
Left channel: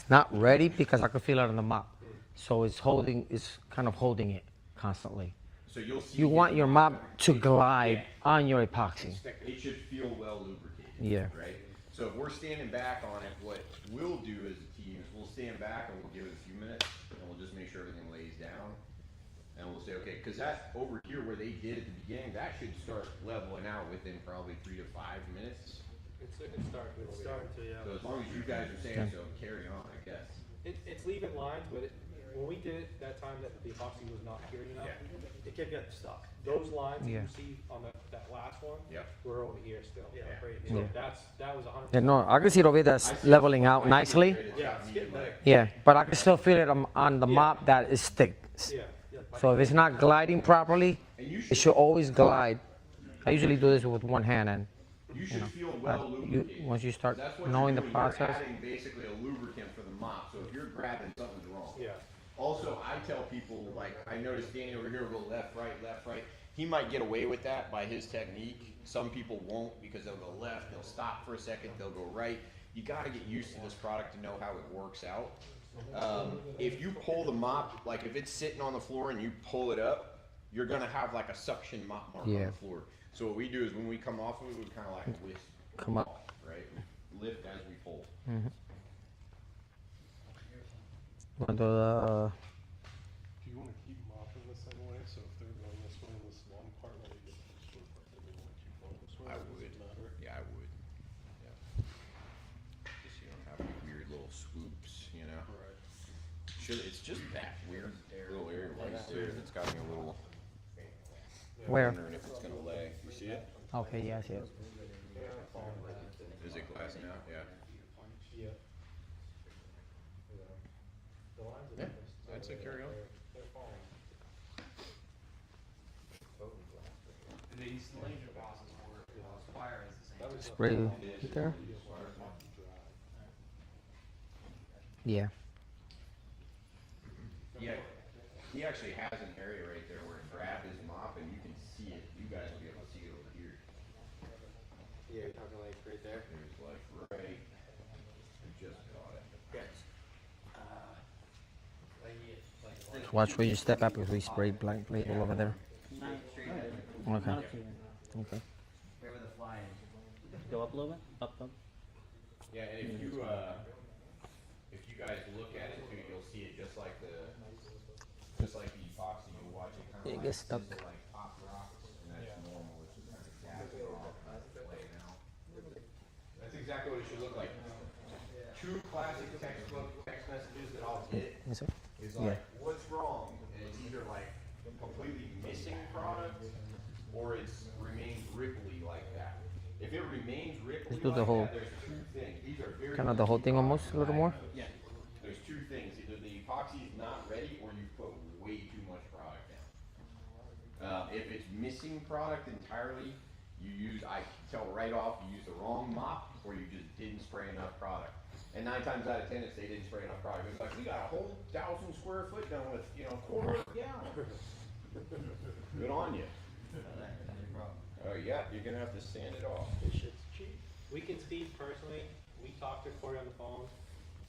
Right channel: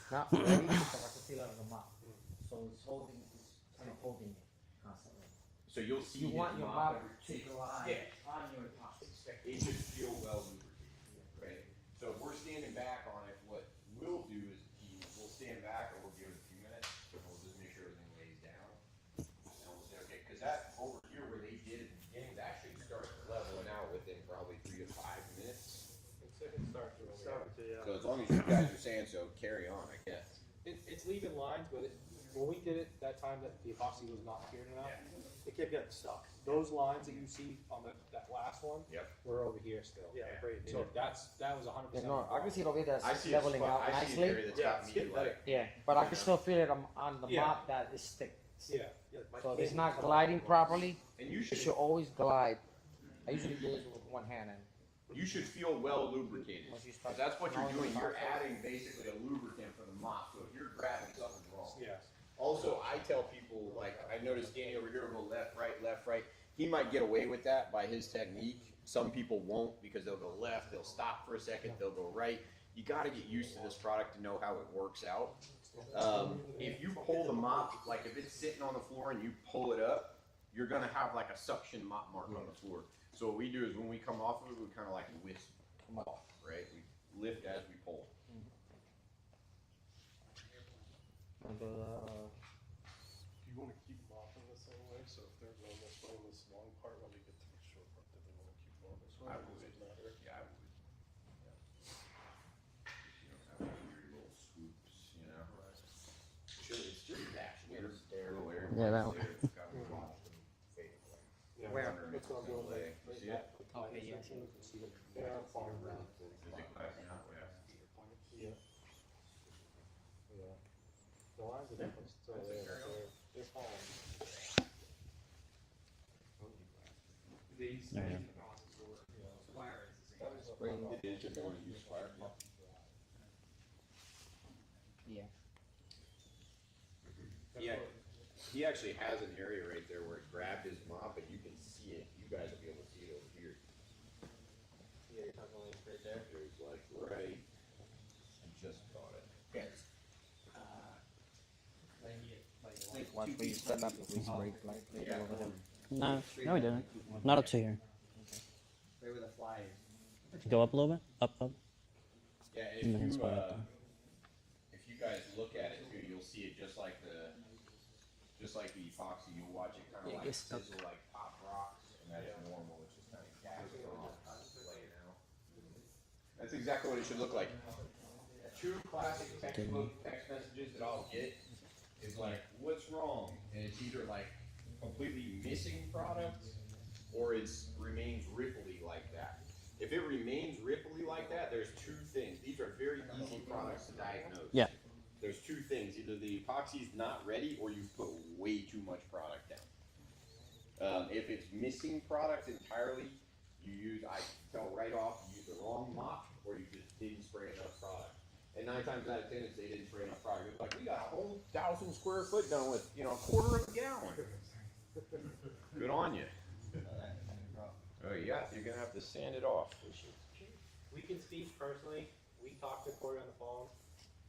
not ready because I can feel it on the mop. So it's kind of holding it constantly. So you'll see. You want your mop to glide on your epoxy. It should feel well lubricated. Yeah. Right. So if we're standing back on it, what we'll do as a team is we'll stand back and we'll give it a few minutes, and we'll just make sure everything lays down, and we'll say, okay, because that over here where they did at the beginning, that should start leveling out within probably 3 to 5 minutes. So as long as you guys are saying so, carry on, I guess. It's leaving lines, but when we did it that time that the epoxy was not cured enough, it kept getting stuck. Those lines that Yeah. you see on that last one, Yep. were over here still. Yeah. Right. Yeah. So that was 100%. Yeah, no, I can see it over there I that's see leveling a out spot- I see an nicely. area that's Yeah, got it's me, getting like- better. Yeah, but I can still feel it on the Yeah. mop that is thick. Yeah. So if it's not gliding properly, And you it should, should always glide. I usually do this with one hand, and you should feel well lubricated. once you start That's what knowing you're the doing. You're process. adding basically a lubricant for the mop. So if you're grabbing, something's wrong. Yeah. Also, I tell people, like, I noticed Danny over here will go left, right. He might get away with that by his technique. Some people won't because they'll go left, they'll stop for a second, they'll go right. You gotta get used to this product to know how it works out. If you pull the mop, like if it's sitting on the floor and you pull it up, you're gonna have like a suction mop mark on Yeah. the floor. So what we do is when we come off of it, we kind of like whisk Come up. off, right? We lift as we pull. Want the, Do you wanna keep mopping this anyway, so if they're going this way in this long part, when they get to the short part, then they wanna keep going this way? I Does it would. matter? Yeah, I would. Just so you don't have any weird little swoops, you know? Right. It's just that weird little area Yeah, right that there. It's got me a little where? wondering if it's gonna lay. You see it? Okay, yeah, I see it. Is it glassing out? Yeah. Yeah. Yeah, I'd say carry on. They're falling. Spray it there. Yeah. Yeah. He actually has an area right there where grab his mop and you can see it. You guys will be able to see it over here. Yeah, kind of like right there. There's like right. I just caught it. Watch where you step up because we sprayed blank plate all over there. No, we didn't. Okay. Not up to here. Okay. Go up a little bit. Up. Yeah, and if you guys look at it too, you'll see it just like the epoxy. You'll watch it kind of It like gets stuck. sizzle like pop rocks, and that's normal. It's just kind of gassing off and laying out. That's exactly what it should look like. Two classic textbook text messages that I'll get Yes, sir. is like, "What's wrong?" And it's either like completely missing product, or it's remains ripply like that. If it remains ripply Let's do like the whole- that, there's two things. These are very Kind of the whole easy thing products almost, to a little more? diagnose. Yeah. There's two things. Either the epoxy is not ready, or you've put way too much product down. If it's missing product entirely, I tell right off, you use the wrong mop, or you just didn't spray enough product. And 9 times out of 10, if they didn't spray enough product, it's like, we got a whole 1,000 square foot done with, a quarter of a gallon. Good on you. Oh yeah, you're gonna have to sand it off. This shit's cheap. We can speak personally. We talked to Corey on the phone.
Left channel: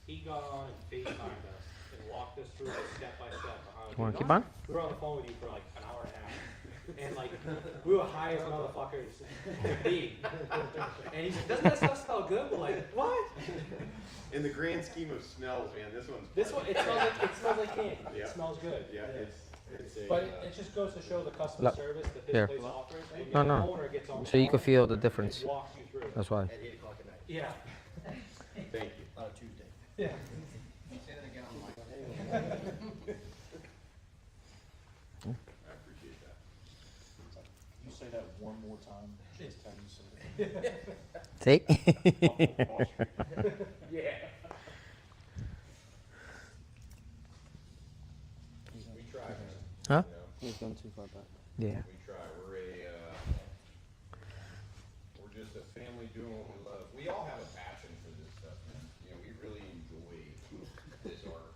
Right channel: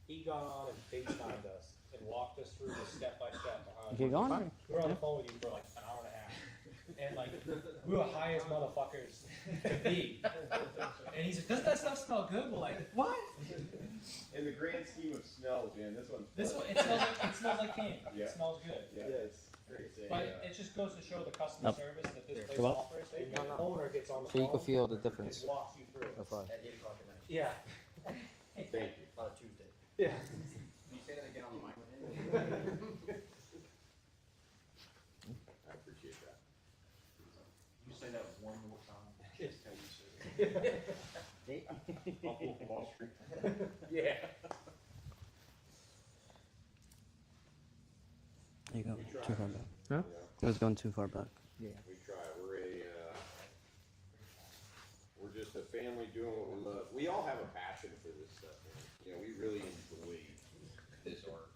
He got on and FaceTimed us and walked us through the step by step of how. You want to keep on? We were on the phone with you for like an hour and a half. And like, we were high as motherfuckers could be. And he's like, doesn't that stuff smell good? We're like, what? In the grand scheme of smells, man, this one's. This one, it smells like candy. Yeah. It smells good. Yeah, it's a, But it just goes to show the customer Look, service that here. this place offers. When No, the no. owner gets on the So you can phone, feel the difference. it walks you through. That's why. At 8 o'clock at night, Yeah. Thank you. on a Tuesday. Yeah. Say that again on the mic. See? Yeah. There you go. Too far back. Huh? It was going too far back. Yeah. We try. We're just a family doing what we love. We all have a passion for this stuff, man. You know, we really enjoy this art.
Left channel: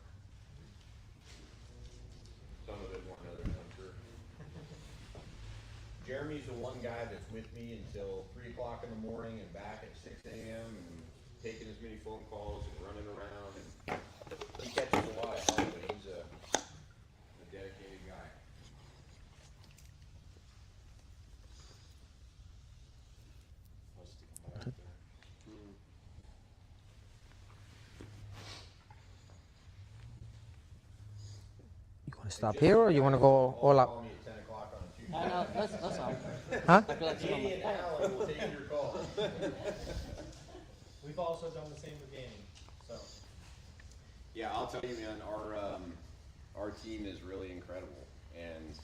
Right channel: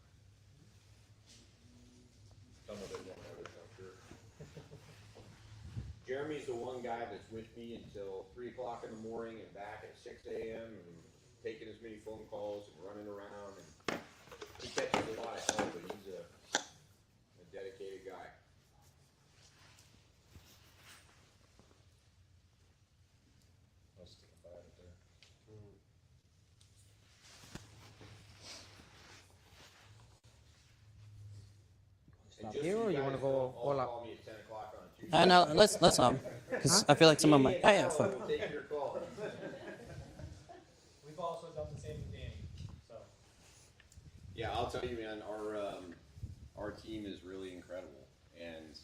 Some of it more than others, I'm sure. Jeremy's the one guy that's with me until 3 o'clock in the morning and back at 6 a.m. and taking as many phone calls and running around. And he catches a lot of hell, but he's a dedicated guy. You want to stop here or you want to go all out? Call me at 10 o'clock on a Tuesday. No, let's 'cause Huh? I feel like some of my. Oh yeah. We'll take your call. We've also done the same with Danny, so. Yeah, I'll tell you, man, our team is really incredible, and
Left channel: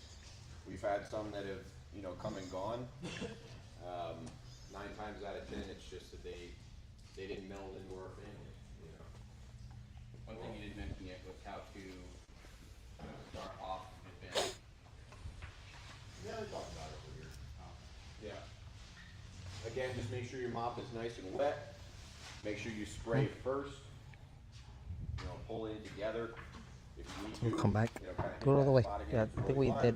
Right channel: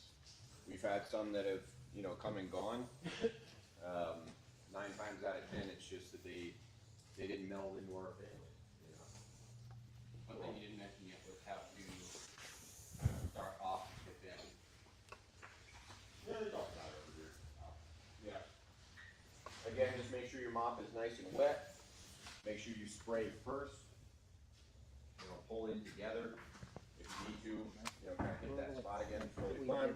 we've had some that have, you know, come and gone. 9 times out of 10, it's just that they didn't meld into our family, you know. One thing you didn't mention yet was how to start off with them. Yeah, I talked about it over here. Yeah. Again, just make sure your mop is nice and wet. Make sure you spray first. You know, pull in together. If you need to, We'll come back. you know, kind of Go all the way. spot Yeah, again. I think we did.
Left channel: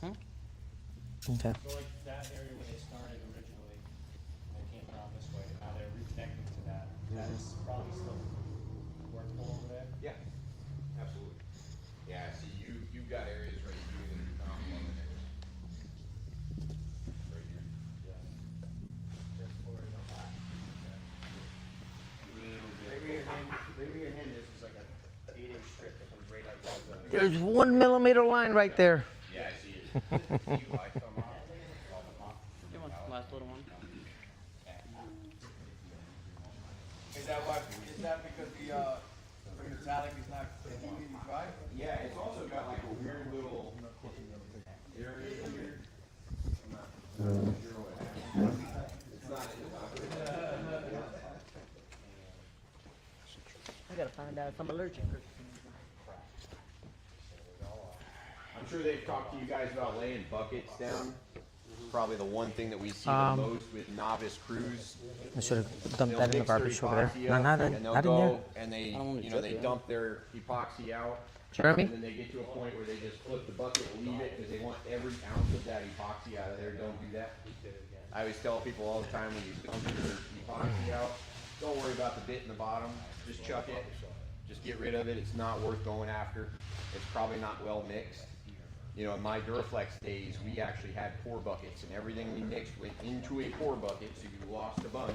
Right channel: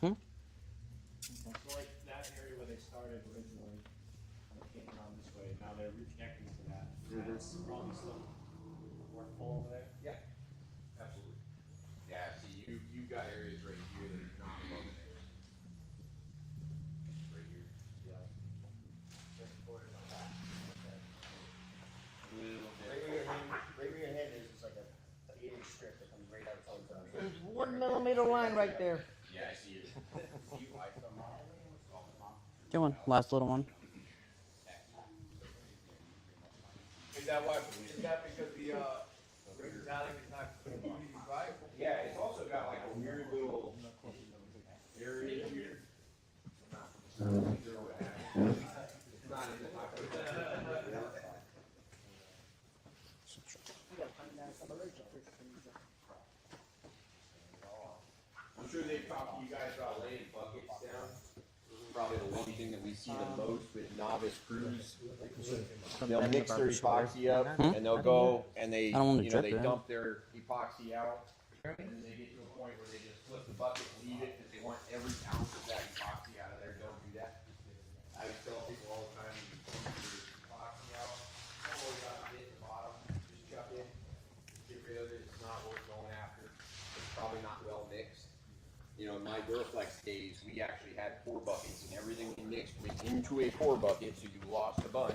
Okay. So like that area where they started originally, they came around this way, now they're reconnecting to that. That's probably still workable over there. Yeah, absolutely. Yeah, see, you've got areas right here that are not loving it. Right here. Maybe your hand is just like a 8-inch strip that goes right outside the. There's 1 millimeter line right there. Yeah, I see it. Good one. Last little one. Is that what, is that because the metallic is not keeping you dry? Yeah, it's also got like a weird little area here. I'm not sure what happened. It's not in the pocket. I gotta find out if I'm allergic. I'm sure they've talked to you guys about laying buckets down. Probably the one thing that we see the most with novice crews. I should have dumped They'll that in the mix their garbage over there. epoxy No, up, no, no. and they'll Not in here. go and they, I don't wanna you know, jerk they it dump their epoxy out. Jeremy? And then they get to a point where they just flip the bucket and leave it because they want every ounce of that epoxy out of there. Don't do that. I always tell people all the time when you dump your epoxy out, don't worry about the bit in the bottom. Just chuck it. Just get rid of it. It's not worth going after. It's probably not well mixed. You know, in my Duraflex days, we actually had pour buckets, and everything we mixed went into a pour bucket, so you lost a bunch.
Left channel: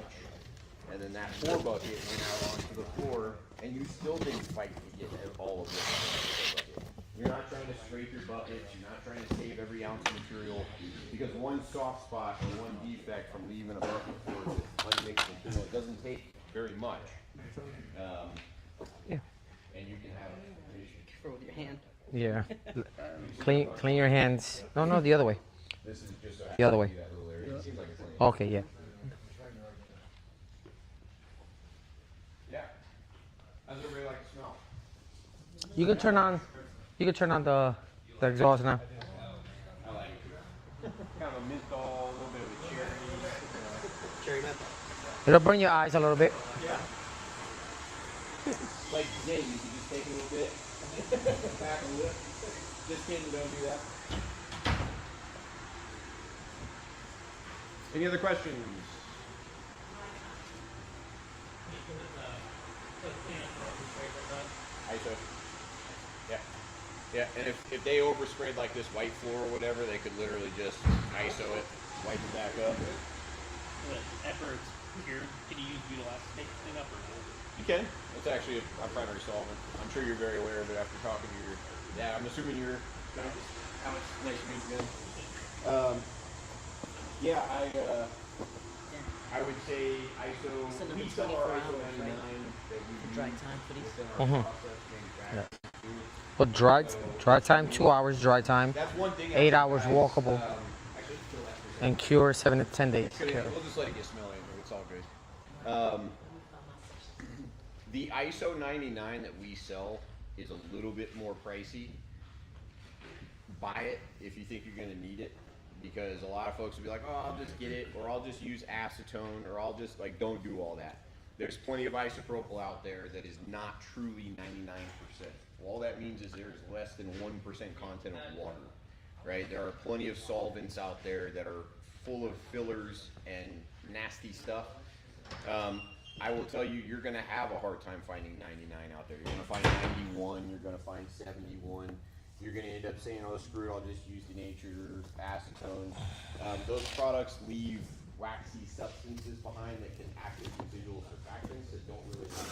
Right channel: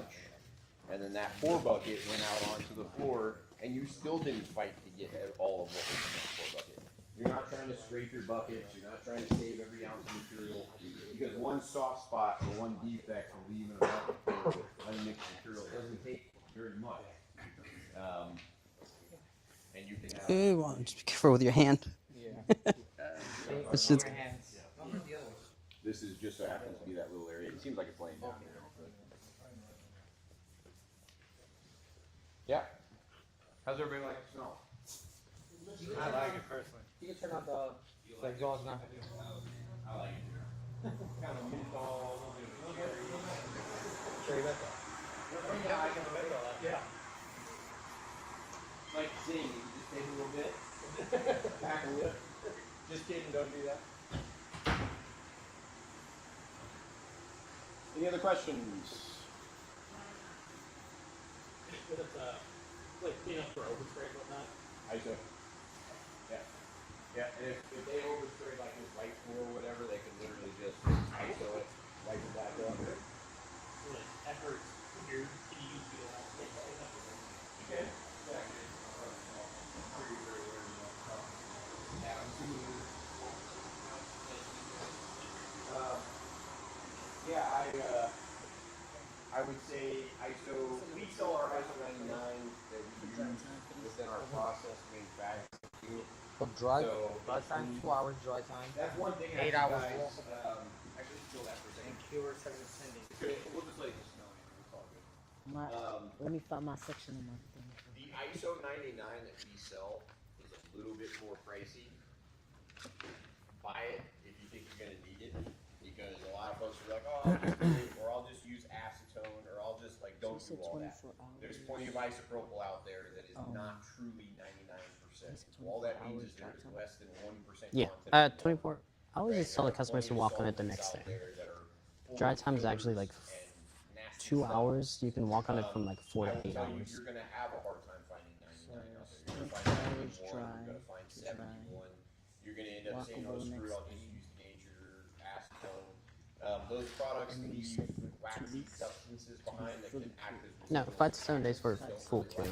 And then that pour bucket went out onto the floor, and you still didn't fight to get all of it out of the pour bucket. You're not trying to scrape your buckets, you're not trying to save every ounce of material, because one soft spot or one defect from leaving a bucket full with unmixed material, it doesn't take very much. And you can have. Good one. Just be careful with your hand. Yeah. Clean your hands. No, the other way. This is just The other way. that little area. It seems like it's playing. Okay, yeah. Yeah. How's everybody like the smell? You can turn on the exhaust now. I like it. Kind of a menthol, a little bit of a cherry. It'll burn your eyes a little bit. Like Jenny, you can just take a little bit. Back a lip. Just kidding, don't do that. Any other questions? ISO. Yeah. Yeah, and if they oversprayed like this white floor or whatever, they could literally just ISO it, wipe it back up. After it's cured, can you use Butyl Acetate to clean up? You can. That's actually a primary solvent. I'm sure you're very aware of it after talking to your dad. I'm assuming you're. Alex, nice to meet you, man. Yeah, I would say ISO. We still are ISO 99 that we use Dry time for these. within our process manufacturing. But dry time, 2 hours dry time. That's one thing. 8 hours walkable. I should fill that And cure 7 to 10 days. We'll Cure. just let it get smelly. It's all good. Let me find my section. The ISO 99 that we sell is a little bit more pricey. Buy it if you think you're gonna need it, because a lot of folks will be like, oh, I'll just get it, or I'll just use acetone, or I'll just like, don't do all that. There's plenty of isopropyl out there that is not truly 99%. All that means is there's less than 1% Yeah, content of 24. water. I always just tell the customers to walk on it the next out day. there that are full Dry of time is actually fillers like and nasty 2 stuff. hours. You can walk on it from like 4 I to will 8 tell you, hours. you're gonna have a hard time finding 99 out there. You're gonna find 91, you're gonna find 71. You're gonna end up saying, oh, screw it, I'll just use denatured acetone. Those products leave waxy substances behind that can actually. No, 5 to 7 days for full clean.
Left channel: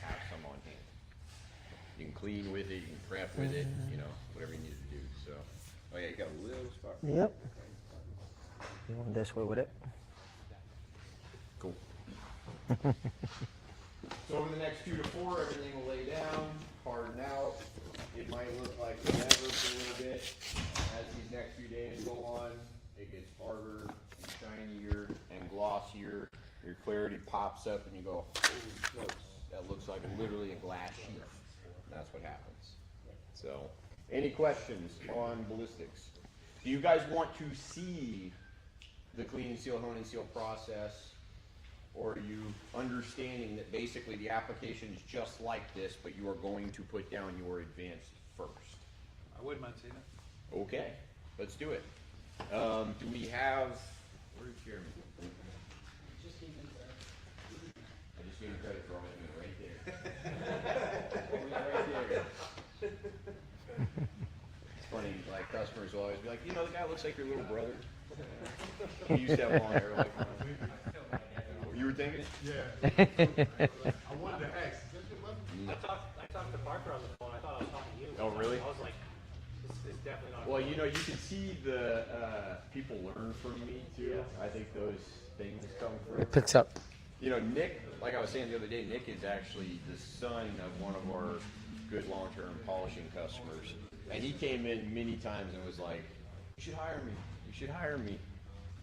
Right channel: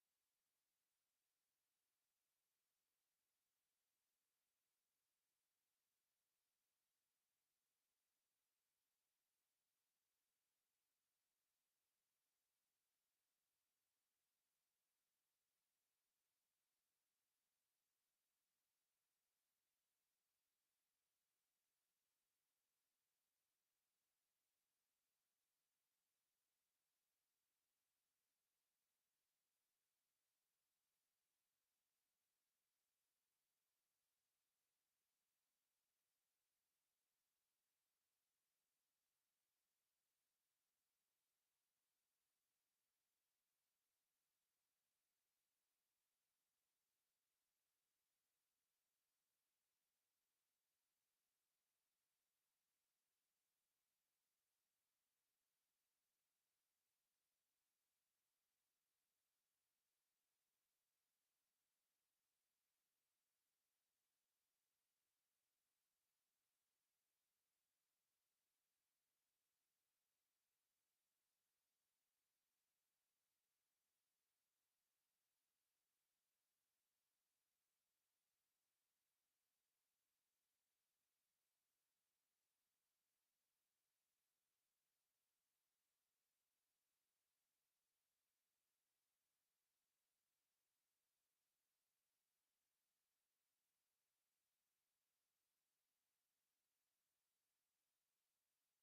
Have some on hand. You can clean with it, you can prep with it, you know, whatever you need to do. So, oh yeah, you got a little spot. Yep. You want this way with it? Cool. So over the next 2 to 4, everything will lay down, harden out. It might look like whatever for a little bit. As these next few days go on, it gets harder and shinier and glossier. Your clarity pops up and you go, holy smokes, that looks like literally a glass sheet. That's what happens. So, any questions on ballistics? Do you guys want to see the clean and seal, hone and seal process? Or are you understanding that basically the application is just like this, but you are going to put down your advanced first? I wouldn't mind seeing it. Okay, let's do it. Do we have, where's Jeremy? I just gave him credit for all of it right there. Right there. It's funny, like customers will always be like, you know, the guy looks like your little brother. He used to have long hair like mine. You were thinking? Yeah. I wanted to ask. I talked to Parker on the phone. I thought I was talking to you. Oh, really? I was like, this is definitely not. Well, you know, you can see the people learn from me too. Yes. I think those things come from. It picks up. You know, Nick, like I was saying the other day, Nick is actually the son of one of our good long-term polishing customers, and he came in many times and was like, "You should hire me. You should hire me."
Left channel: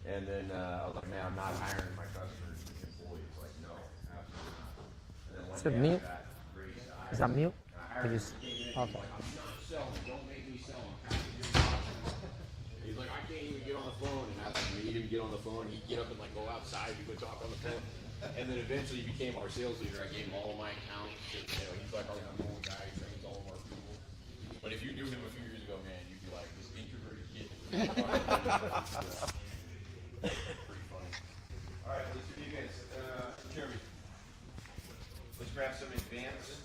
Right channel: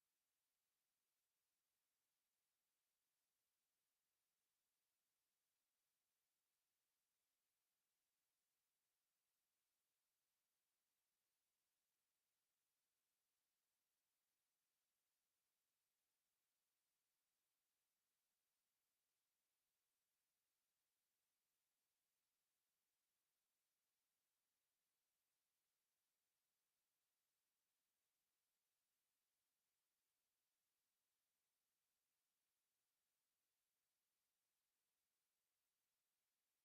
And then I was like, "Man, I'm not hiring my customers as employees." Like, no, absolutely not. And then one Is it day meal? I got Grace hired. Is that meal? I hired It him. is. He came in, Okay. he's like, "I'm not selling. Don't make me sell them." He's like, "I can't even get on the phone." And I was like, made him get on the phone. He'd get up and like go outside. We would talk on the phone. And then eventually he became our sales leader. I gave him all of my accounts. And, you know, he's like our number one guy. He trains all of our people. But if you knew him a few years ago, man, you'd be like this introverted kid. Pretty funny. All right, let's do the advance. Jeremy, let's grab some advance.